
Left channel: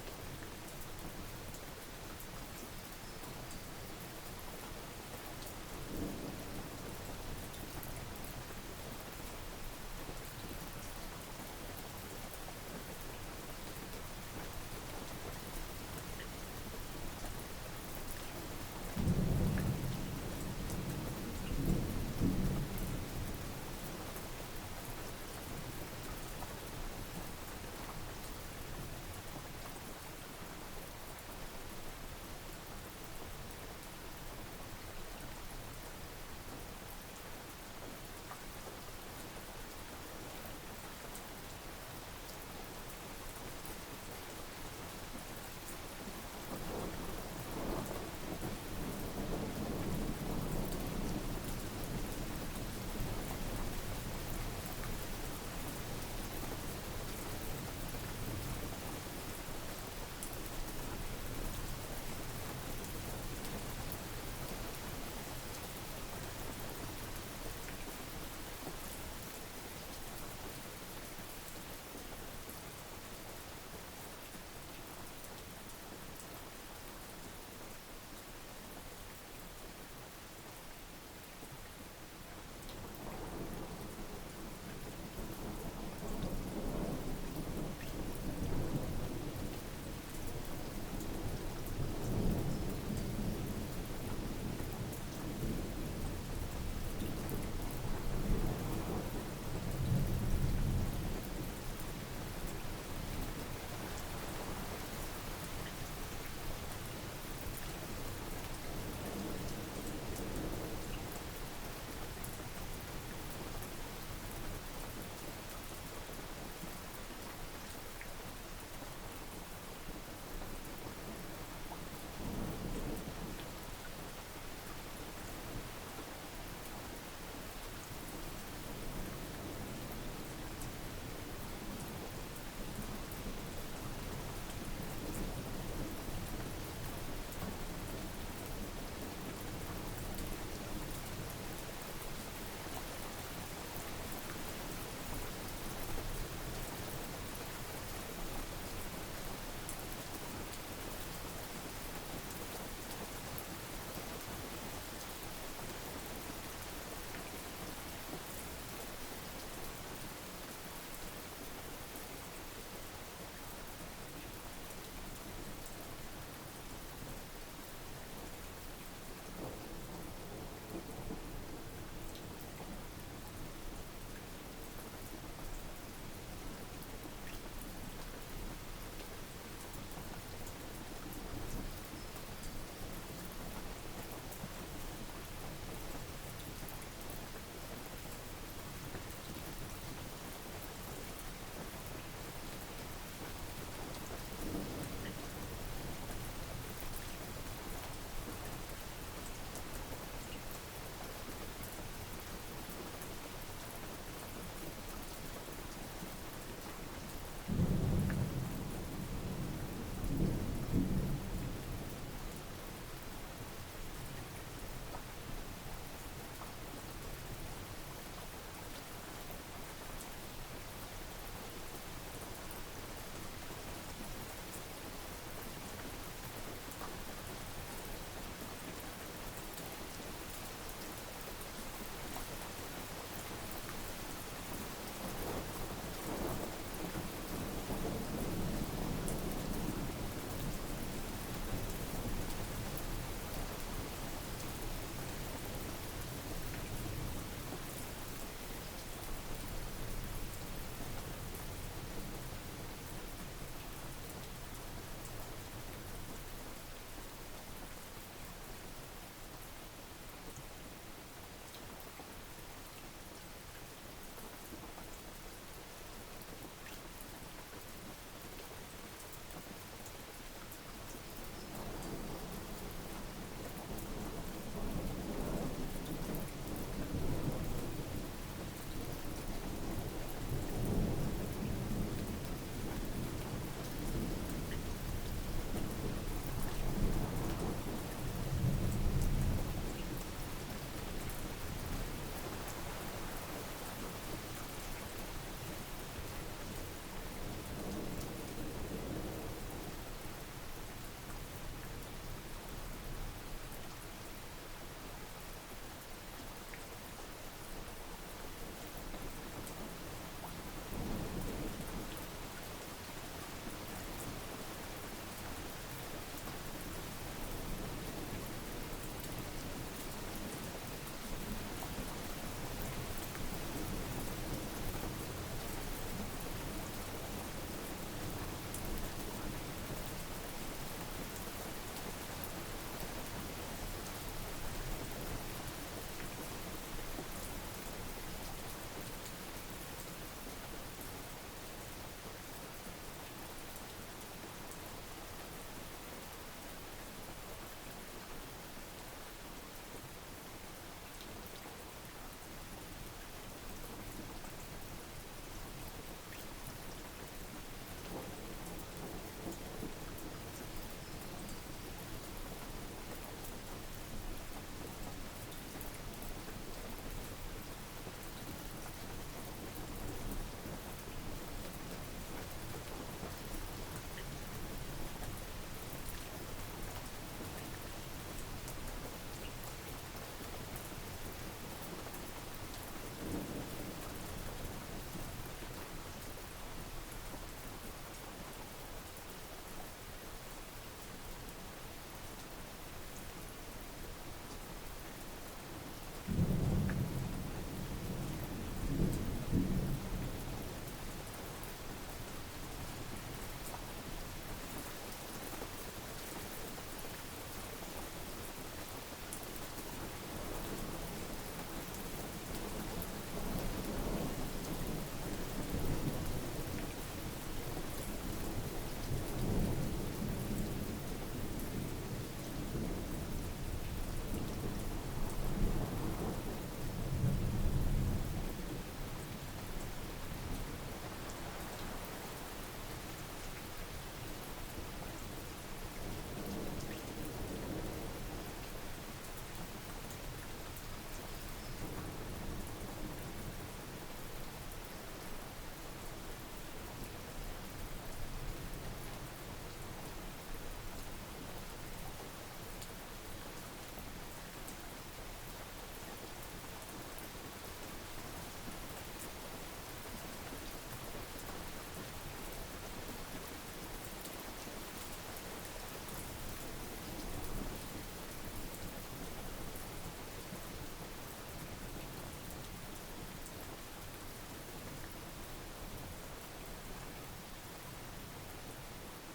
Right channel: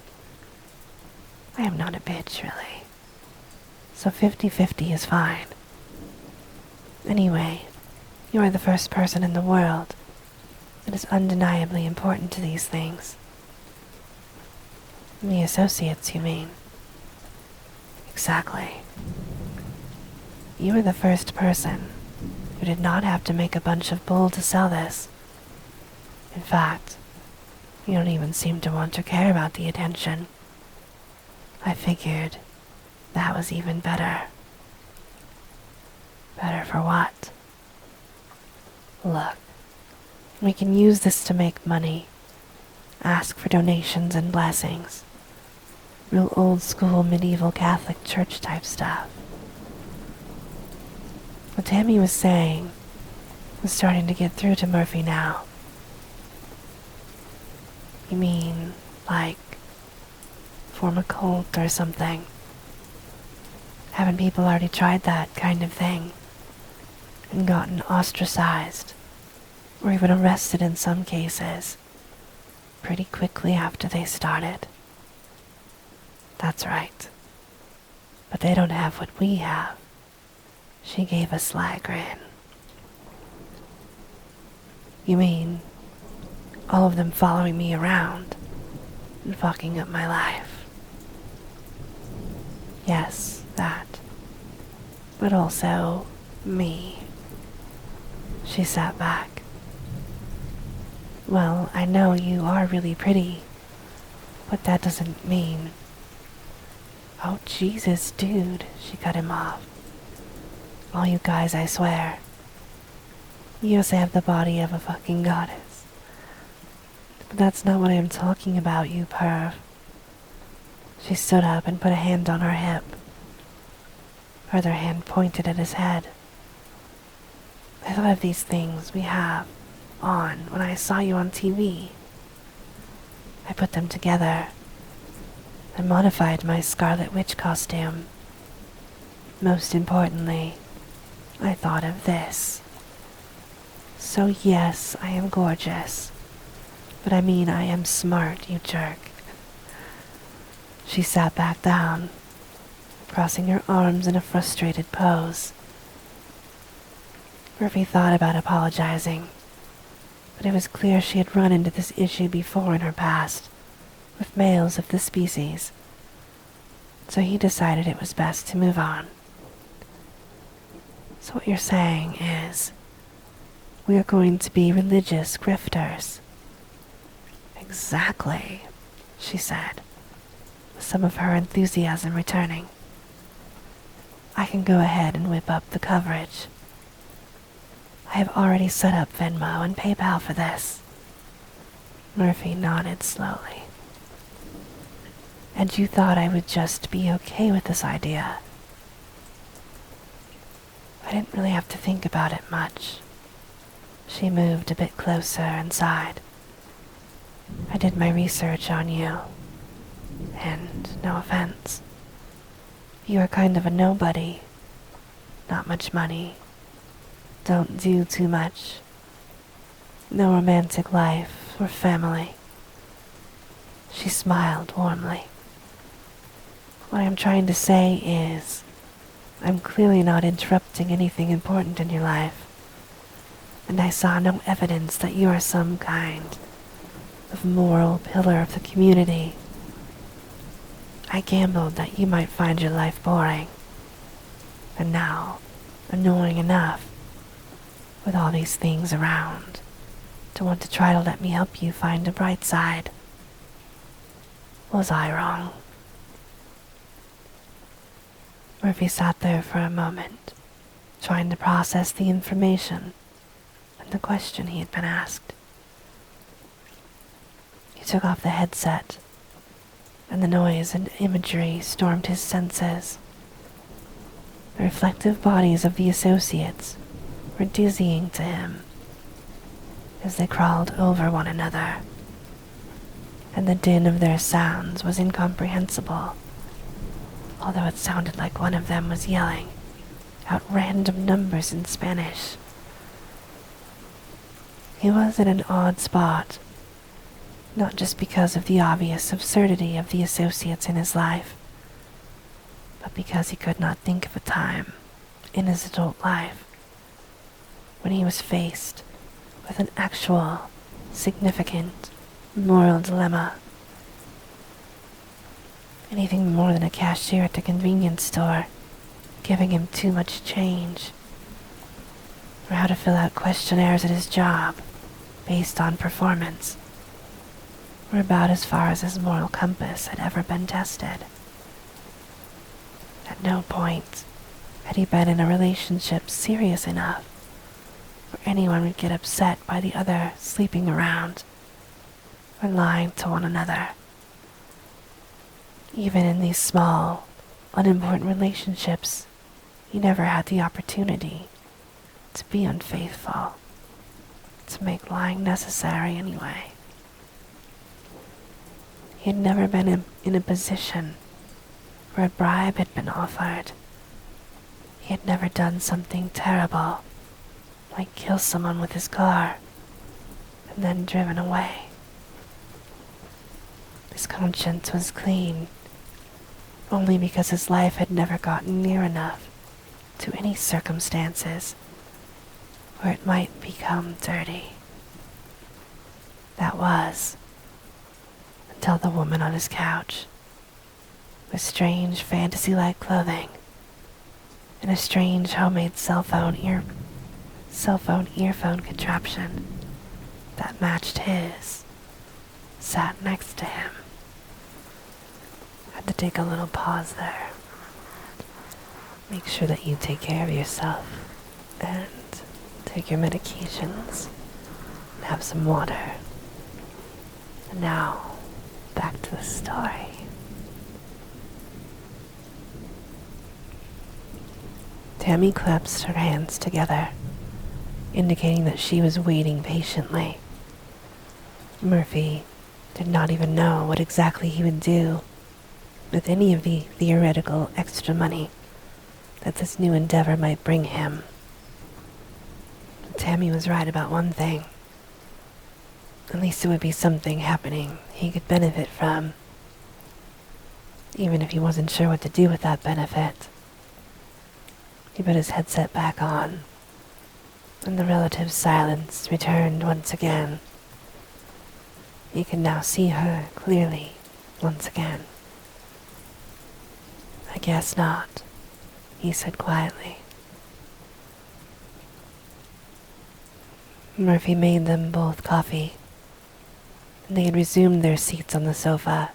I am not a bitch, really. So 50-50 is fine. Anyway, you are the first person in the world that is undeniably important to these things. The associates, you mean? Exactly. You were the first person who did not have to make a bunch of bull to sell this. In fact, you don't even seem to want to care about the attention. I figured that was even better. Better for what? Look, we can use this to make money, ask for donations and blessings. Real old school medieval Catholic church type stuff. What Tammy was saying was starting to get through to Murphy now. You mean, like, form a cult or something? Haven't people already tried that kind of thing and gotten ostracized or even arrested in some cases pretty quickly after they started? That's right. But they don't have what we have. She gave a sly grin. You mean all of them following me around and fucking up my life? Yes, that. But also me. She sat back. Well, I know you are really pretty, but that doesn't mean... Oh, Jesus, dude, she cut him off. All you guys, I swear. You also have the body of a fucking goddess. But that's not what I'm talking about, you perv. She stood up and put a hand on her hip. Her other hand pointed at his head. I thought of these things we have on when I saw you on TV. I put them together. I modified my Scarlet Witch costume. Most importantly, I thought of this. So yes, I am gorgeous. But I mean I am smart, you jerk. She sat back down, crossing her arms in a frustrated pose. Murphy thought about apologizing, but it was clear she had run into this issue before in her past, with males of the species. So he decided it was best to move on. So what you're saying is, we are going to be religious grifters. Exactly, she said, some of her enthusiasm returning. I can go ahead and whip up the coverage. I have already set up Venmo and PayPal for this. Murphy nodded slowly. And you thought I would just be okay with this idea? I didn't really have to think about it much. She moved a bit closer and sighed. I did my research on you, and no offense, you are kind of a nobody. Not much money. Don't do too much. No romantic life or family. She smiled warmly. What I'm trying to say is, I'm clearly not interrupting anything important in your life, and I saw no evidence that you are some kind of moral pillar of the community. I gambled that you might find your life boring, and now annoying enough, with all these things around, to want to try to let me help you find a bright side. Was I wrong? Murphy sat there for a moment, trying to process the information and the question he had been asked. He took off the headset, and the noise and imagery stormed his senses. The reflective bodies of the associates were dizzying to him as they crawled over one another, and the din of their sounds was incomprehensible, although it sounded like one of them was yelling out random numbers in Spanish. He was in an odd spot, not just because of the obvious absurdity of the associates in his life, but because he could not think of a time in his adult life when he was faced with an actual, significant moral dilemma. Anything more than a cashier at a convenience store giving him too much change, or how to fill out questionnaires at his job based on performance, were about as far as his moral compass had ever been tested. At no point had he been in a relationship serious enough where anyone would get upset by the other sleeping around or lying to one another. Even in these small, unimportant relationships, he never had the opportunity to be unfaithful, to make lying necessary anyway. He had never been in a position where a bribe had been offered. He had never done something terrible, like kill someone with his car and then driven away. His conscience was clean, only because his life had never gotten near enough to any circumstances where it might become dirty. That was, until the woman on his couch, with strange fantasy-like clothing and a strange homemade cell phone earphone contraption that matched his, sat next to him. Had to take a little pause there. Make sure that you take care of yourself and take your medications and have some water. Now, back to the story. Tammy clasped her hands together, indicating that she was waiting patiently. Murphy did not even know what exactly he would do with any of the theoretical extra money that this new endeavor might bring him. Tammy was right about one thing. At least it would be something happening he could benefit from, even if he wasn't sure what to do with that benefit. He put his headset back on, and the relative silence returned once again. He could now see her clearly once again. "I guess not," he said quietly. Murphy made them both coffee, and they had resumed their seats on the sofa.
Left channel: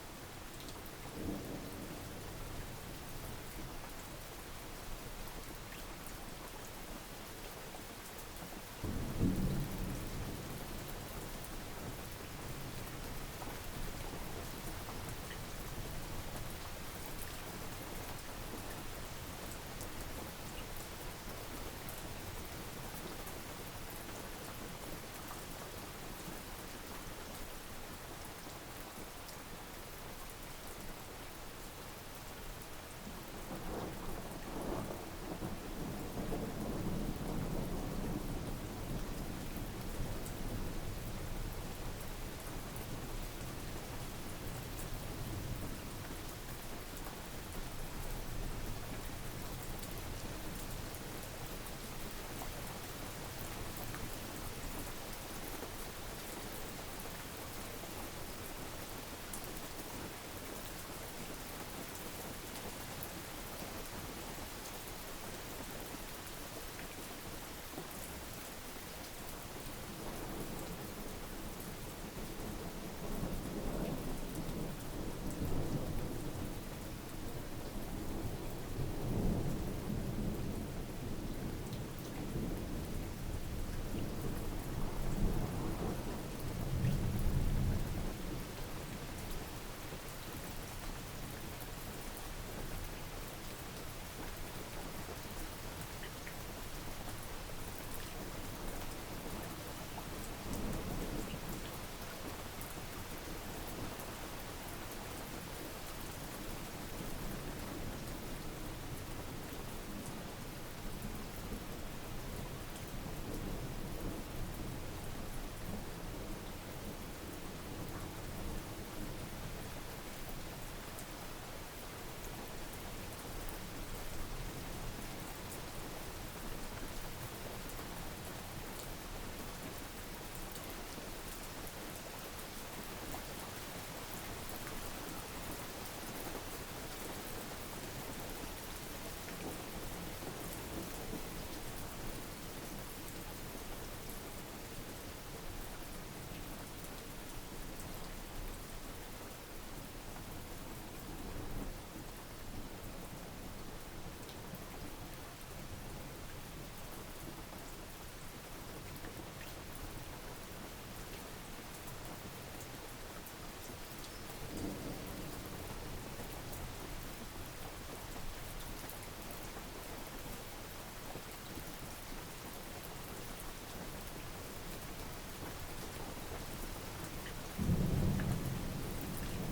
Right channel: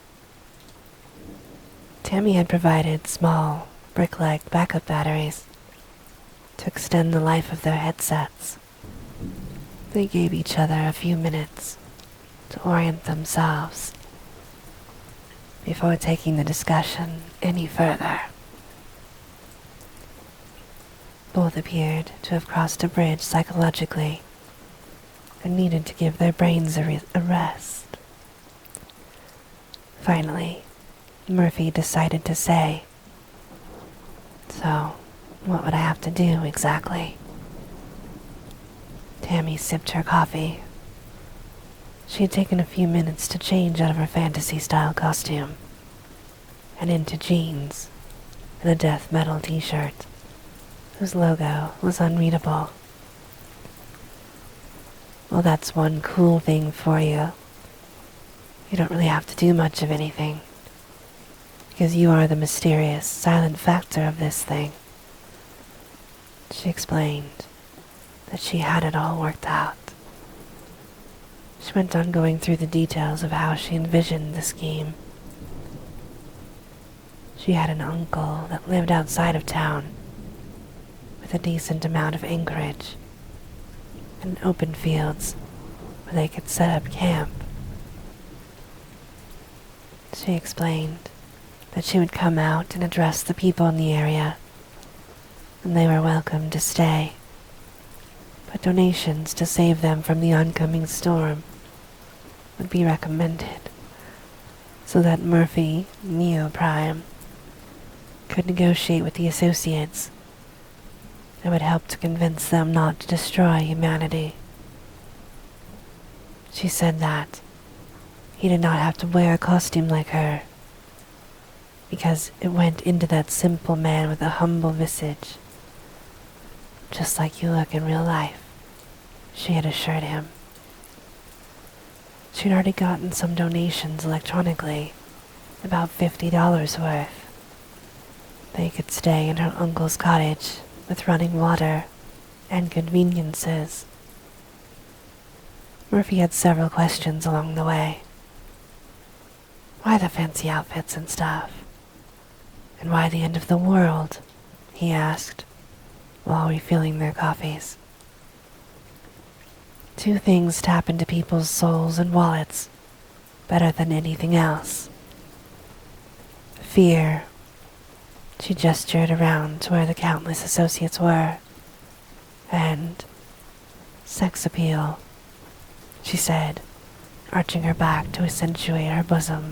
Tammy had provided small, brick-like backup batteries to extend the life of their headsets They gave each other a few minutes to orient themselves before taking the discussion any further. Both appeared to have crossed a bridge psychologically and needed to give their brains a rest. Finally, Murphy decided to say, "So, what would I have to do exactly?" Tammy sipped her coffee. She had taken a few minutes to change out of her fantasy-style costume and into jeans and a death metal t-shirt whose logo was unreadable. Well, that's one cool thing for you. You don't really have to do much of anything, because you are the mysterious, silent factor of this thing. She explained that she had it all worked out. She went on going through the details of how she envisioned the scheme. She had an uncle that lived outside of town, with a decent amount of acreage and open fields where they could set up camp. She explained that she would come out and address the people in the area, and they were welcome to stay, but donations to save them from the oncoming storm would be recommended, so that Murphy, Neo Prime, could negotiate with the associates that would help to convince them not to destroy humanity. She said that he did not have to wear a costume like her, because it went into that simple man with a humble visage, just like you look in real life, she had assured him. She'd already gotten some donations electronically, about $50 worth. They could stay in her uncle's cottage with running water and conveniences. Murphy had several questions along the way. Why the fancy outfits and stuff? And why the end of the world? He asked, while refilling their coffees. Two things tap into people's souls and wallets better than anything else. Fear. She gestured around to where the countless associates were. And sex appeal, she said, arching her back to accentuate her bosom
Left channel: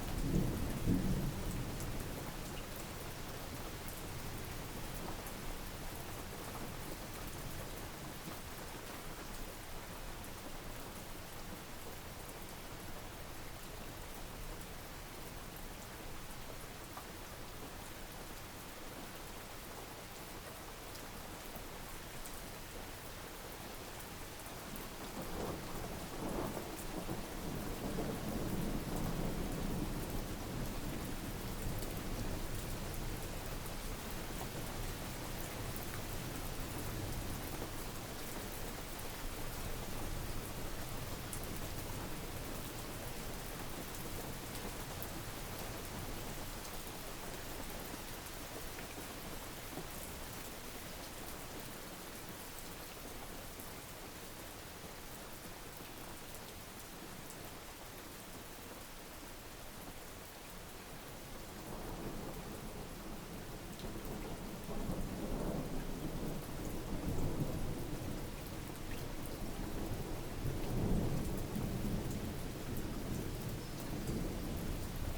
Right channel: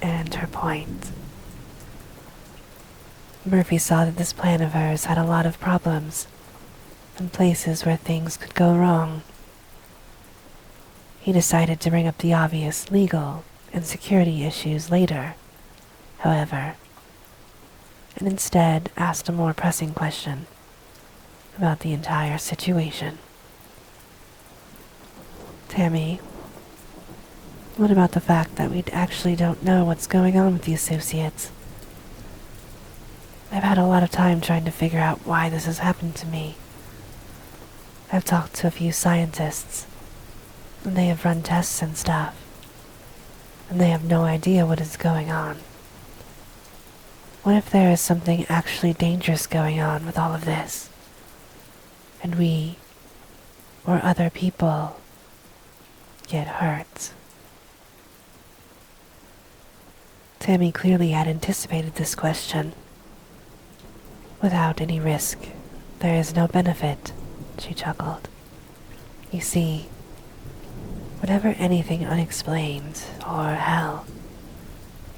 and her point. Murphy saw that this plan of hers had a lot of problems and places where things could go wrong. He decided to bring up the obvious legal and security issues later, however, and instead asked a more pressing question about the entire situation. Tammy, what about the fact that we actually don't know what's going on with the associates? I've had a lot of time trying to figure out why this has happened to me. I've talked to a few scientists, and they have run tests and stuff, and they have no idea what is going on. What if there is something actually dangerous going on with all of this, and we, or other people, get hurt? Tammy clearly had anticipated this question. Without any risk, there is no benefit, she chuckled. You see, whenever anything unexplained, or hell,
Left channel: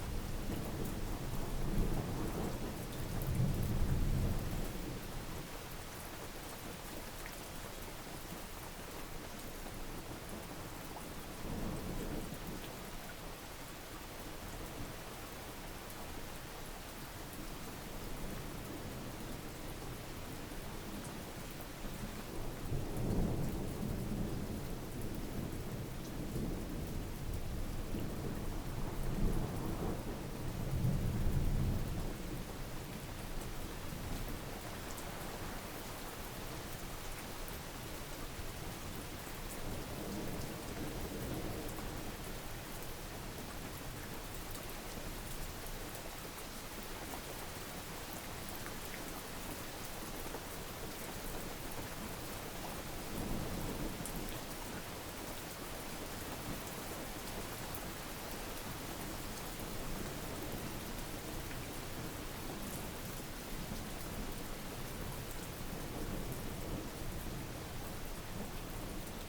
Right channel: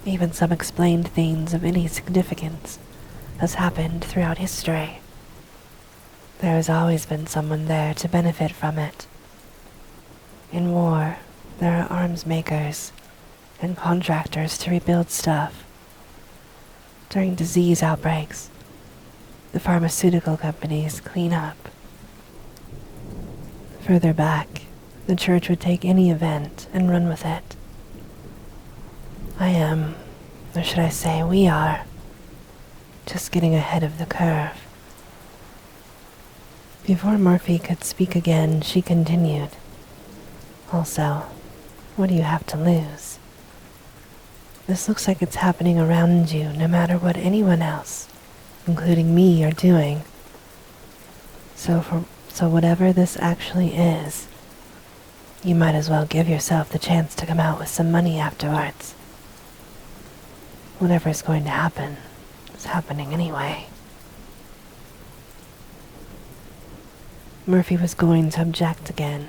even some explained things of any significance, has happened throughout history, there has always been someone there to benefit from it. In war, there are arms makers and contractors to rebuild stuff. During disease outbreaks, the pharmaceutical companies clean up. Further back, the church would take any event and run with it. I am, or should I say we are, just getting ahead of the curve. Before Murphy could speak again, she continued. Also, what do you have to lose? This looks like it's happening around you no matter what anyone else, including me, are doing. So So whatever this actually is, you might as well give yourself the chance to come out with some money afterwards. Whatever is going to happen is happening anyway. Murphy was going to object again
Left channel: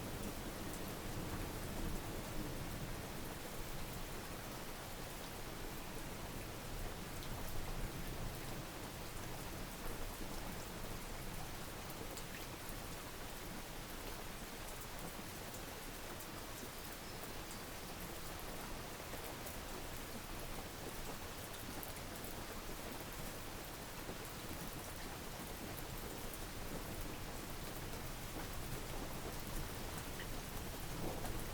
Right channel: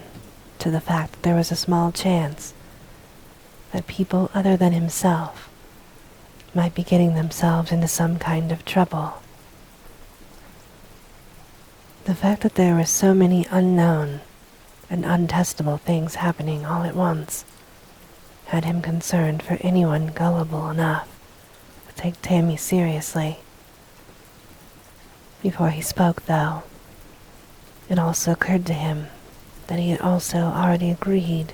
to the fact that there was a small chance that people other than himself might be getting themselves into some kind of trouble. The fact that there were so many unknown and untestable things happening all at once had him concerned for anyone gullible enough to take Tammy seriously. Before he spoke, though, it also occurred to him that he had also already agreed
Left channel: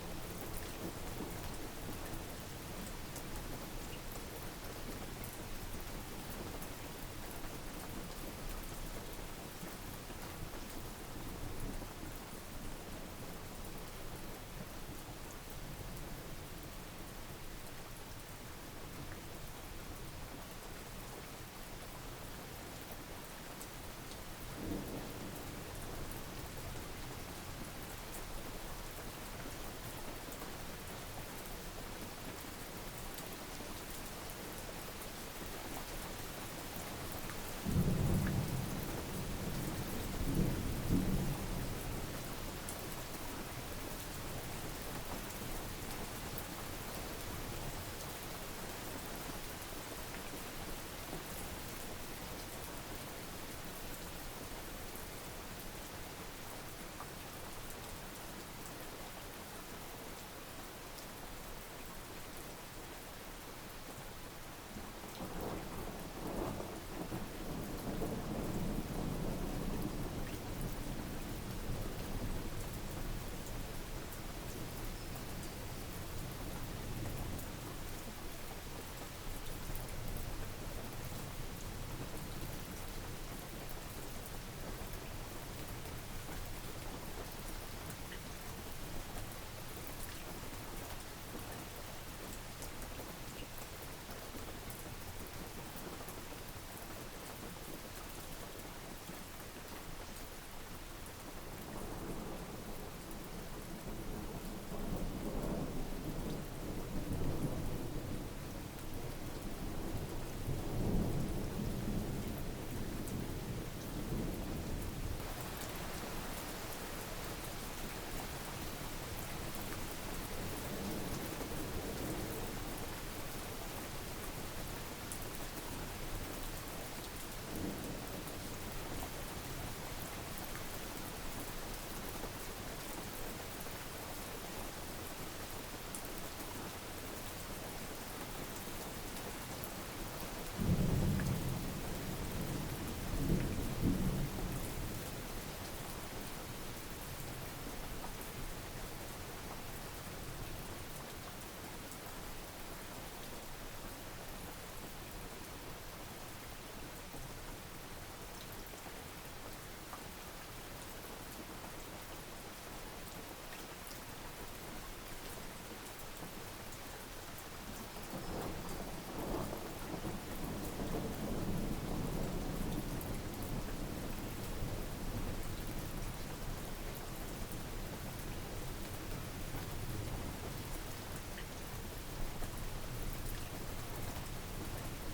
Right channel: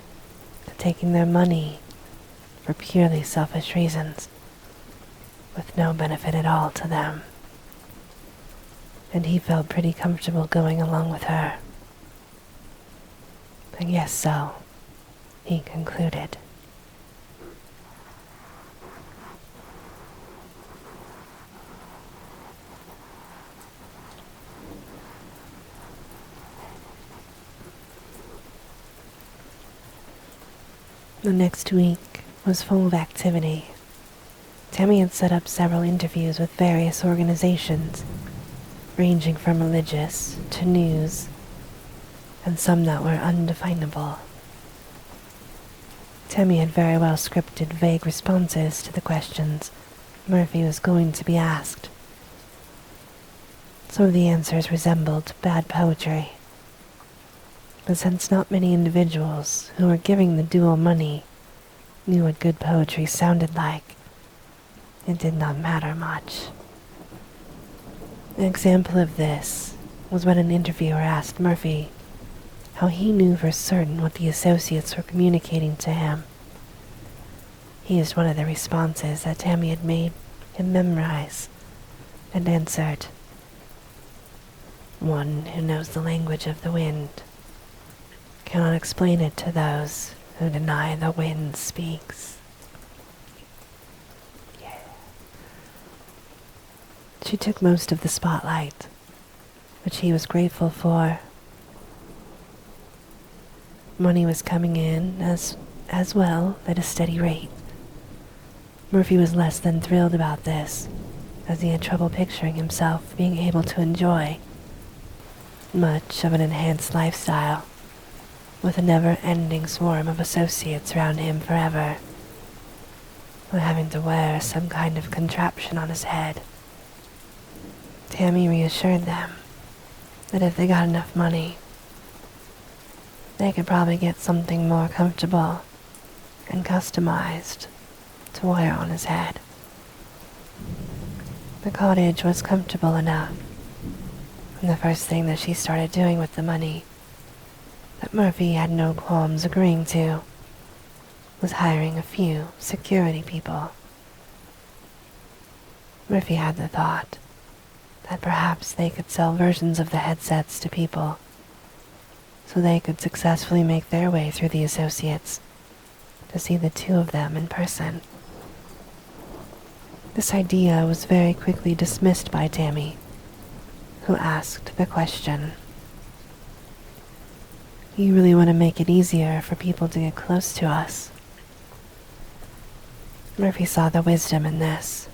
to taking their money for purely selfish reasons, with no benefit at all to them. And he felt pretty comfortable going along with her. I guess so, he concluded. The next week was full of activity. Tammy had set up several interviews with various organizations, ranging from religious to news, and some that were undefinable. Tammy had very well scripted vague responses to the questions Murphy was going to be asked. Some of the answers resembled bad poetry, but since not many individuals who were giving the duo money knew what good poetry sounded like, it did not matter much. An example of this was when an interviewer asked Murphy how he knew for certain what the associates were communicating to him. He used one of the responses that Tammy had made him memorize and answered, "One who knows the language of the wind cannot explain it to those who deny the wind speaks." She took most of the spotlight, which he was grateful for. Money was coming in as well at a steady rate. Murphy was less than thrilled about this, as he had trouble picturing himself being able to enjoy much of an enhanced lifestyle with a never-ending swarm of associates around him forever, or having to wear some kind of contraption on his head. Tammy reassured them that if they got enough money, they could probably get something more comfortable and customized to wear on his head. The cottage was comfortable enough, and the first thing that she started doing with the money that Murphy had no qualms agreeing to was hiring a few security people. Murphy had the thought that perhaps they could sell versions of the headsets to people so they could successfully make their way through the associates to see the two of them in person. This idea was very quickly dismissed by Tammy, who asked the question, "You really want to make it easier for people to get close to us?" Murphy saw the wisdom in this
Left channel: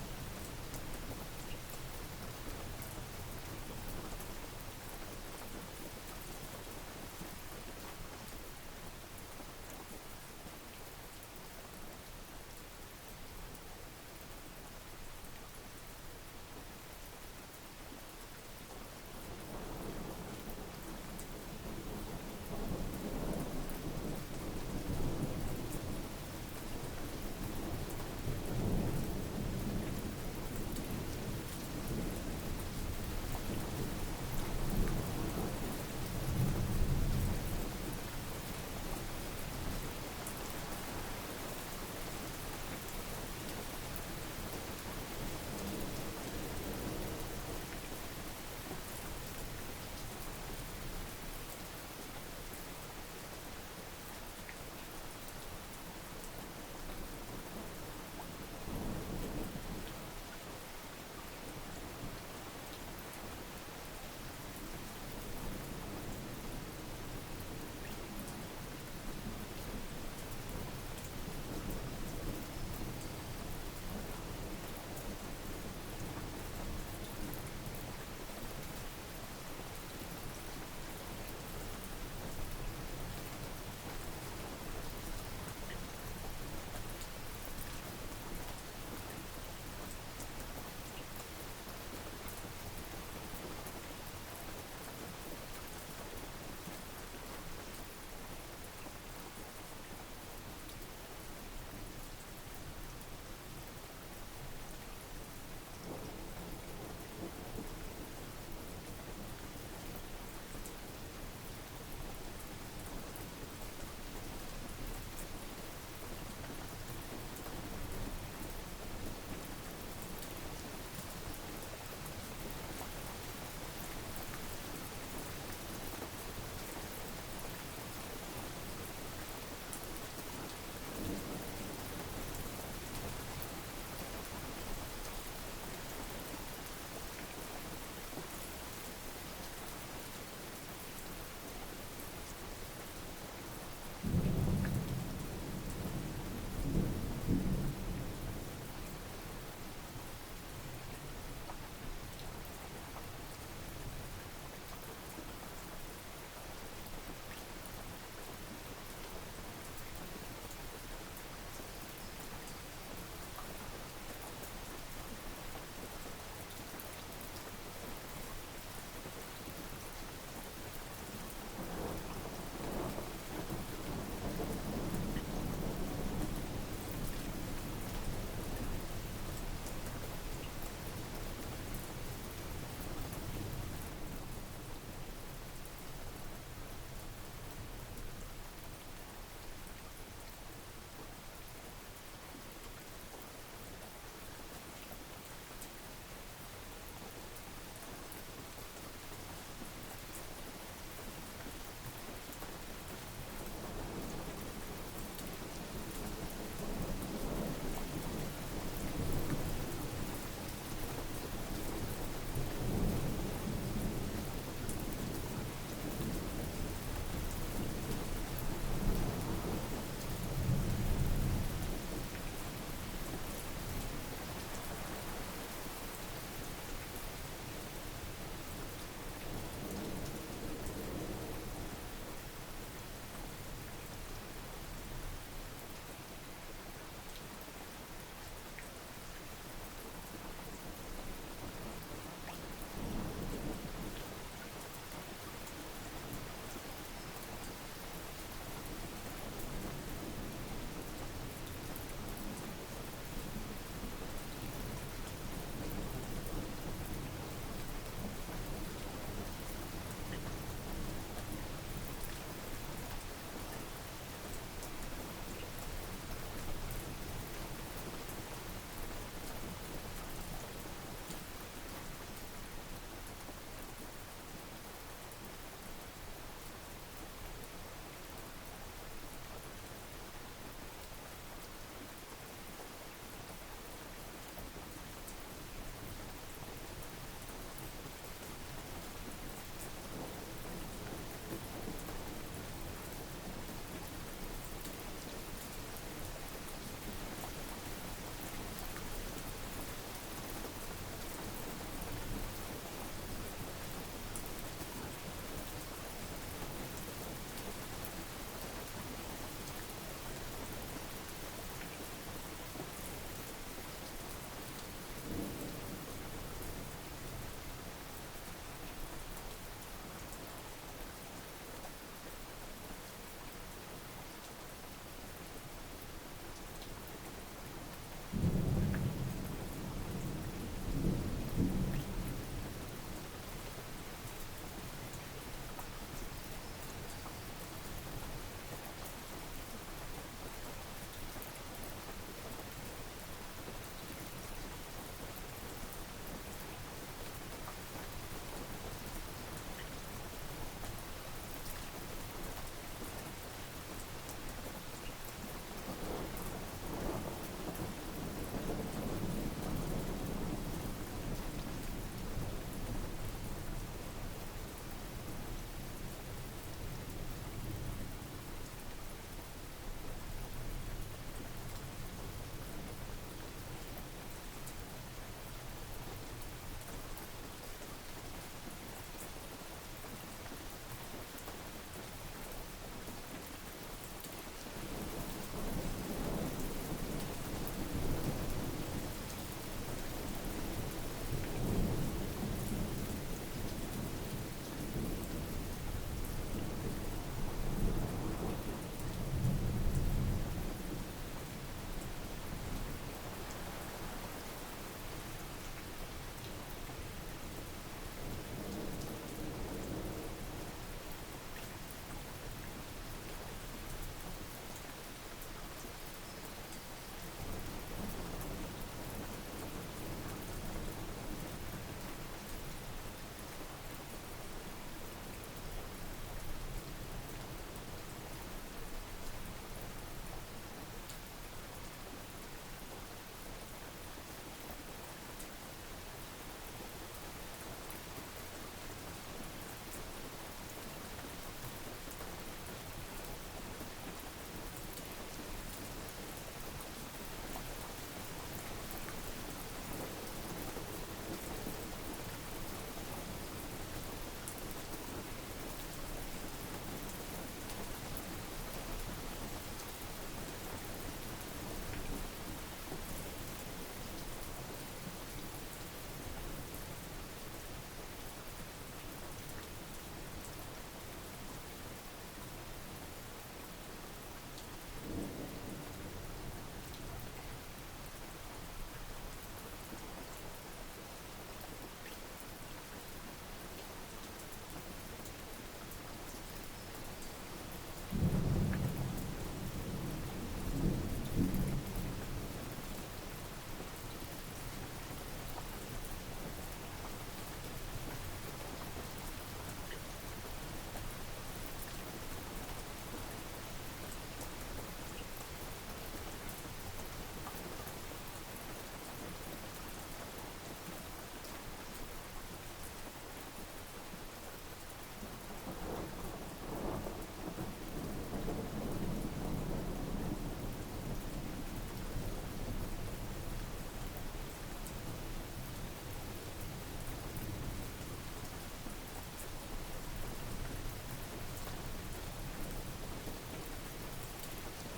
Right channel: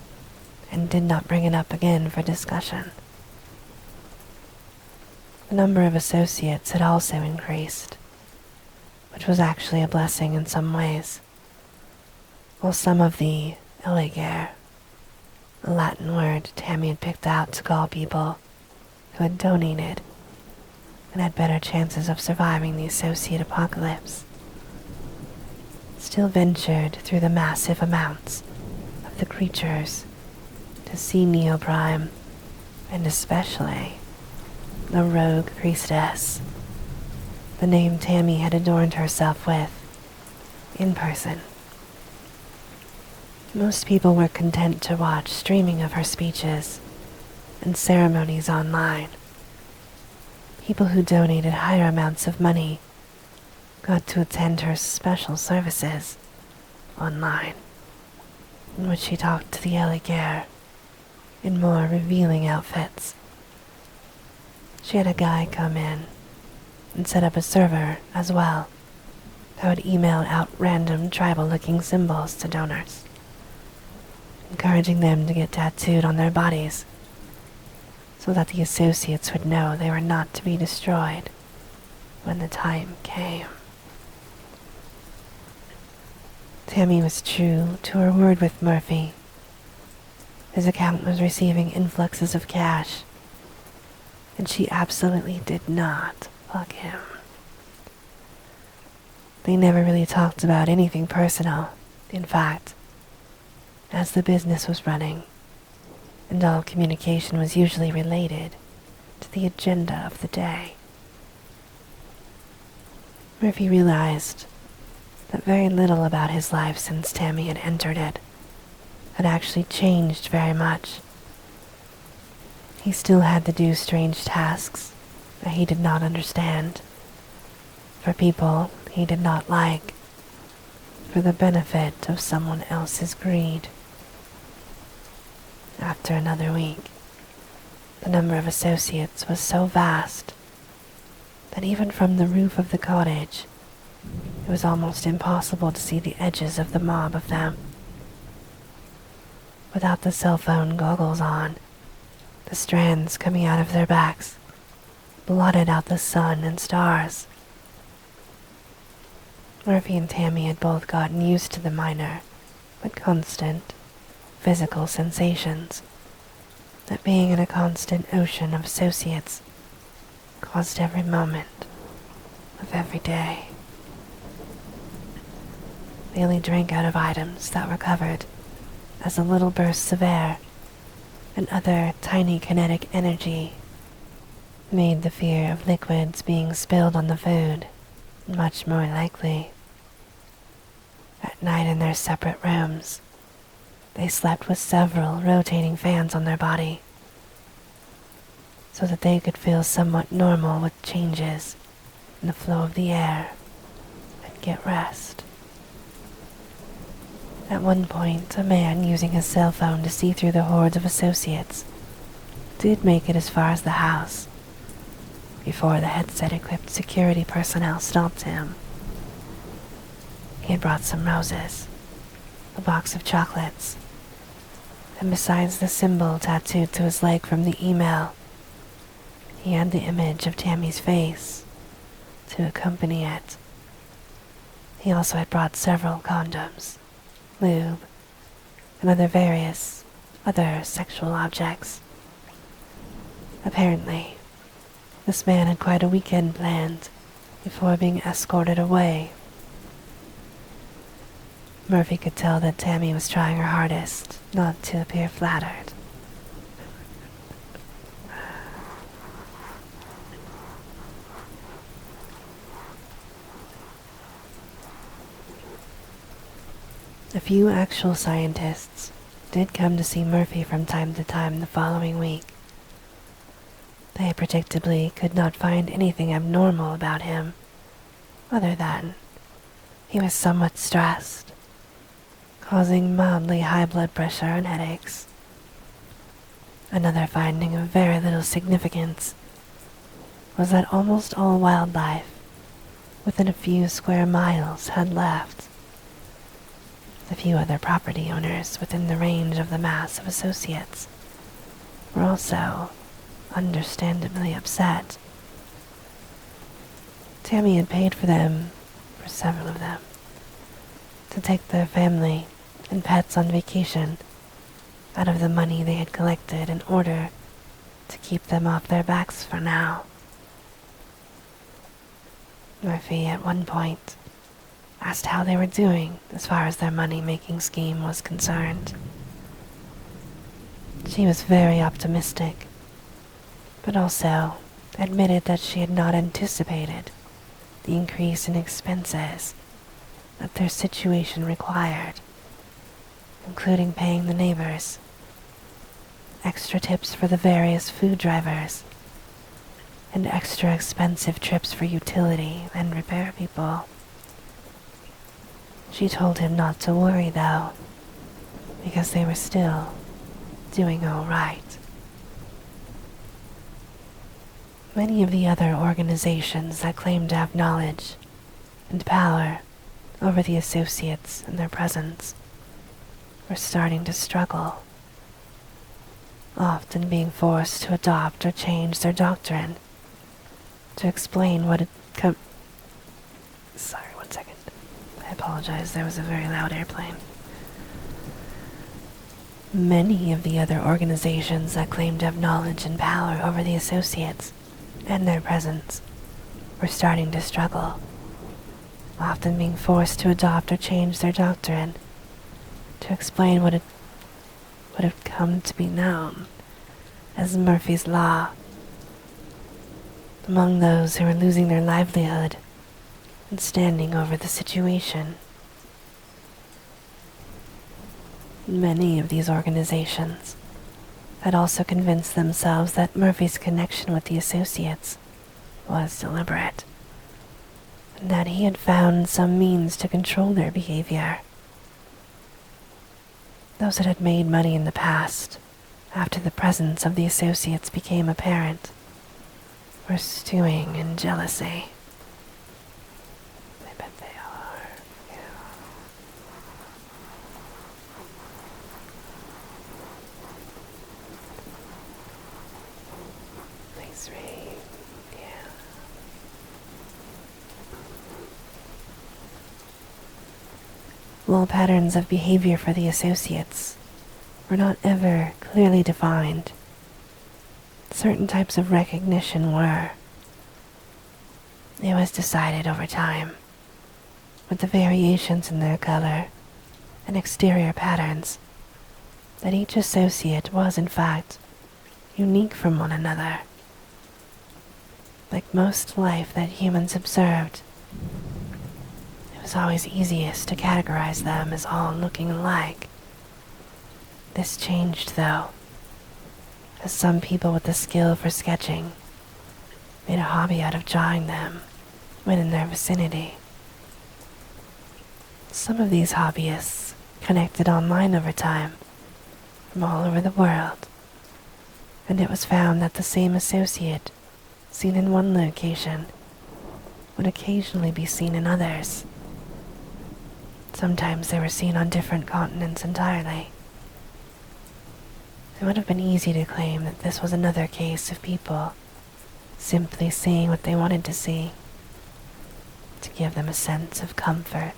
and did not bring it up again for discussion. The number of associates had also increased, which was actually a blessing in some ways, while some of the eligere, a Latin word Tammy had picked out to call people who had donated and had better chances of surviving the associate apocalypse, still ventured through the massive amounts of the creatures to see Neoprime, and especially the rogue priestess, the name Tammy had adorned herself with, in person. Most people were content to watch streaming of her speeches and ceremonies online. People who donated higher amounts of money got to attend her special services online, in which she talked to the eligere in more revealing outfits. She had a guy come in and set up a server as well that would email out random tribal-looking symbols to donors, encouraging them to get tattooed on their bodies so that the associates would know they were not to be destroyed when the time came. Tammy was true to her word with Murphy. His account was receiving influxes of cash, and she absolutely did not bug him. They never really talked about anything personal. In fact, as the business was running, and all communication was usually related to the agenda of the day, Murphy realized that very little about his life since Tammy had entered it had actually changed very much. He still had to do strange tasks that he did not understand, for people he did not like, for the benefit of someone else's greed. After another week, the number of associates was so vast that even from the roof of the cottage, it was almost impossible to see the edges of the mob of them. Without the cell phone goggles on, the strands coming out of their backs blotted out the sun and stars. Murphy and Tammy had both gotten used to the minor but constant physical sensations that being in a constant ocean of associates caused every moment of every day. They only drank out of items that were covered as a little bursts of air and other tiny kinetic energy made the fear of liquids being spilled on the food much more likely. At night in their separate rooms, they slept with several rotating fans on their body so that they could feel somewhat normal with changes in the flow of the air and get rest. At one point, a man using his cell phone to see through the hordes of associates did make it as far as the house before the headset-equipped security personnel stopped him. He had brought some roses, a box of chocolates, and besides the symbol tattooed to his leg from the email, he had the image of Tammy's face to accompany it. He also had brought several condoms, lube, and various other sexual objects. Apparently, this man had quite a weekend planned before being escorted away. Murphy could tell that Tammy was trying her hardest not to appear flattered. A few actual scientists did come to see Murphy from time to time the following week. They predictably could not find anything abnormal about him, other than he was somewhat stressed, causing mildly high blood pressure and headaches. Another finding of very little significance was that almost all wildlife within a few square miles had left. A few other property owners within the range of the mass of associates were also understandably upset. Tammy had paid for them, for several of them, to take their family and pets on vacation out of the money they had collected in order to keep them off their backs for now. Murphy at one point asked how they were doing as far as their money-making scheme was concerned. She was very optimistic, but also admitted that she had not anticipated the increase in expenses that their situation required, including paying the neighbors, extra tips for the various food drivers, and extra expensive trips for utility and repair people. She told him not to worry, though, because they were still doing all right. Many of the other organizations that claim to have knowledge and power over the associates and their presence were starting to struggle, often being forced to adopt or change their doctrine to explain what had come. Sorry, 1 second. I apologize, there was a very loud airplane. Many of the other organizations that claim to have knowledge and power over the associates and their presence were starting to struggle, often being forced to adopt or change their doctrine to explain what had come to be known as Murphy's Law. Among those who were losing their livelihood and standing over the situation, many of these organizations had also convinced themselves that Murphy's connection with the associates was deliberate, and that he had found some means to control their behavior. Those that had made money in the past, after the presence of the associates became apparent, were stewing in jealousy. I bet they are. Yeah. Thanks, Reed. Yeah. While patterns of behavior for the associates were not ever clearly defined, certain types of recognition were. It was decided over time, with the variations in their color and exterior patterns, that each associate was in fact unique from one another. Like most life that humans observed, it was always easiest to categorize them as all looking alike. This changed, though, as some people with the skill for sketching made a hobby out of drawing them when in their vicinity. Some of these hobbyists connected online over time from all over the world, and it was found that the same associate seen in one location would occasionally be seen in others. Sometimes they were seen on different continents entirely. It would have been easy to claim that this was another case of people simply seeing what they wanted to see, to give them a sense of comfort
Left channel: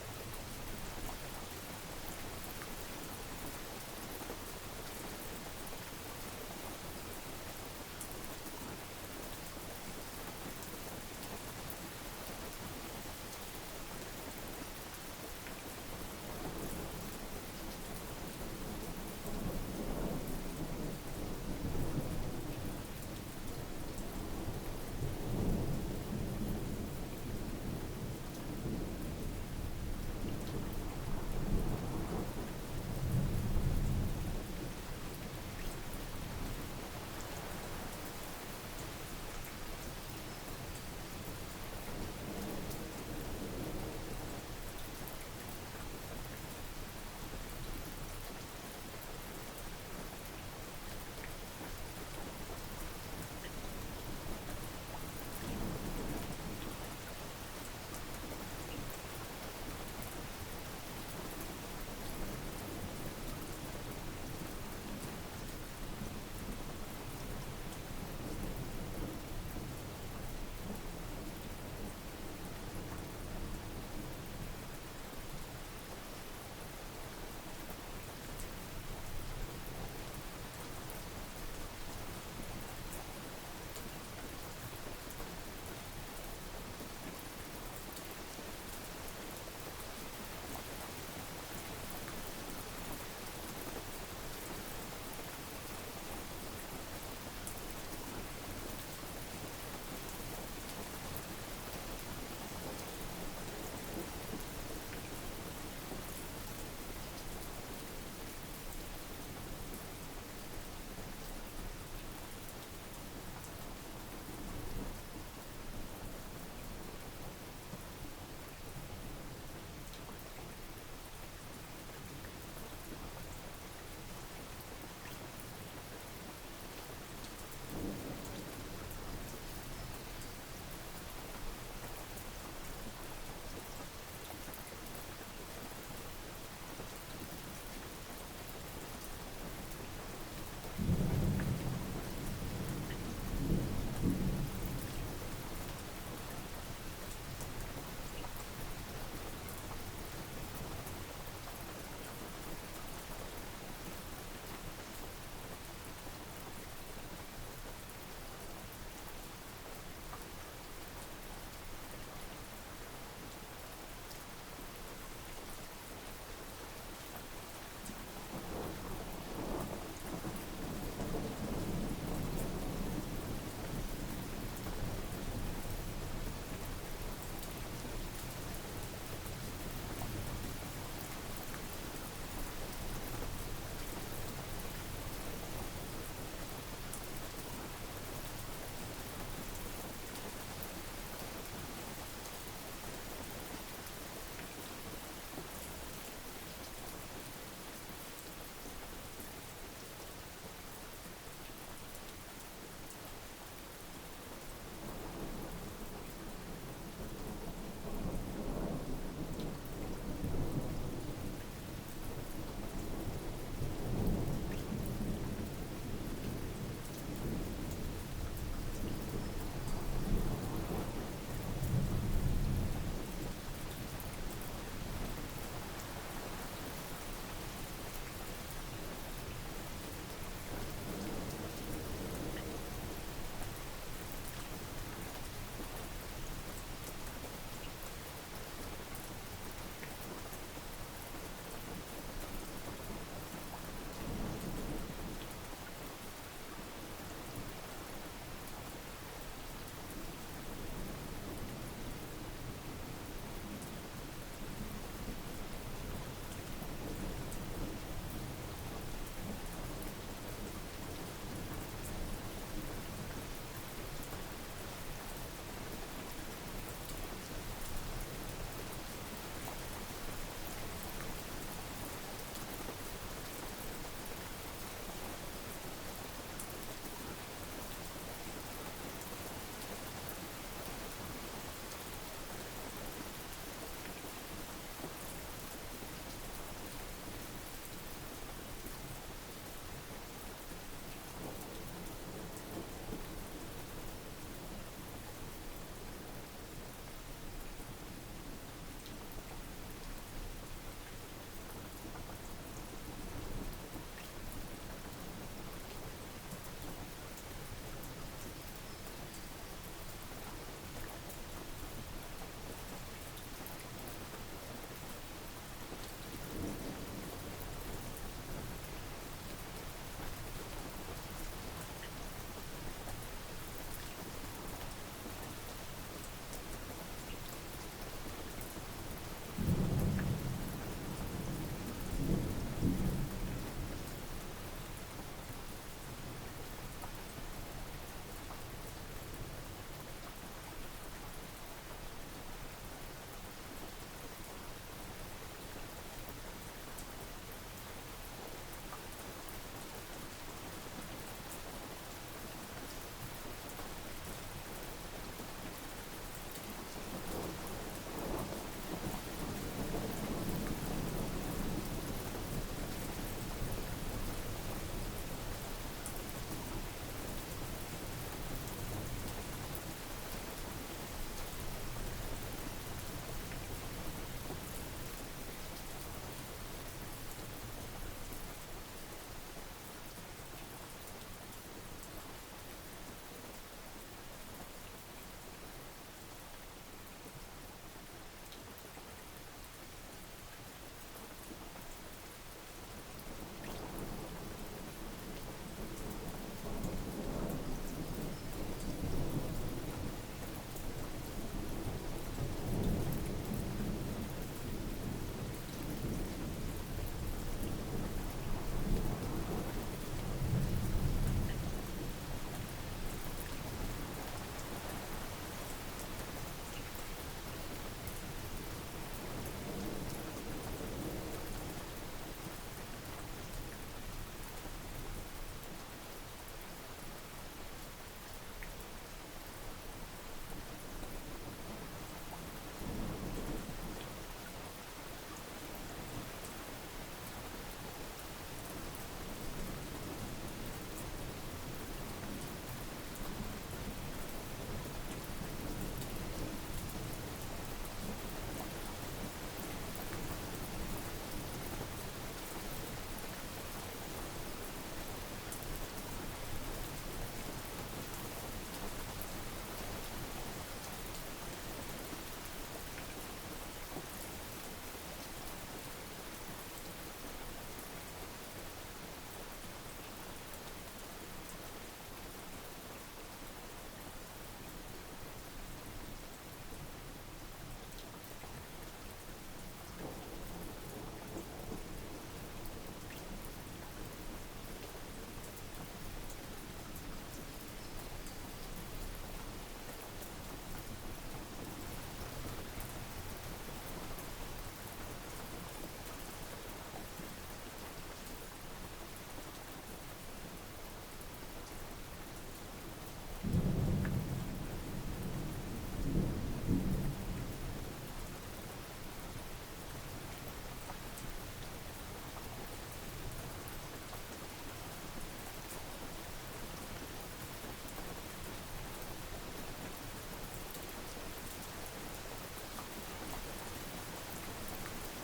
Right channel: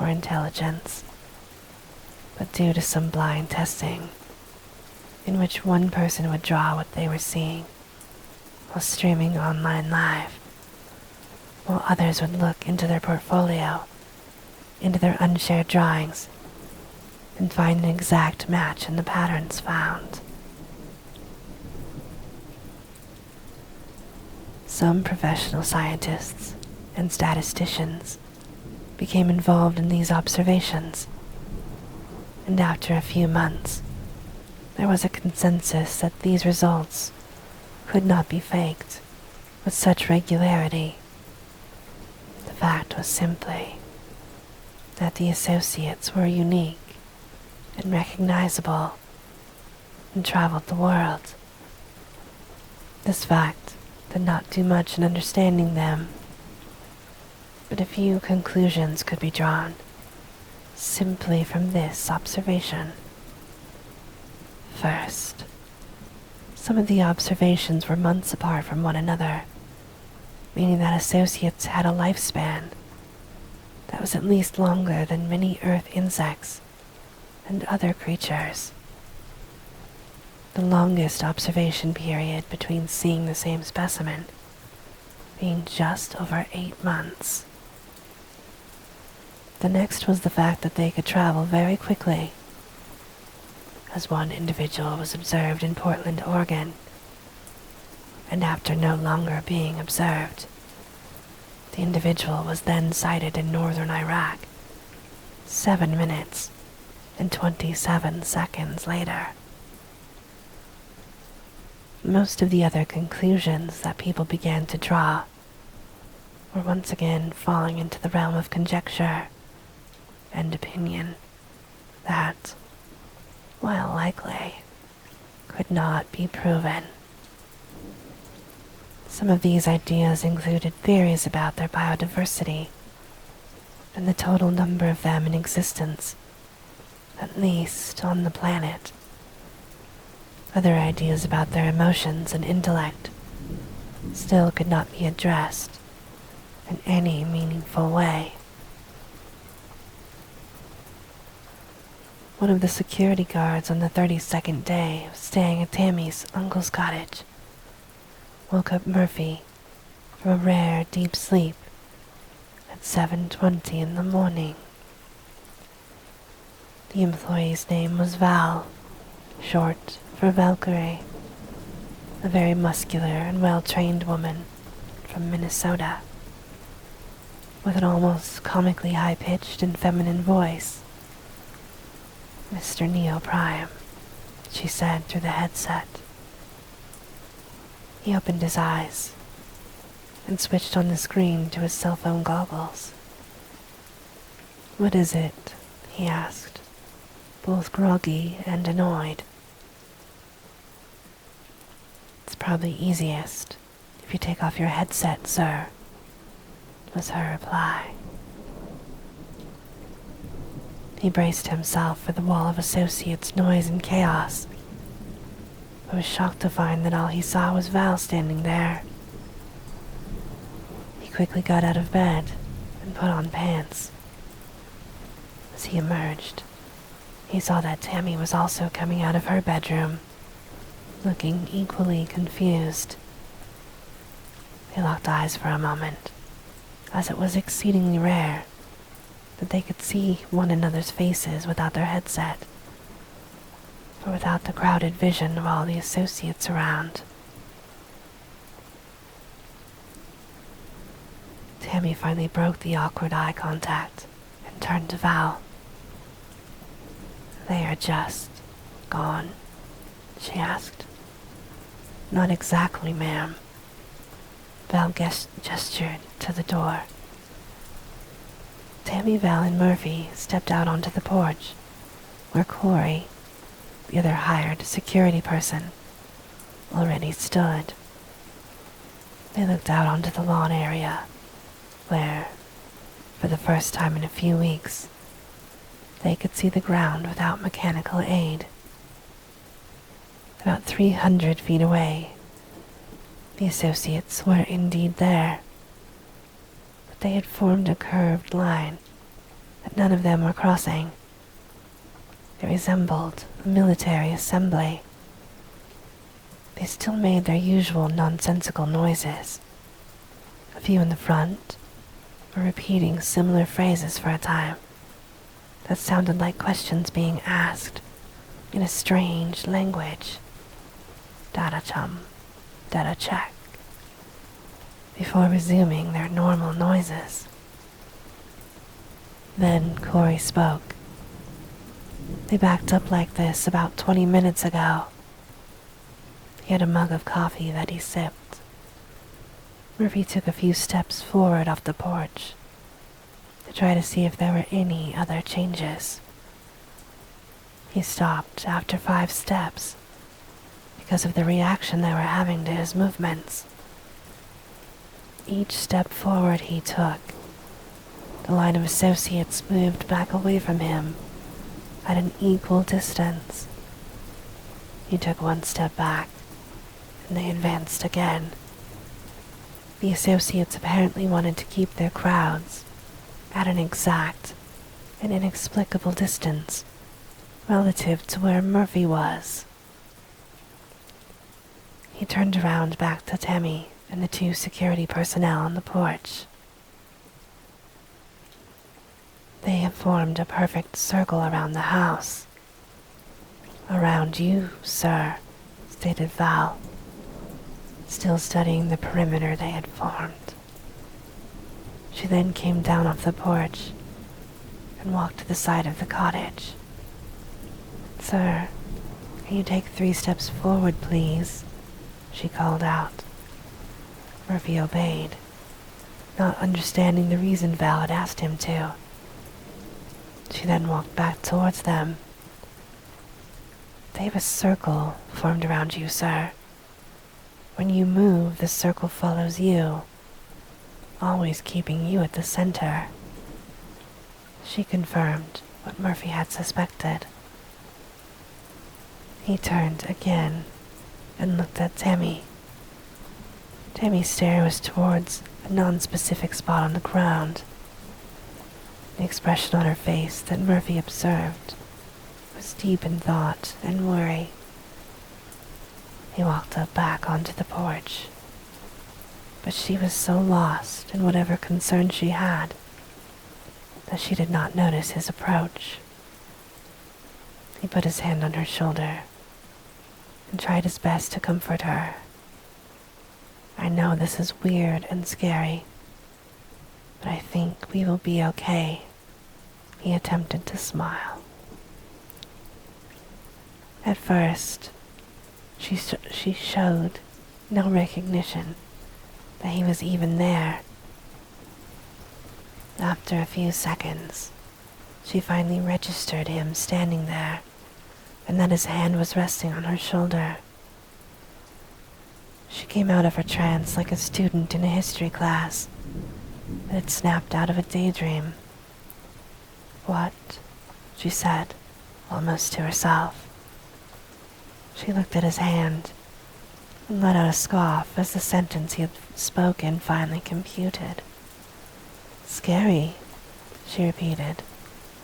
or intelligence. But due to some blind testing, in which one person would draw what they were seeing while streaming online live, while others would look into their portfolio, into their unshared drawings, and find an exact match in the patterns found. Some professional scientists and statisticians became involved in these observations, and after a few months, there was a consensus that these results could not be faked with such regularity. The fact was simply that the associates were unique and recognizable and traveled the world. This fact did not do much in understanding them, but a few conclusions could be drawn simply from this observation. First, some of the observations were months apart from one another, meaning that associates had a lifespan that was at least longer than many earth insects and other creatures. The longest observation period between seeing the same specimen being just over 8 months. The next was the fact that they could travel very quickly, as one individual was observed in Portland, Oregon, and after no longer being observed, the individual was then sighted in northern Iraq 7 minutes and 27 seconds later. Most of the other conclusions that people began to draw were once again falling into the realm of conjecture and opinion that, while likely, could not be proven. Some of these ideas included theories about their biodiversity and the total number of them in existence, at least on the planet. Other ideas about their emotions and intellect still could not be addressed in any meaningful way. One of the security guards on the 32nd day of staying at Tammy's uncle's cottage woke up Murphy from a rare deep sleep at 7:20 in the morning. The employee's name was Val, short for Valkyrie, a very muscular and well-trained woman from Minnesota, with an almost comically high-pitched and feminine voice. "Mr. Neo Prime," she said through the headset. He opened his eyes and switched on the screen to his cell phone goggles. "What is it?" he asked, both groggy and annoyed. "It's probably easiest if you take off your headset, sir," was her reply. He braced himself for the wall of associates' noise and chaos, but was shocked to find that all he saw was Val standing there. He quickly got out of bed and put on pants. As he emerged, he saw that Tammy was also coming out of her bedroom, looking equally confused. They locked eyes for a moment, as it was exceedingly rare that they could see one another's faces without their headset, or without the crowded vision of all the associates around. Tammy finally broke the awkward eye contact and turned to Val. "They are just gone?" she asked. "Not exactly, ma'am." Val gestured to the door. Tammy, Val, and Murphy stepped out onto the porch, where Corey, the other hired security person, already stood. They looked out onto the lawn area, where, for the first time in a few weeks, they could see the ground without mechanical aid. About 300 feet away, the associates were indeed there. They had formed a curved line that none of them were crossing. It resembled a military assembly. They still made their usual nonsensical noises. A few in the front were repeating similar phrases for a time that sounded like questions being asked in a strange language. "Data chum, data check," before resuming their normal noises. Then Corey spoke. "They backed up like this about 20 minutes ago." He had a mug of coffee that he sipped. Murphy took a few steps forward off the porch to try to see if there were any other changes. He stopped after 5 steps because of the reaction they were having to his movements. Each step forward he took, the line of associates moved back away from him at an equal distance. He took 1 step back, and they advanced again. The associates apparently wanted to keep their crowds at an exact and inexplicable distance relative to where Murphy was. He turned around back to Tammy and the 2 security personnel on the porch. "They have formed a perfect circle around the house." "Around you, sir," stated Val, still studying the perimeter they had formed. She then came down off the porch and walked to the side of the cottage. "Sir, can you take 3 steps forward, please?" she called out. Murphy obeyed, not understanding the reason Val had asked him to. She then walked back towards them. "They have a circle formed around you, sir. When you move, the circle follows you, always keeping you at the center. She confirmed what Murphy had suspected. He turned again and looked at Tammy. Tammy's stare was towards a non-specific spot on the ground. The expression on her face that Murphy observed was deep in thought and worry. He walked up back onto the porch, but she was so lost in whatever concern she had that she did not notice his approach. He put his hand on her shoulder and tried his best to comfort her. I know this is weird and scary, but I think we will be okay. He attempted to smile. At first, she showed no recognition that he was even there. After a few seconds, she finally registered him standing there, and that his hand was resting on her shoulder. She came out of her trance like a student in a history class that had snapped out of a daydream. "What?" she said, almost to herself. She looked at his hand and let out a scoff as the sentence he had spoken finally computed. "Scary," she repeated.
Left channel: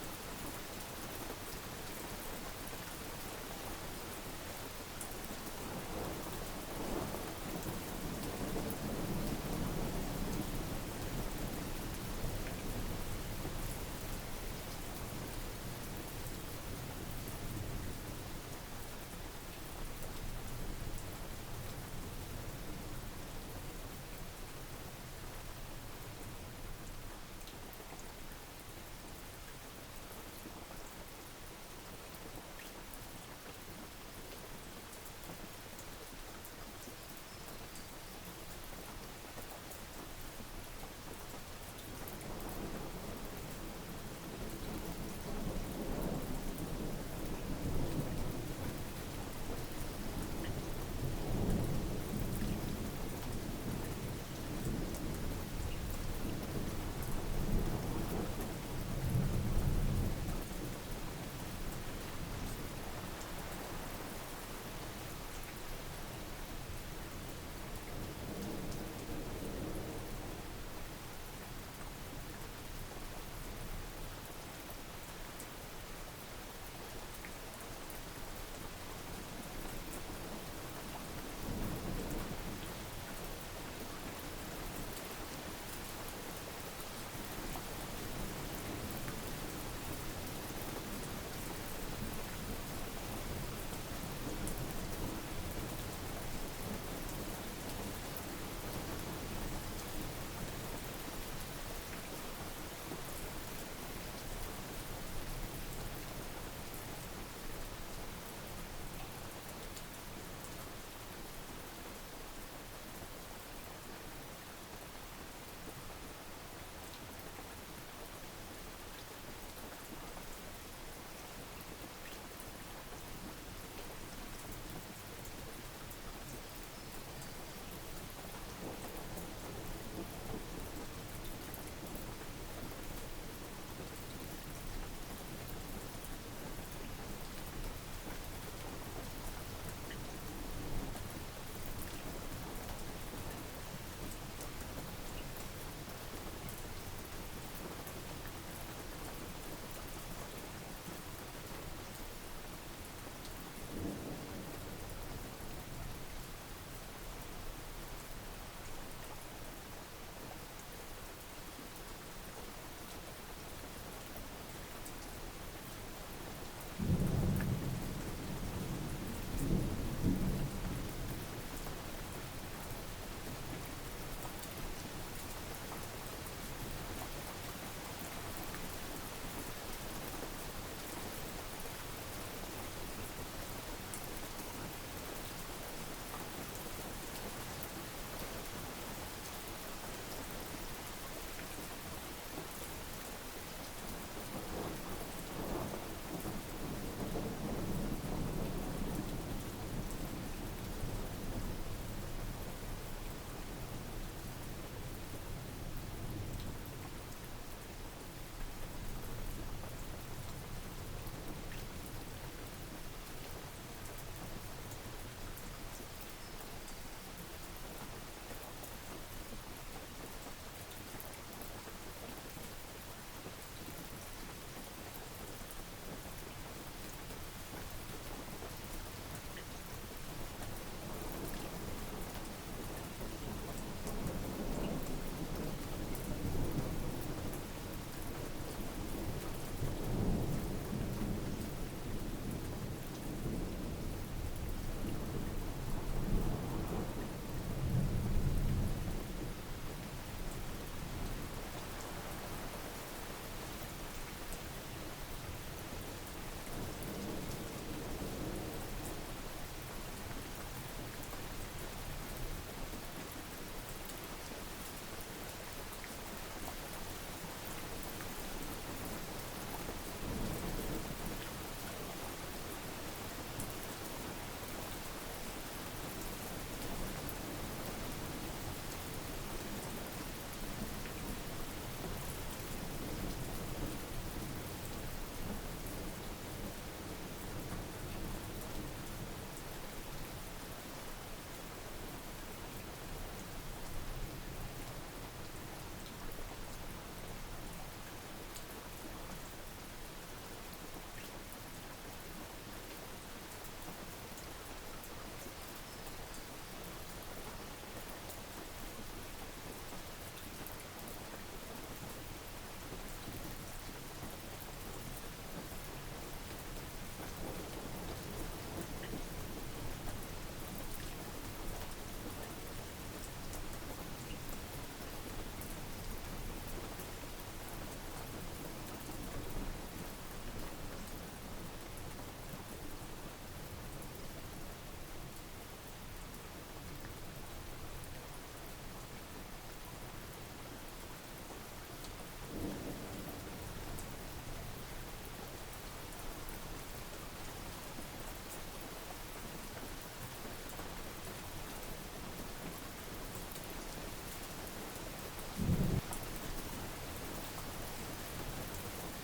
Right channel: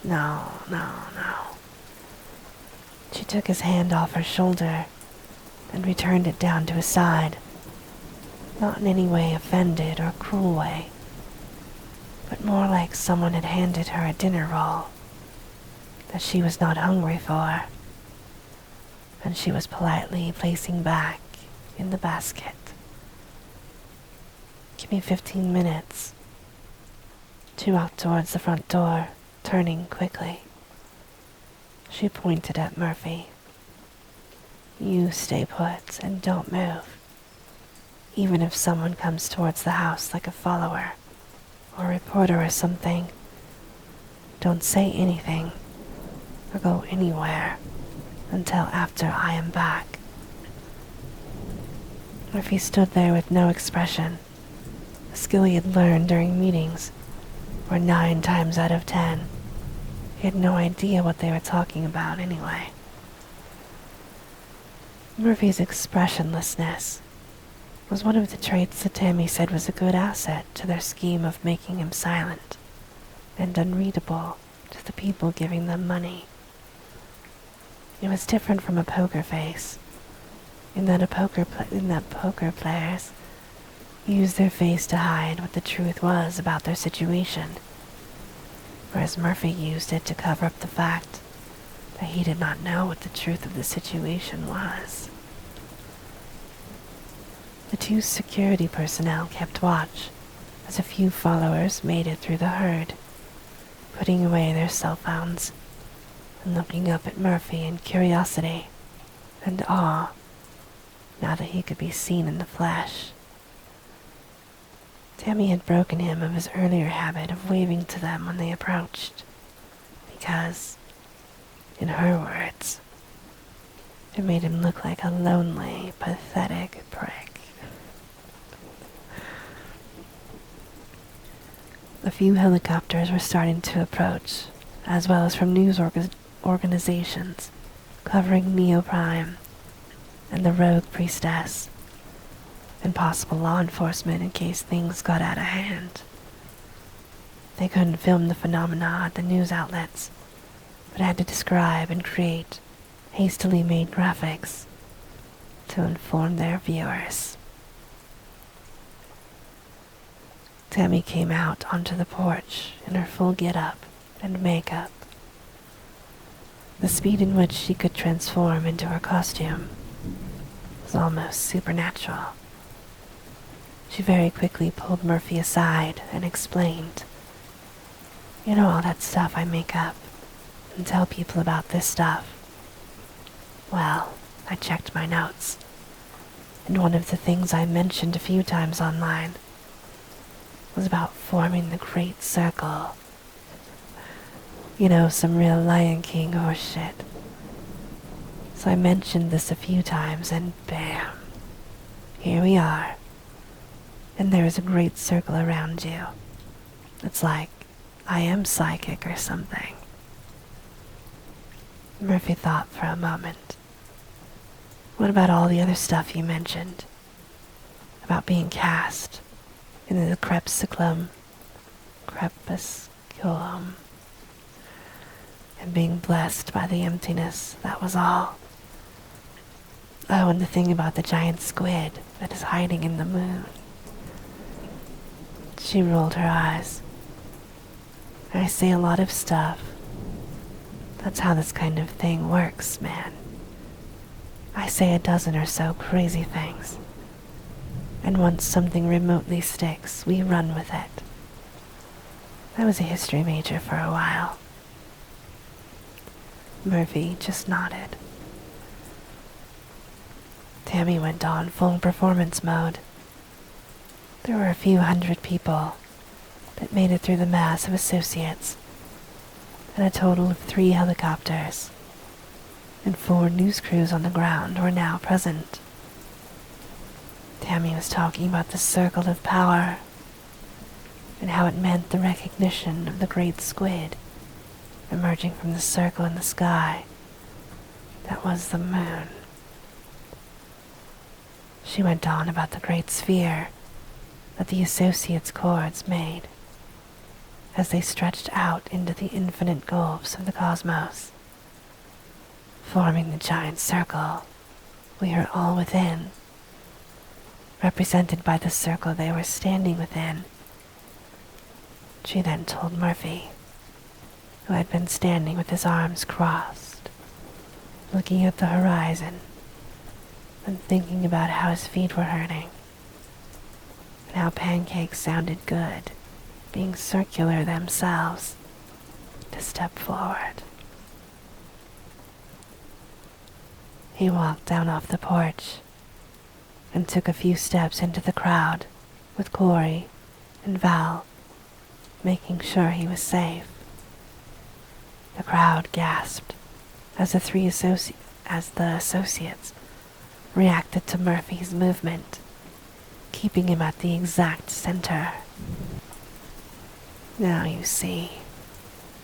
No. She took his hand off her shoulder and returned it down to his side, not in any way offended or cruel way, but more like someone had handed her a dinner roll that she was not hungry for, and she was politely placing back in the basket. "Give me 15 minutes. She walked towards the front door, turning quickly. She pointed at Murphy. "You stay put and don't move. Even if someone comes towards the house like a follower or a reporter or something, don't say anything or go anywhere until after I am back." Murphy stood there with no expression, a skill he had learned during meetings where 9 times out of 10 he had no idea what they were talking about anyway. Murphy's expressionlessness was one of the traits that Tammy said was a good asset to their scheme of making him silent and unreadable to the people giving them money. It was different from a poker face, in that poker players used their face to hide what the truth was about their situation, whereas Murphy used it to cover up the fact that he did not know what the truth of the situation was. The 2 security personnel kept watch as a few followers made it through the herd, putting away their cell phones and looking up at Murphy in curiosity and awe now that he could be seen in the flesh. Tammy had broken him of his earlier habit of waving to them when they approached, because, in her words, it made him look like a lonely, pathetic prick. A few helicopters were starting to approach, as well as from news organizations covering Neo Prime and the Rogue Priestess, and possible law enforcement in case things got out of hand. They couldn't film the phenomena at the news outlets, but had to describe and create hastily made graphics to inform their viewers. Tammy came out onto the porch in her full get-up and makeup. The speed in which she could transform into her costume was almost supernatural. She very quickly pulled Murphy aside and explained, "You know all that stuff I make up and tell people about this stuff. Well, I checked my notes, and one of the things I mentioned a few times online was about forming the Great Circle. You know, some real Lion King horse shit. So I mentioned this a few times and bam, Here we are, and there is a great circle around you. It's like I am psychic or something. Murphy thought for a moment. What about all the other stuff you mentioned? About being cast into the crepusculum, and being blessed by the emptiness, that was all. Oh, and the thing about the giant squid that is hiding in the moon. She rolled her eyes. I say a lot of stuff. That's how this kind of thing works, man. I say a dozen or so crazy things. And once something remotely sticks, we run with it. I was a history major for a while. Murphy just nodded. Tammy went on full performance mode. There were a few hundred people that made it through the mass of associates, and a total of 3 helicopters and 4 news crews on the ground were now present. Tammy was talking about the circle of power and how it meant the recognition of the great squid emerging from the circle in the sky that was the moon. She went on about the great sphere that the associates' cords made as they stretched out into the infinite gulfs of the cosmos, forming the giant circle we are all within, represented by the circle they were standing within. She then told Murphy, who had been standing with his arms crossed, looking at the horizon and thinking about how his feet were hurting, and how pancakes sounded good, being circular themselves, to step forward. He walked down off the porch and took a few steps into the crowd with Corey and Val, making sure he was safe. The crowd gasped as the associates reacted to Murphy's movement, keeping him at the exact center. Now you see,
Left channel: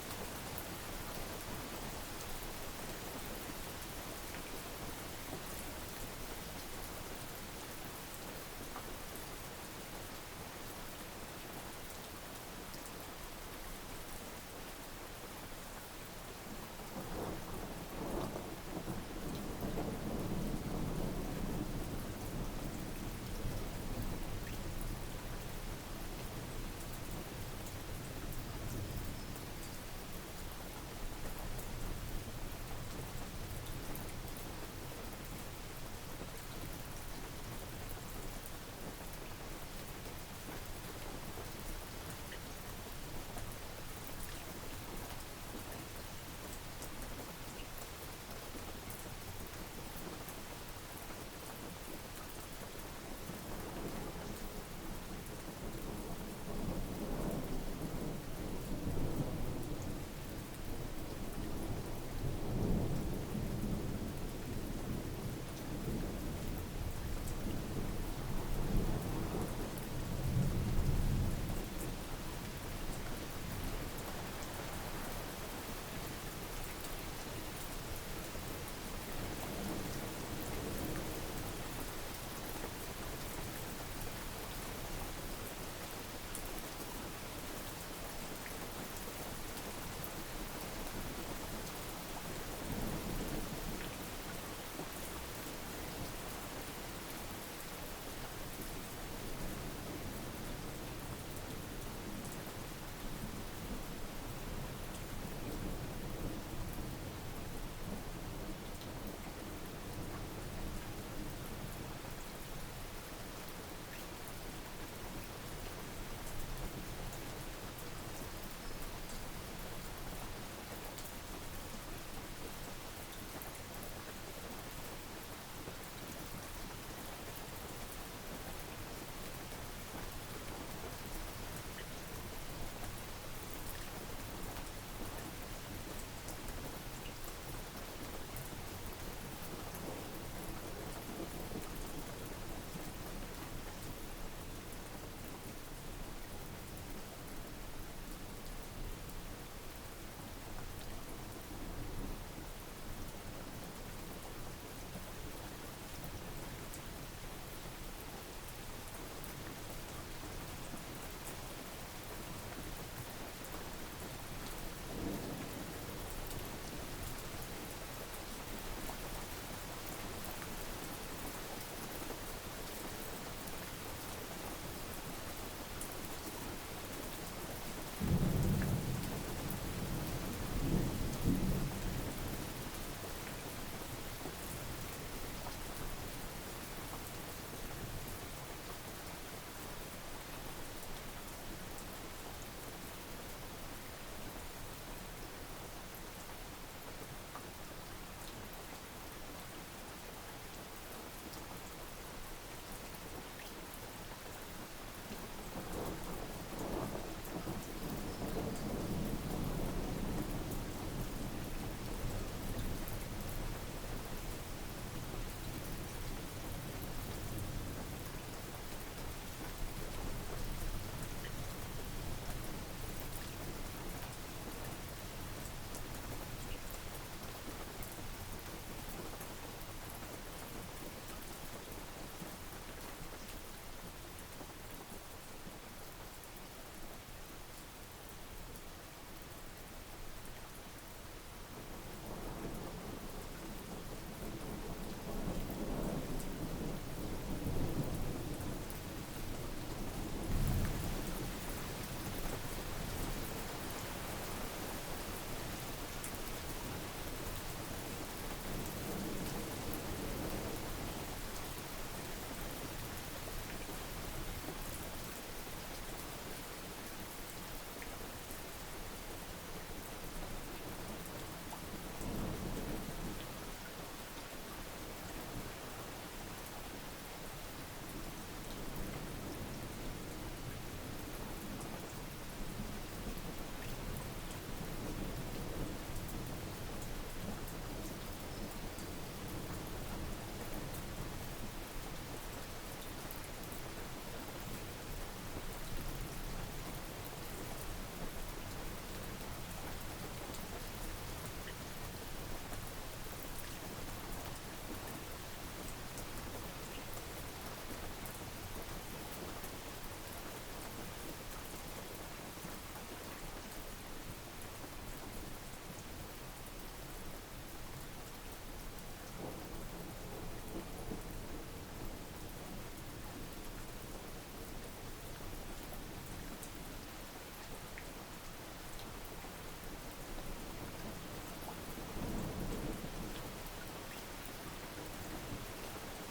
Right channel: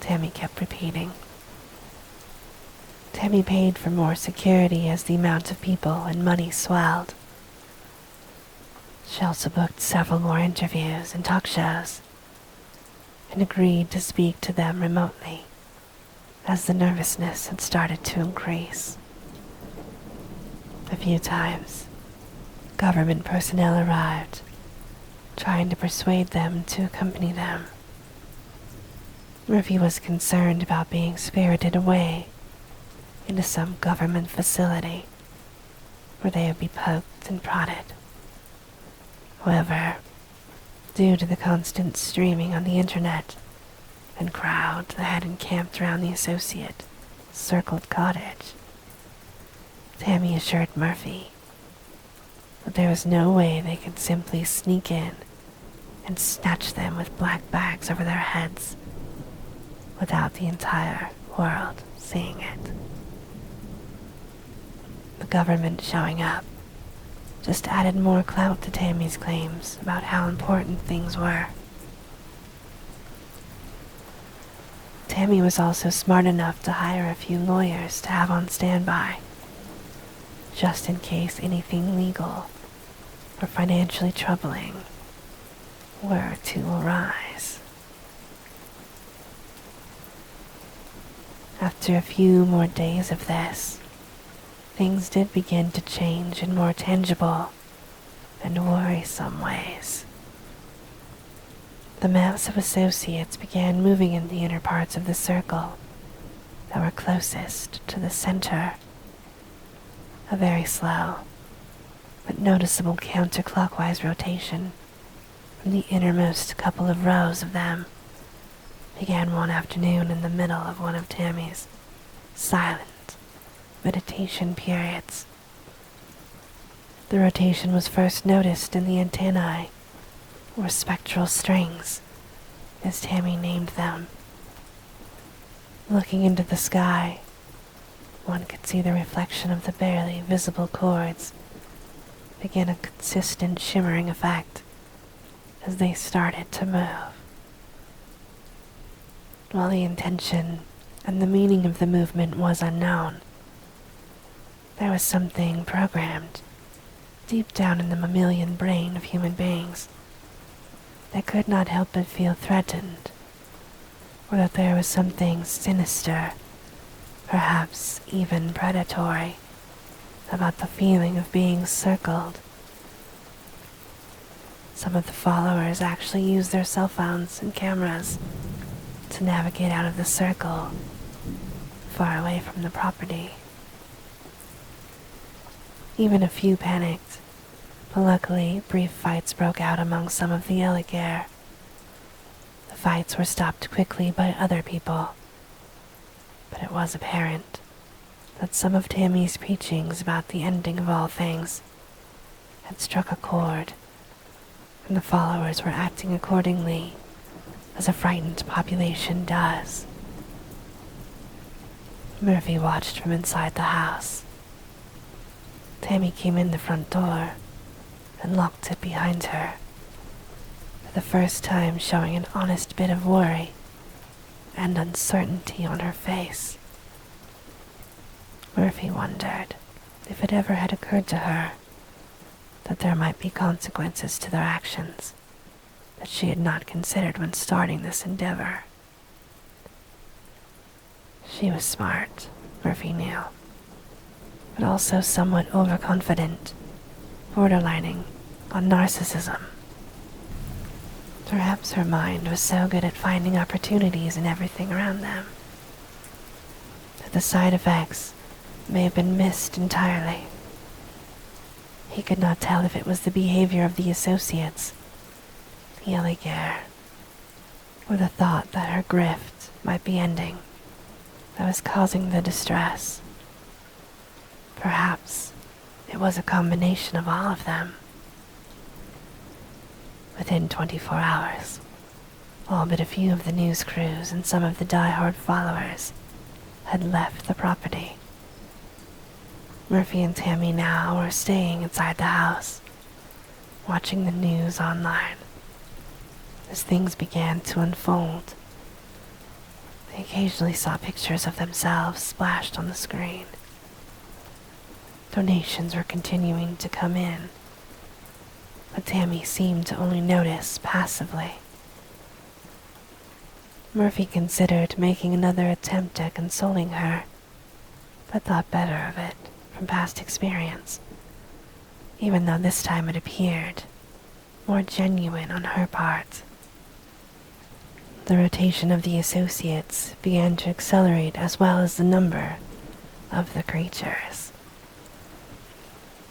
Tammy kept repeating. Tammy paid for more security as the amount of people and money swelled. She also booked several more interviews and talk shows, and agreed to speak to them remotely as the nervousness had started to increase. A few times, government personnel arrived, trying to persuade them to accompany them. Murphy was concerned about being spirited away into some government facility where they would be poked and prodded. However, due to the constant streaming on the internet and crowd that had encamped around the associate circled cottage, Tammy assured Murphy that there was no way they could simply sneak in and snatch them with black bags over their heads without the entire world seeing it. The government showing up just added more clout to Tammy's claims about how important things were. Tammy was also smart enough to hire a few lawyers to have on standby, just in case anything legal or financially troubling were to arise. After a few more days of this, things did begin to change in more tangible and worrisome ways. The mass of associates began moving in the inner parts of the circle that were closest to the center. A very slow but noticeable counterclockwise rotation in the innermost couple of rows of them began one afternoon in the middle of one of Tammy's silent meditation periods. The rotation was first noticed in the antennae, or spectral strings, as Tammy named them. Looking into the sky, one could see the reflection of the barely visible chords began a consistent shimmering effect as they started to move. While the intention and the meaning of the movement was unknown, there was something programmed deep down in the mammalian brain of human beings that could not help but feel threatened, or that there was something sinister, perhaps even predatory, about the feeling of being circled. Some of the followers actually used their cell phones and cameras to navigate out of the circle, far away from the property. Even a few panicked, but luckily brief fights broke out among some of the alligator. The fights were stopped quickly by other people, but it was apparent that some of Tammy's preachings about the ending of all things had struck a chord, and the followers were acting accordingly, as a frightened population does. Murphy watched from inside the house. Tammy came in the front door and locked it behind her, for the first time showing an honest bit of worry and uncertainty on her face. Murphy wondered if it ever had occurred to her that there might be consequences to their actions that she had not considered when starting this endeavor. She was smart, Murphy knew, but also somewhat overconfident, borderlining on narcissism. Perhaps her mind was so good at finding opportunities in everything around them that the side effects may have been missed entirely. He could not tell if it was the behavior of the associates, the alligator, or the thought that her grift might be ending that was causing the distress. Perhaps it was a combination of all of them. Within 24 hours, all but a few of the news crews and some of the die-hard followers had left the property. Murphy and Tammy now were staying inside the house, watching the news online. As things began to unfold, they occasionally saw pictures of themselves splashed on the screen. Donations were continuing to come in, but Tammy seemed to only notice passively. Murphy considered making another attempt at consoling her, but thought better of it from past experience, even though this time it appeared more genuine on her part. The rotation of the associates began to accelerate, as well as the number of the creatures.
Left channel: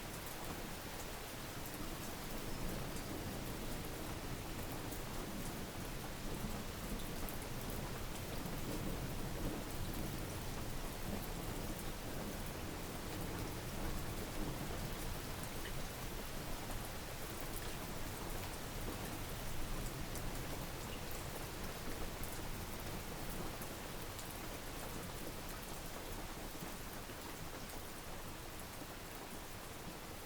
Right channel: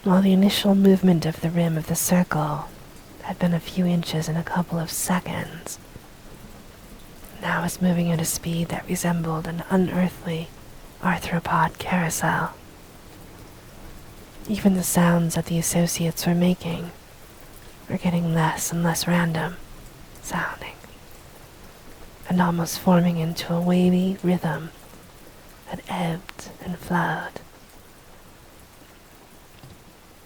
While the initial movement of the rim of the circle had been a few inches in a couple of seconds, now was moving at a speed that resembled an unearthly arthropod carousel. Even the sounds that the associates were making were getting less and less random sounding, and almost forming into a wavy rhythm that ebbed and flowed.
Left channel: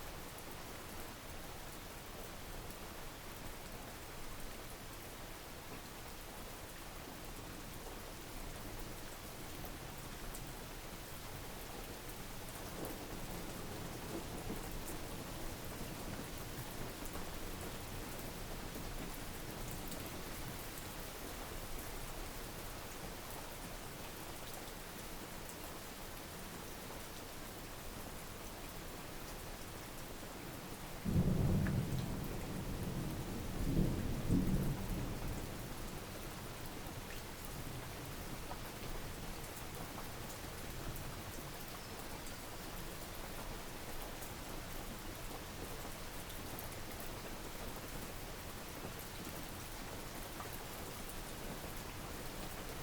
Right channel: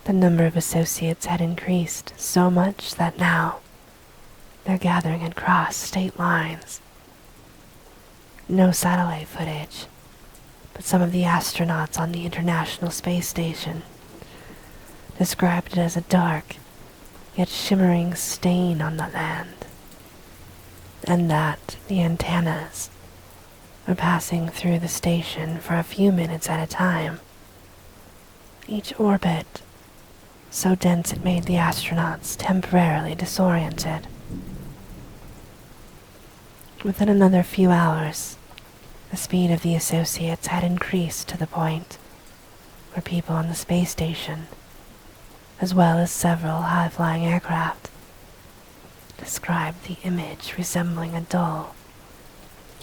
The number of associates had increased so much that now their gathering had crossed state lines. No satellite footage, but some of the astronauts on the International Space Station described it as a dark yet shimmering stain on the land, and that the antennas were passing through the station for a few minutes at a time. Each orbit so dense it made the astronauts temporarily disoriented. Within another few hours, the speed of the associates had increased to the point where people on the space station, as well as several high-flying aircraft, described the image resembling a dull,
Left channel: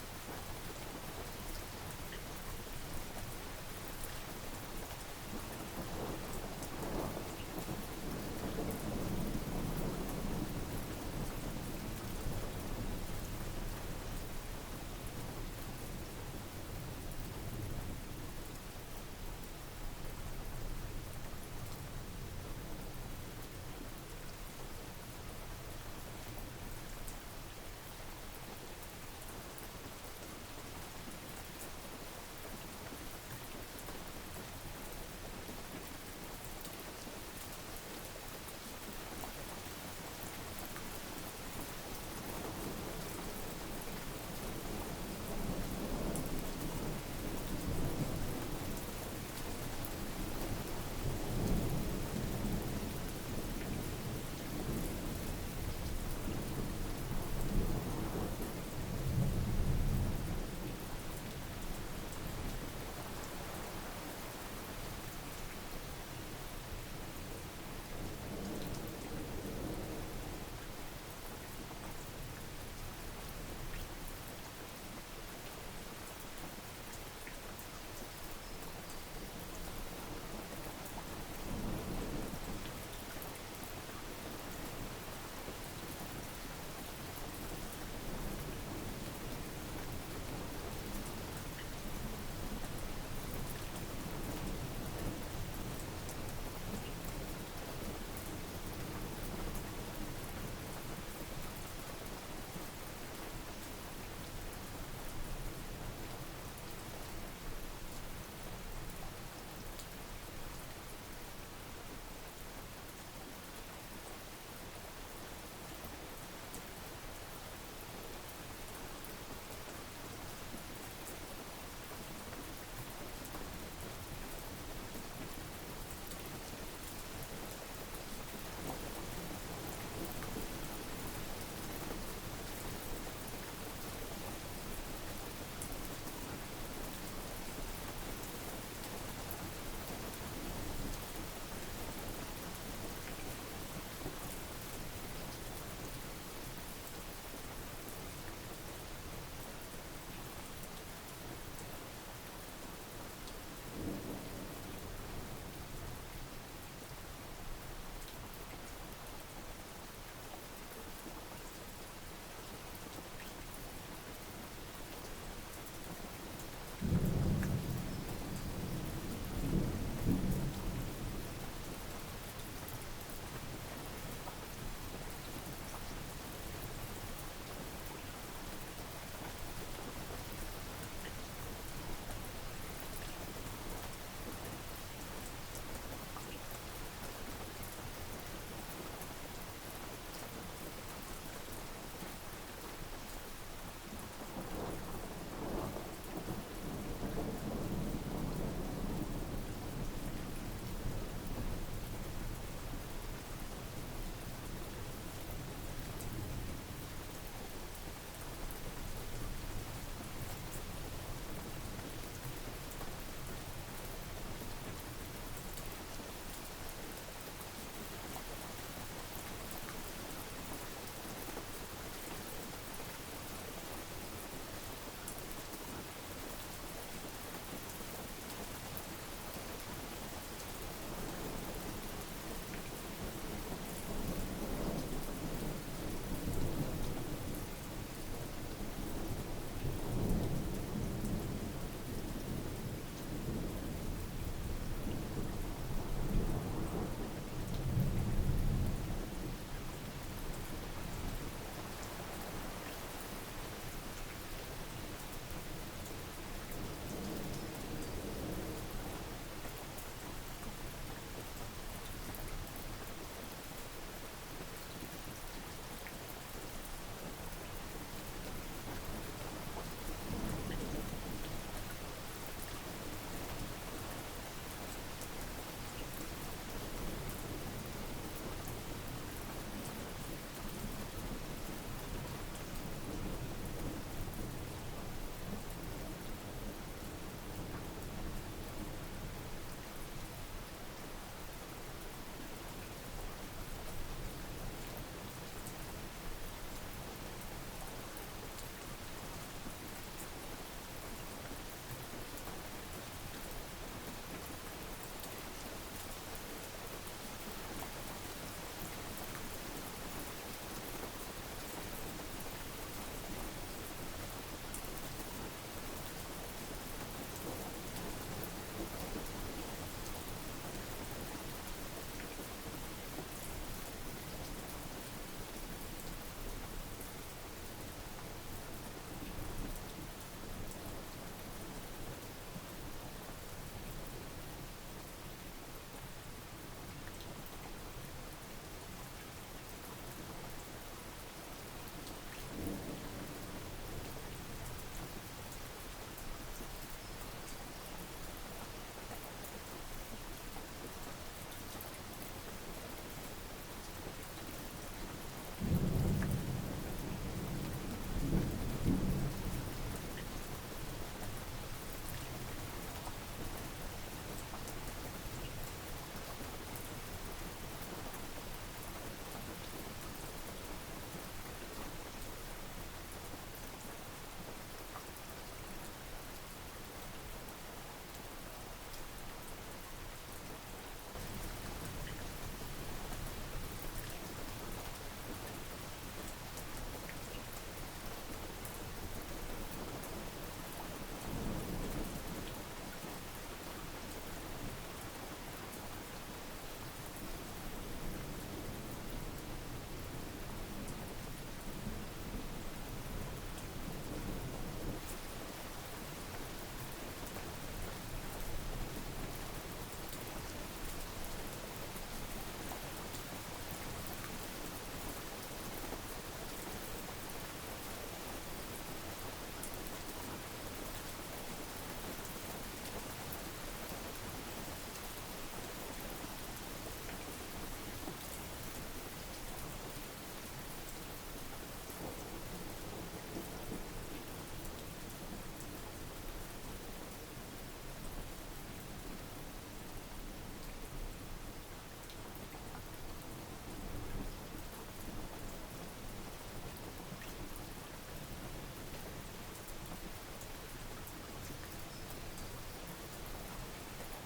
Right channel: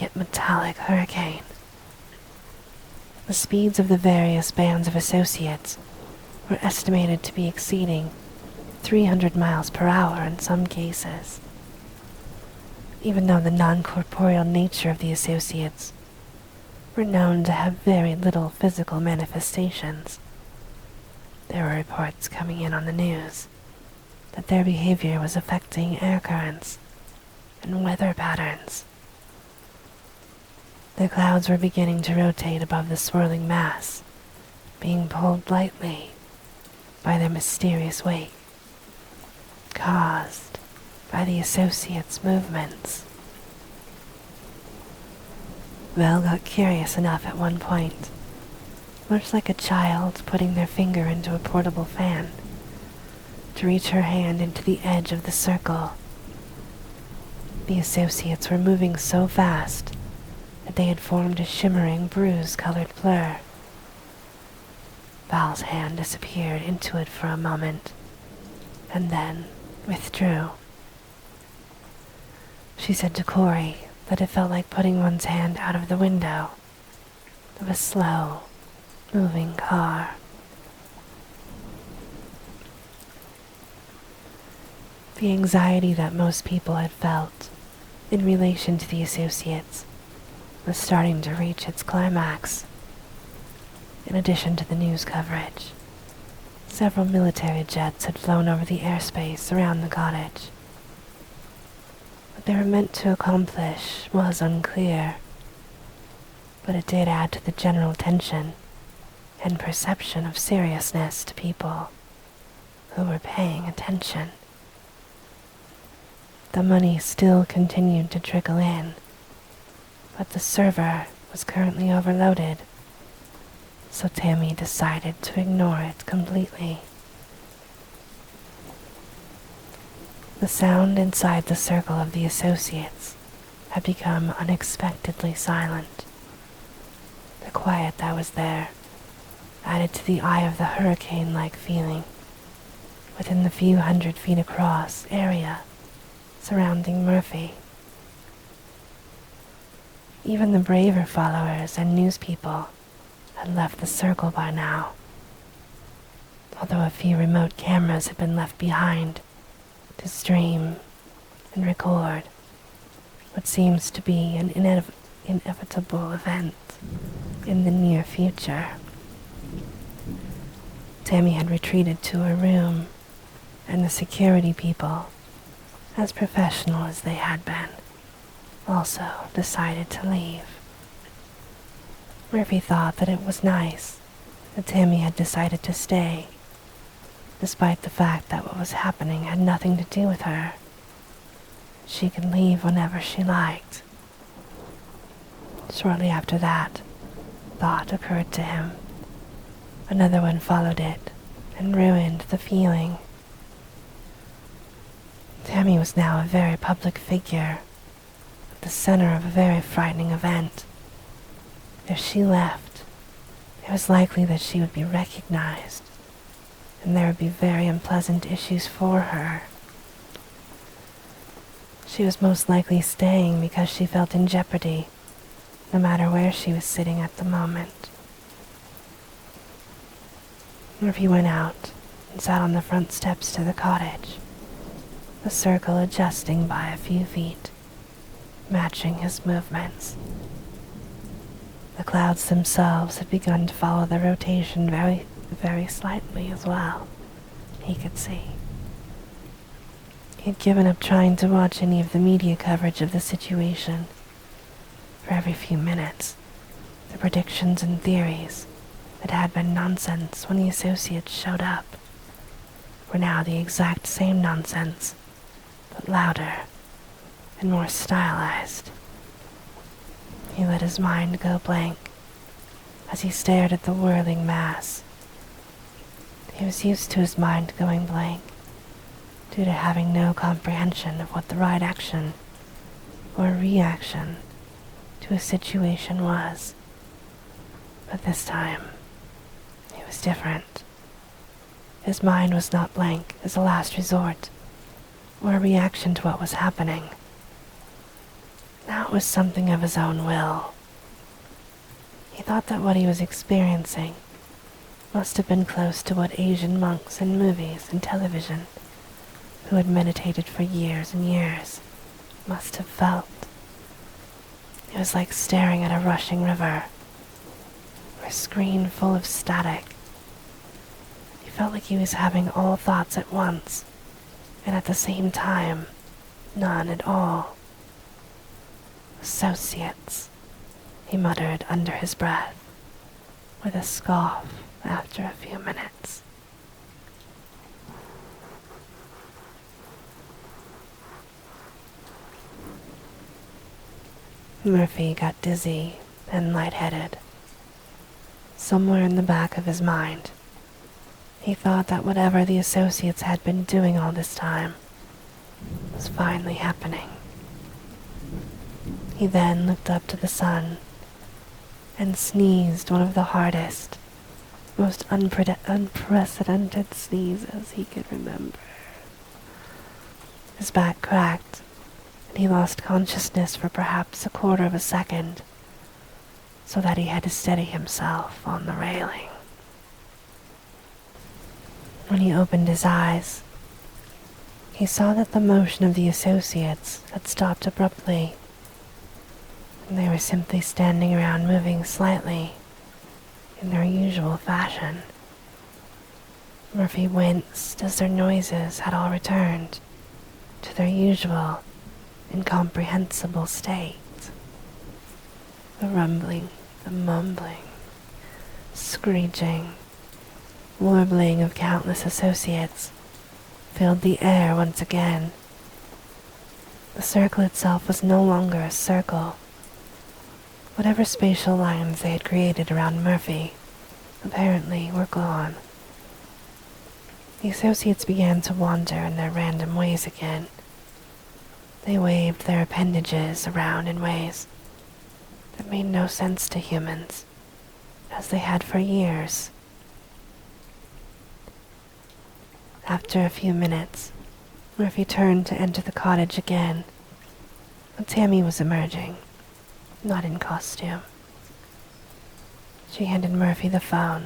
yet metallic hurricane. The speeds of the various bands of associates were estimated to be exceeding 300 miles per hour in some cases. Even though the non-corporeal nature of the associates were known to have very little physical manifestations, There were reports coming in on the news that their behavior was affecting air currents and weather patterns. The clouds were beginning to rotate above the swirling mass, being pulled lightly by their mysterious weight, caused by the associates' movements. Vel got curious enough at one point, much like a child putting their finger into a portable fan, to reach her hand into the edge of the circle. The associates were moving so fast that they had formed a shimmering bruise-colored blur. Val's hand disappeared into it for a moment, and then withdrew. She said to Corey that it felt like putting one's hand out of the window of a slow, moving car. The anxiety that most people had felt in relation to the associates was starting to reach its climax. In addition to the news coverage, several military jets had flown over the airspace around the cottage. What they were meant to accomplish was unclear, but it did add to the general tension and perception of seriousness to people who were paying attention. The money still continued to trickle in, but the server was currently overloaded, so Tammy decided to ignore it completely. The sound inside the circle of the associates had become unexpectedly silent. The quiet that was there added to the eye of the hurricane-like feeling within the few hundred feet across area surrounding Murphy. Even the braver followers and news people had left the circle by now, although a few remote cameras had been left behind to stream and record what seems to be an inevitable event in the near future. Tammy had retreated to her room, and the security people, as professional as they had been, also decided to leave. Murphy thought that it was nice that Tammy had decided to stay, despite the fact that what was happening had nothing to do with her. She could leave whenever she liked. Shortly after that, thought occurred to him. Another one followed it and ruined the feeling. Tammy was now a very public figure, the center of a very frightening event. If she left, it was likely that she would be recognized, and there would be very unpleasant issues for her. She was most likely staying because she felt in jeopardy, no matter where she was sitting at the moment. Murphy went out and sat on the front steps to the cottage, the circle adjusting by a few feet, matching his movements. The clouds themselves had begun to follow the rotation very, very slightly as well, he could see. He had given up trying to watch any of the media coverage of the situation. For every few minutes, the predictions and theories that had been nonsense when the associates showed up were now the exact same nonsense, but louder and more stylized. He let his mind go blank as he stared at the whirling mass. He was used to his mind going blank due to having no comprehension of what the right action or reaction to a situation was. But this time, it was different. His mind was not blank as a last resort or a reaction to what was happening. Now it was something of his own will. He thought that what he was experiencing must have been close to what Asian monks in movies and television, who had meditated for years and years, must have felt. It was like staring at a rushing river, or a screen full of static. He felt like he was having all thoughts at once, and at the same time, none at all. Associates, he muttered under his breath, with a scoff after a few minutes. Murphy got dizzy and lightheaded. Somewhere in the back of his mind, he thought that whatever the associates had been doing all this time was finally happening. He then looked up to the sun and sneezed one of the hardest, most unprecedented sneezes he could remember. His back cracked, and he lost consciousness for perhaps a quarter of a second, so that he had to steady himself on the railing. When he opened his eyes, he saw that the motion of the associates had stopped abruptly, and they were simply standing around moving slightly in their usual fashion. Murphy winced as their noises had all returned to their usual, incomprehensible state. The rumbling, the mumbling, screeching, warbling of countless associates filled the air once again. The circle itself was no longer a circle. Whatever spatial lines they had created around Murphy apparently were gone. The associates began to wander in their random ways again. They waved their appendages around in ways that made no sense to humans, as they had for years. After a few minutes, Murphy turned to enter the cottage again. Tammy was emerging, not in costume. She handed Murphy the phone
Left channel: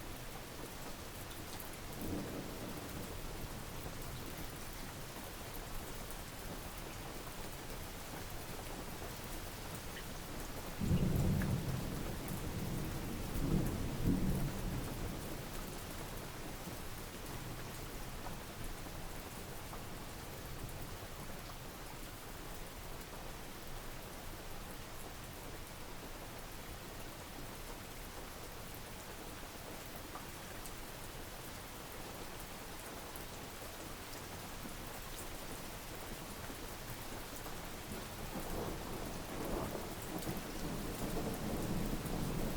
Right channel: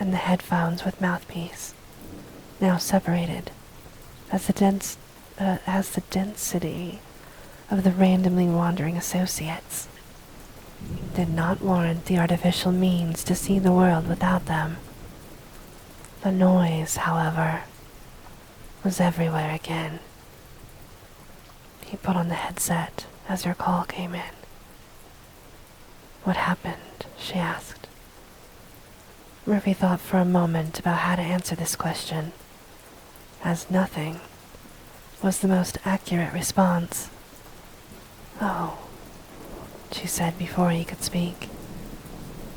and the headphones with mouthpiece, now separated, as the density of the randomly wandering associates did not warrant the artificial means to see the world without them. The noise, however, was everywhere again. He put on the headset as her call came in. "What happened?" she asked. Murphy thought for a moment about how to answer this question, as nothing was the most accurate response. "Oh," she said before he could speak,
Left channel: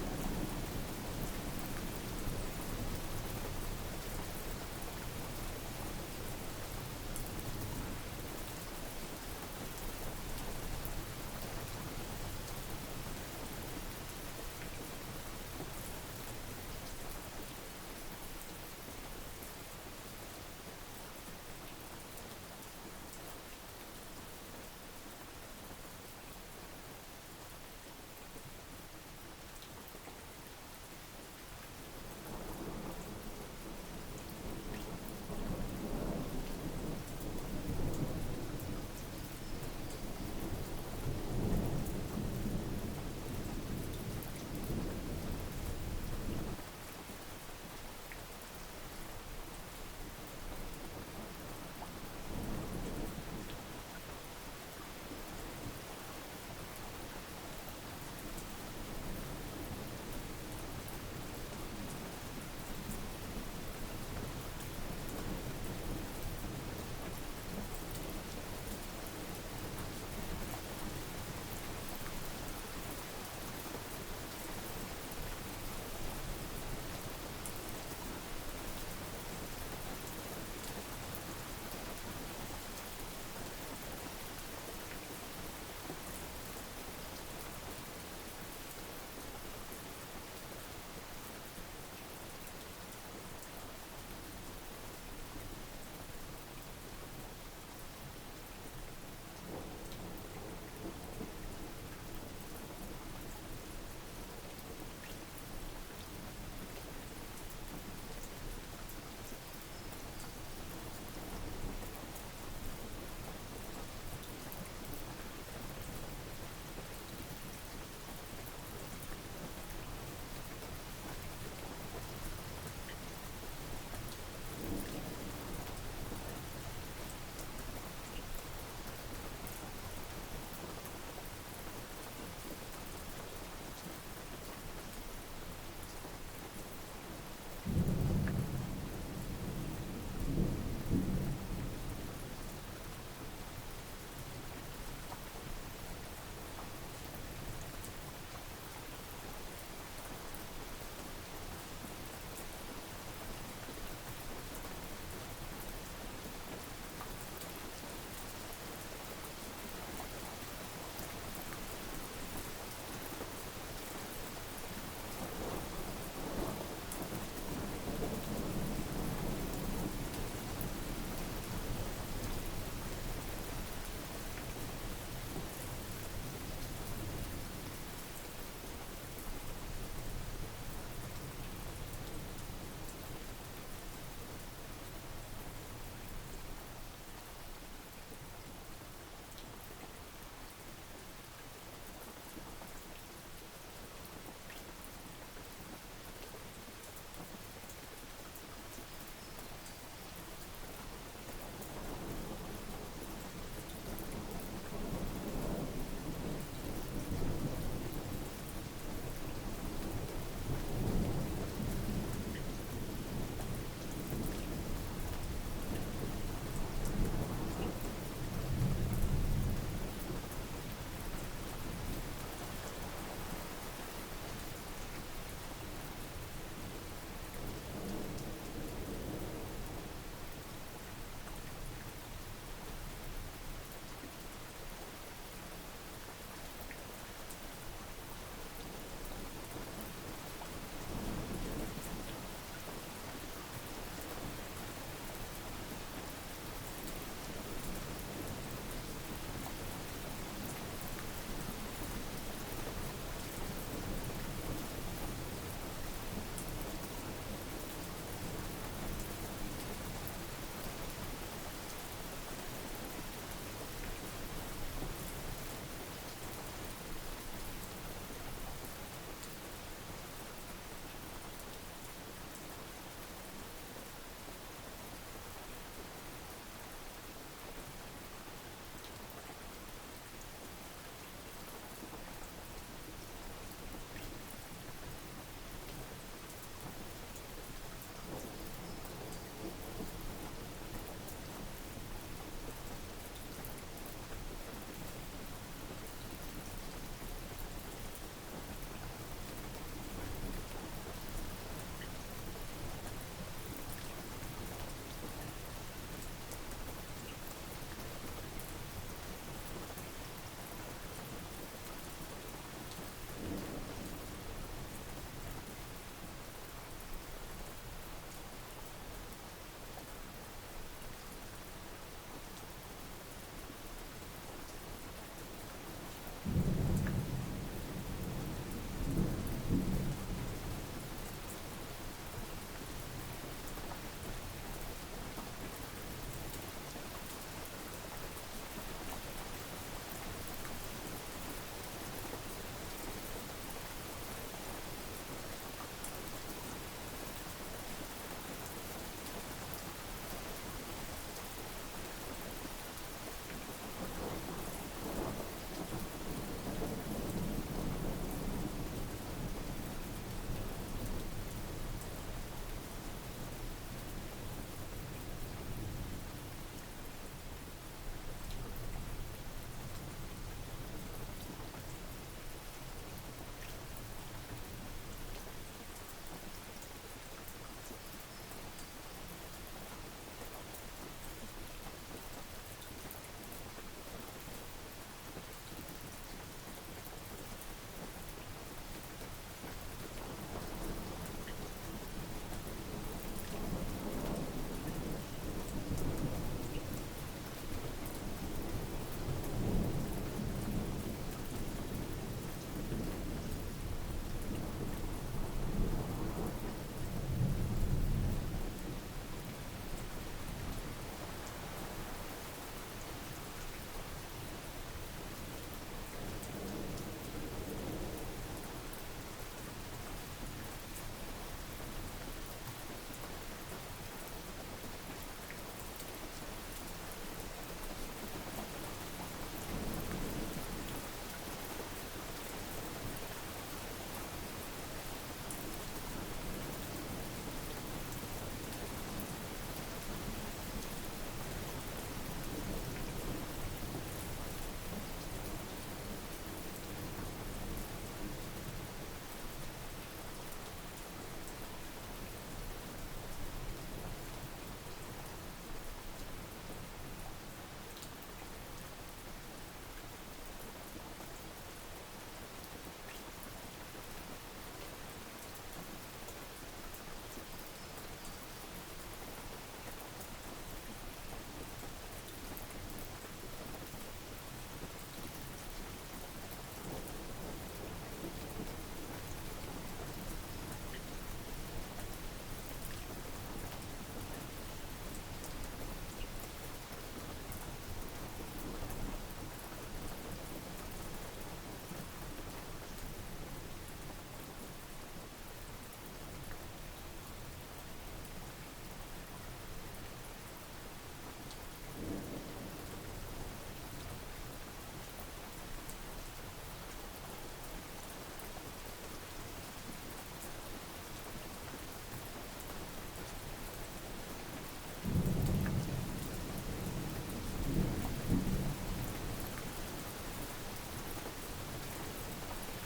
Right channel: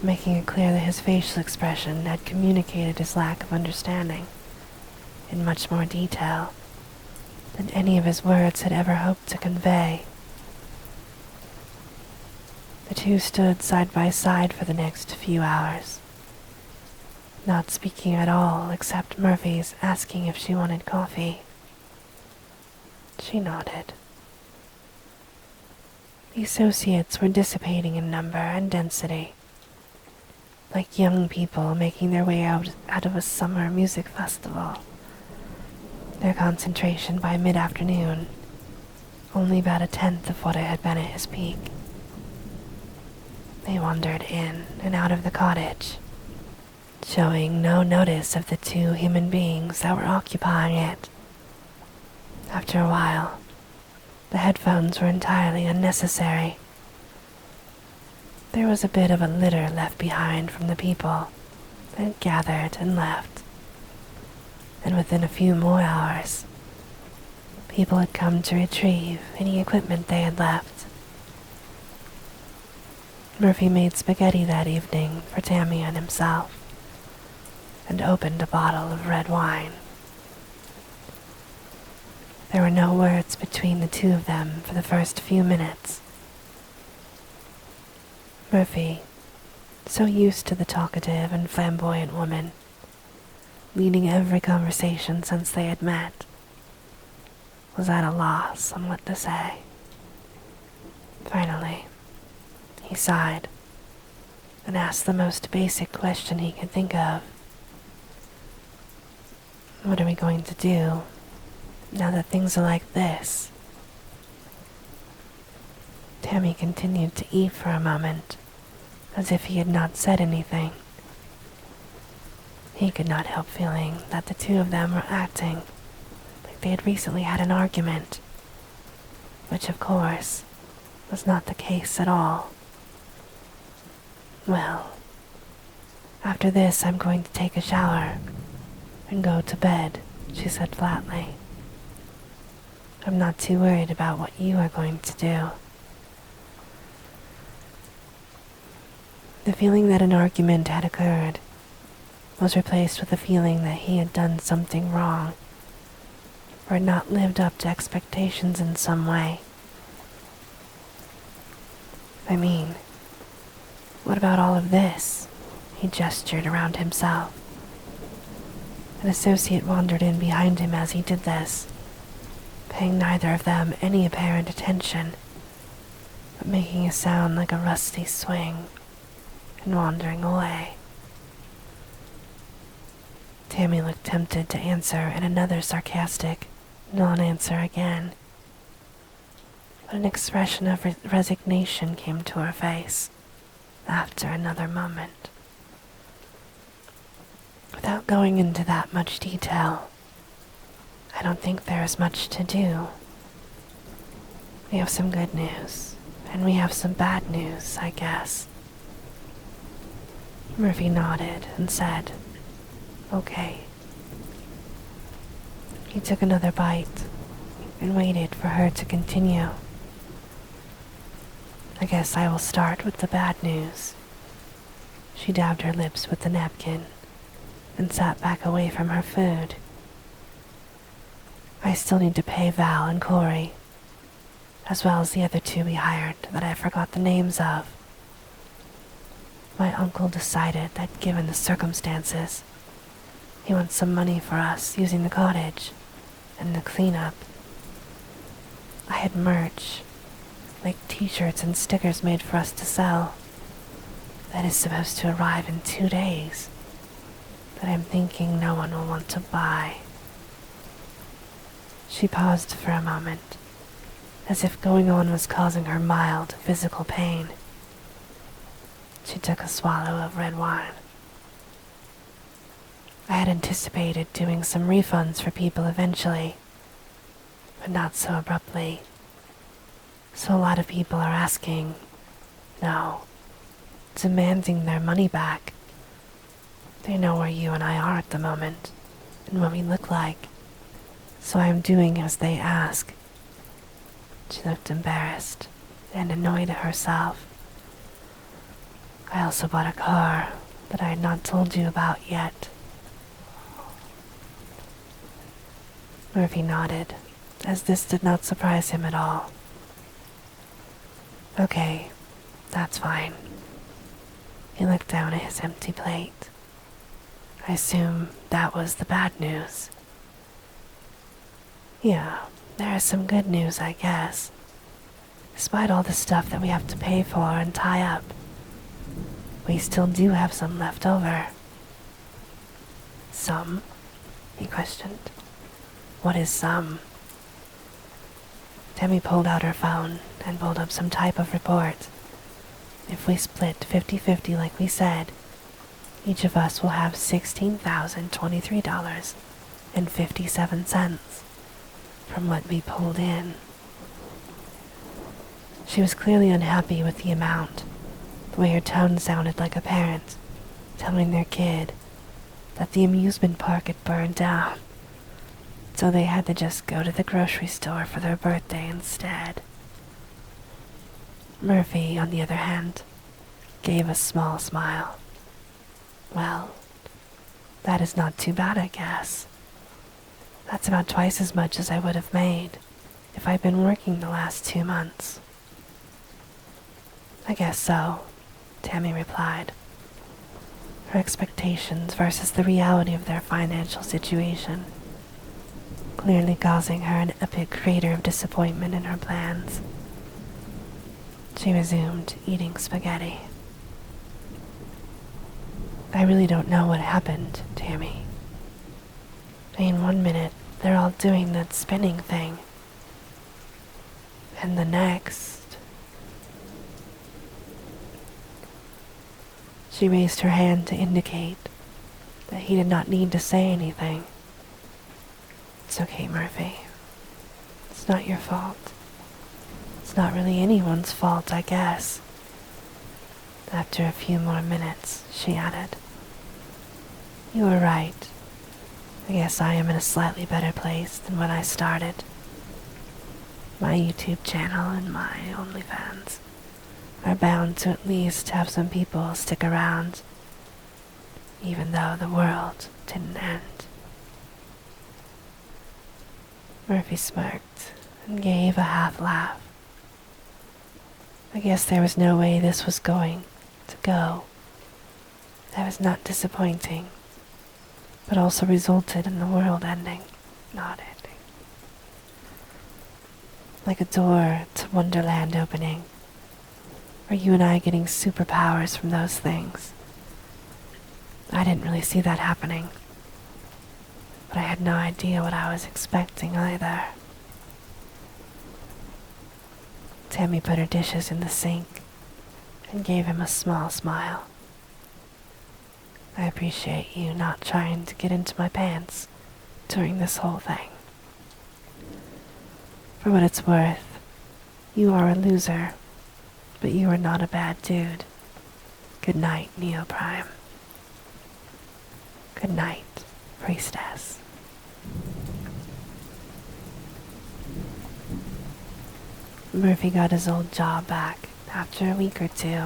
making it clear that his facial expression had communicated his lack of understanding in much more detail than any of his words had ever hoped to convey. The two stood side by side for the next few hours, not speaking at all except Murphy's asking if she wanted coffee. She nodded. The associates were dissipating in number and density, like young people making their way out of a summer music festival. Their concentration by mid-afternoon only about a tenth of what it had been at his peak. They wandered in and out of the cottage, showing no notice of the two human beings that were occupying it. After a while, the headphones were entirely unnecessary. There was a bit of a litter left behind from the people that gathered and left, and within a few more hours, people had come to retrieve any equipment they had left. Murphy made spaghetti that evening for Tammy and himself, and opened a bottle of red wine. There were no words between the two of them for the first few minutes. Murphy, so used to the talkative and flamboyant woman, leading every conversation since they had met, was at a loss on what to say. Finally, he sighed and asked the most basic question he could think of. "What are we going to do now that things are like this?" Tammy continued to eat for a moment, as if he had not said anything. He could not help feeling that the two of them were acting like they had recently had an argument, which of course was not the case at all. Well, after this I'm going to take a shower and go to bed, she said flatly. I'm not too worried about what you are going to do. The feeling that an argument had occurred was replaced with the feeling that he had done something wrong, or had not lived up to expectations in some way. I mean, what about all of this? He gestured around himself. An associate wandered in behind him as he did this, paying neither of them any apparent attention, but making a sound like a rusty swing and wandering away. Tammy looked tempted to answer in another sarcastic non-answer again, but an expression of resignation came to her face after another moment. Without going into that much detail, I don't think there is much to do. We have some good news, and we have some bad news, I guess. Murphy nodded and said, "Okay." He took another bite and waited for her to continue. "I guess I will start with the bad news." She dabbed her lips with the napkin and sat back away from her food. "I still need to pay Val and Corey, as well as the other two we hired that I forgot the names of. My uncle decided that given the circumstances, he wants some money for us using the cottage and the cleanup. I had merch, like t-shirts and stickers made for us to sell. That is supposed to arrive in 2 days, but I'm thinking no one will want to buy." She paused for a moment, as if going on was causing her mild physical pain. She took a swallow of red wine. "I had anticipated doing some refunds for people eventually, but not so abruptly. So a lot of people are asking, no, demanding their money back. They know where you and I are at the moment, and what we look like, so I am doing as they ask." She looked embarrassed and annoyed at herself. "I also bought a car that I had not told you about yet." Murphy nodded, as this did not surprise him at all. "Okay, that's fine." He looked down at his empty plate. "I assume that was the bad news." "Yeah, there is some good news, I guess. Despite all the stuff that we have to pay for and tie up, we still do have some left over." "Some?" he questioned. "What is some?" Tammy pulled out her phone and pulled up some type of report. "If we split 50-50 like we said, each of us will have $16,023.57 from what we pulled in." She was clearly unhappy with the amount. The way her tone sounded like a parent telling their kid that the amusement park had burned down, so they had to just go to the grocery store for their birthday instead. Murphy, on the other hand, gave a small smile. "Well, that is not too bad, I guess. That's about twice as much as I would have made if I'd been working the last 2 months." "I guess so," Tammy replied, her expectations versus the reality of their financial situation clearly causing her an epic crater of disappointment in her plans. She resumed eating spaghetti. "I really don't know what happened, Tammy. I mean, 1 minute they're all doing that spinning thing, and the next..." She raised her hand to indicate, that he did not need to say anything. It's okay, Murphy. It's not your fault. It's not really anyone's fault, I guess. After a few more minutes, she added, You were right. I guess I am in a slightly better place than when I started. My YouTube channel and my OnlyFans are bound to at least have some people stick around, even though the world didn't end. Murphy smirked and gave a half laugh. I guess there was no way this was going to go. That was not disappointing, but also resulted in the world ending, not ending. Like a door to Wonderland opening, or you and I getting superpowers from those things. I didn't really see that happening, but I had no idea what I was expecting either. Tammy put her dishes in the sink and gave him a small smile. I appreciate you not trying to get into my pants during this whole thing. For what it's worth, you are a loser, but you are not a bad dude. Good night, Neo Prime. Good night, Priestess. Murphy got his old job back after a week or two.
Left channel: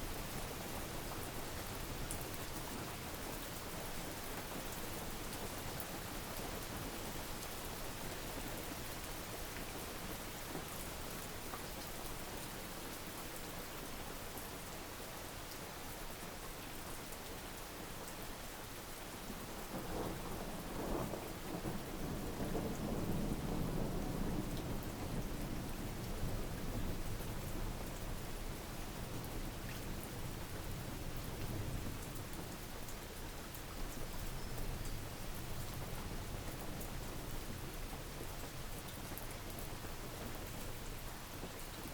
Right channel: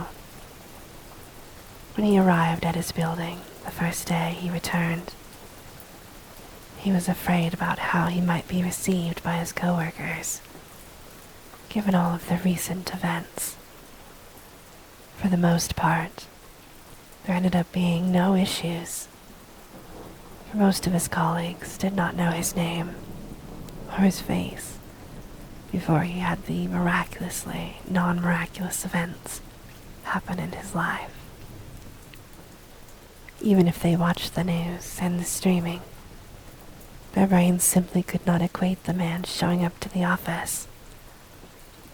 When he arrived at his building the first day he returned, he was afraid about how he might be received by his coworkers, given all of the recent events. For the most part, there ended up being no issues. Most of his colleagues did not know his name or his face before he had the miraculously non-miraculous events happen in his life. Even if they watched the news and the streaming, their brains simply could not equate the man showing up to the office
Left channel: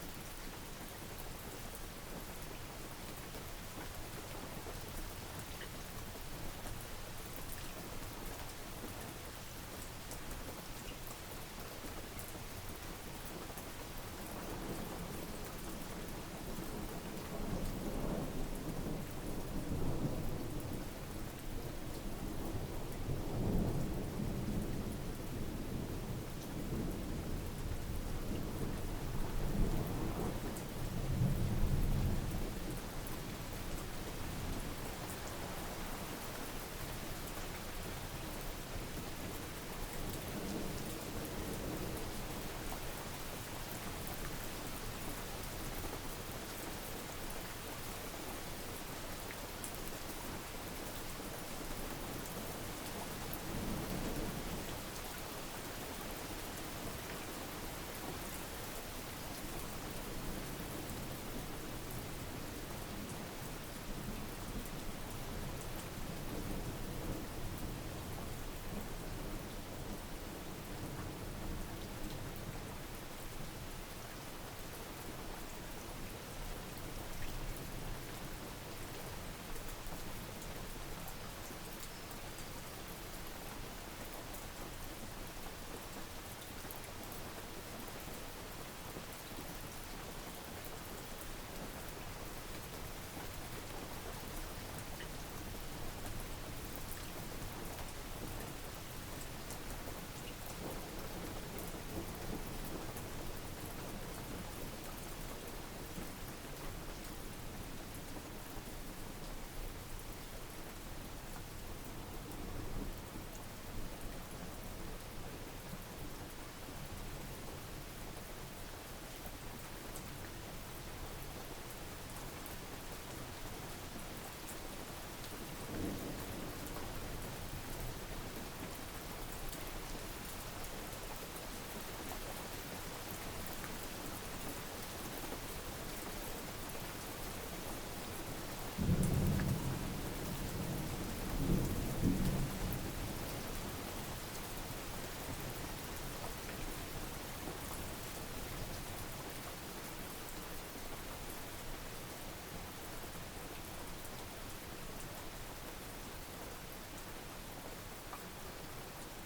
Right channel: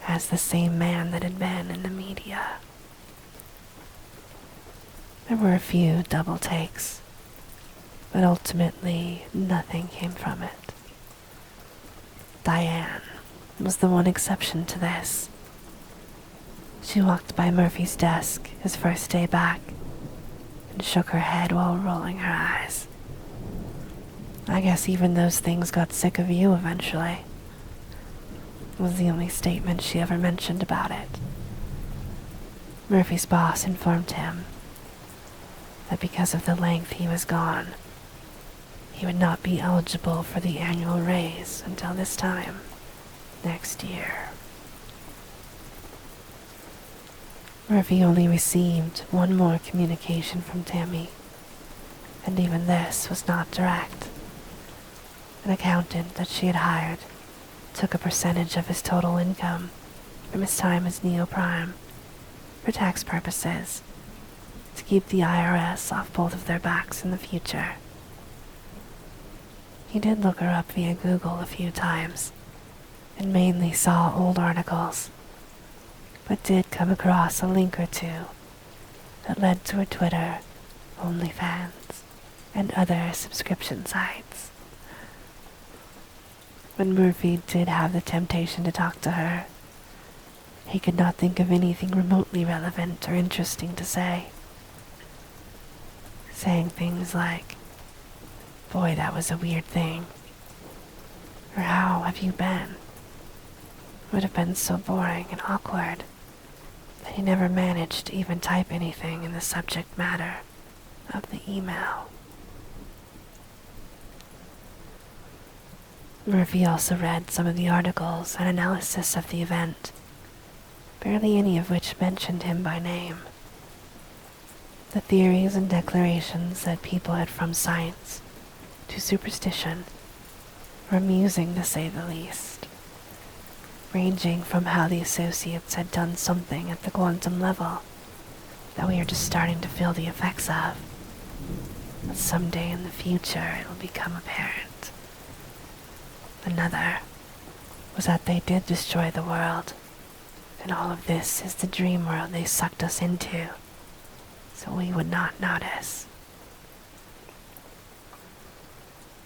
as the same man that had been in the media. There were a few double takes, but ultimately nothing came from it. Diane was the one exception to this. She walked by Murphy's desk his first day back and shook her head while rolling her eyes. I guess even those things got sick of you eventually, was the only statement she ever mentioned about it. Murphy's boss informed him that because of the length he was gone, he would not be eligible for the annual raise until this time next year. Murphy only received one more communication from Tammy, and even this was not direct. An accountant that she had hired took a percentage of his total income from his time as Neo Prime for tax purposes to keep the IRS off both of their backs in the future. He did look her up via Google a few times and mainly saw old articles, but did come across a link or two that led to her Twitter, OnlyFans, and other subscription sites. When Murphy did have the temptation to talk to her, he could not think of anything remotely relevant or interesting to say. Saying things like, "Boy, that was a weird thing," or "How have you been?" would have been so boring and awkward that he never managed to even type anything in the subject matter of the email. Murphy also read some of the articles and analysis of the event, barely any of which mentioned him by name. The theories and declarations that people had from science to superstition were amusing to say the least, ranging from how the associates had done something at the quantum level that we are just starting to feel the effects of, but someday in the future it will become apparent. Another was that they did destroy the world, and all of this is the dream world they sucked us into, so we would not notice.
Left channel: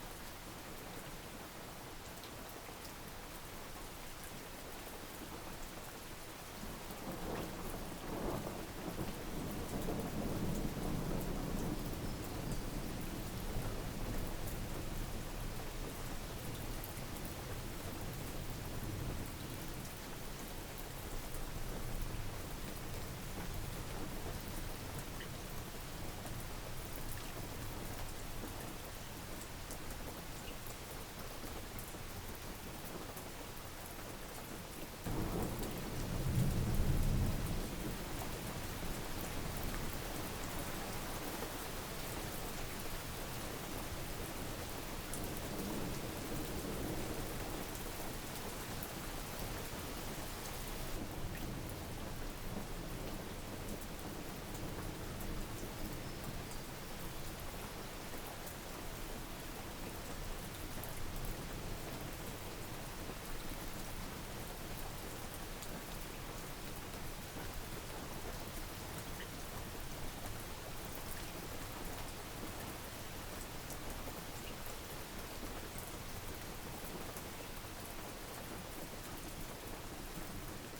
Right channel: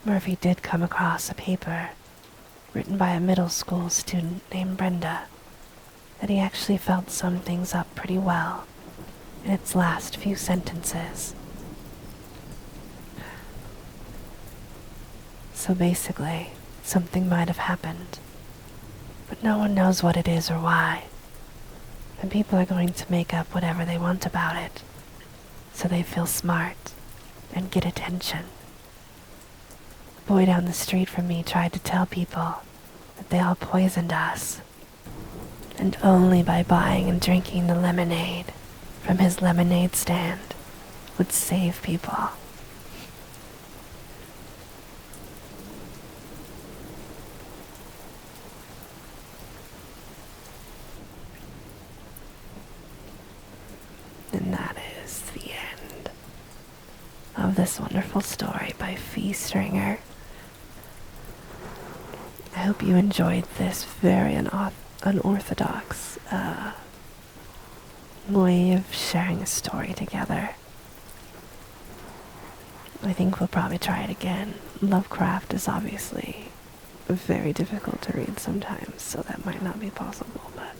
Murphy did come across a paper written by a middle school student named Brenda that he actually felt summed things up pretty well in its last few sentences. So basically, something might have happened, but no one knows what it is or why, and people are going to make up whatever they want about it, so they feel smart and get attention. The boy down the street from me tried to tell people that they all poisoned us, and only by buying and drinking the lemonade from his lemonade stand would save people. And that is the end of this wonderful story by Phee Stringer. I hope you enjoyed this very unorthodox way of sharing a story together. I think we'll probably try it again. Lovecraft is obviously very difficult to read sometimes, so that might not be possible, but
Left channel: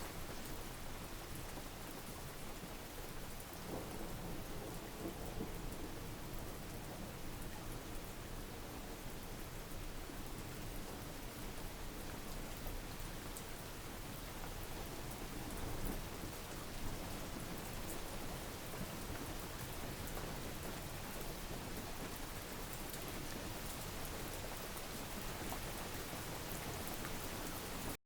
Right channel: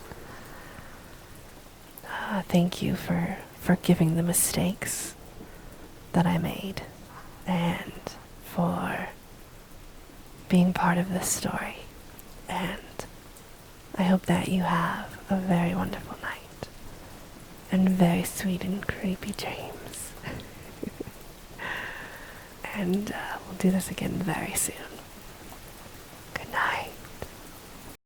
thank you for forgiving the mistakes that I made and for being part of this story. And I hope that you have a very wonderful night and very sweet and creepy dreams. And we'll do this again very soon.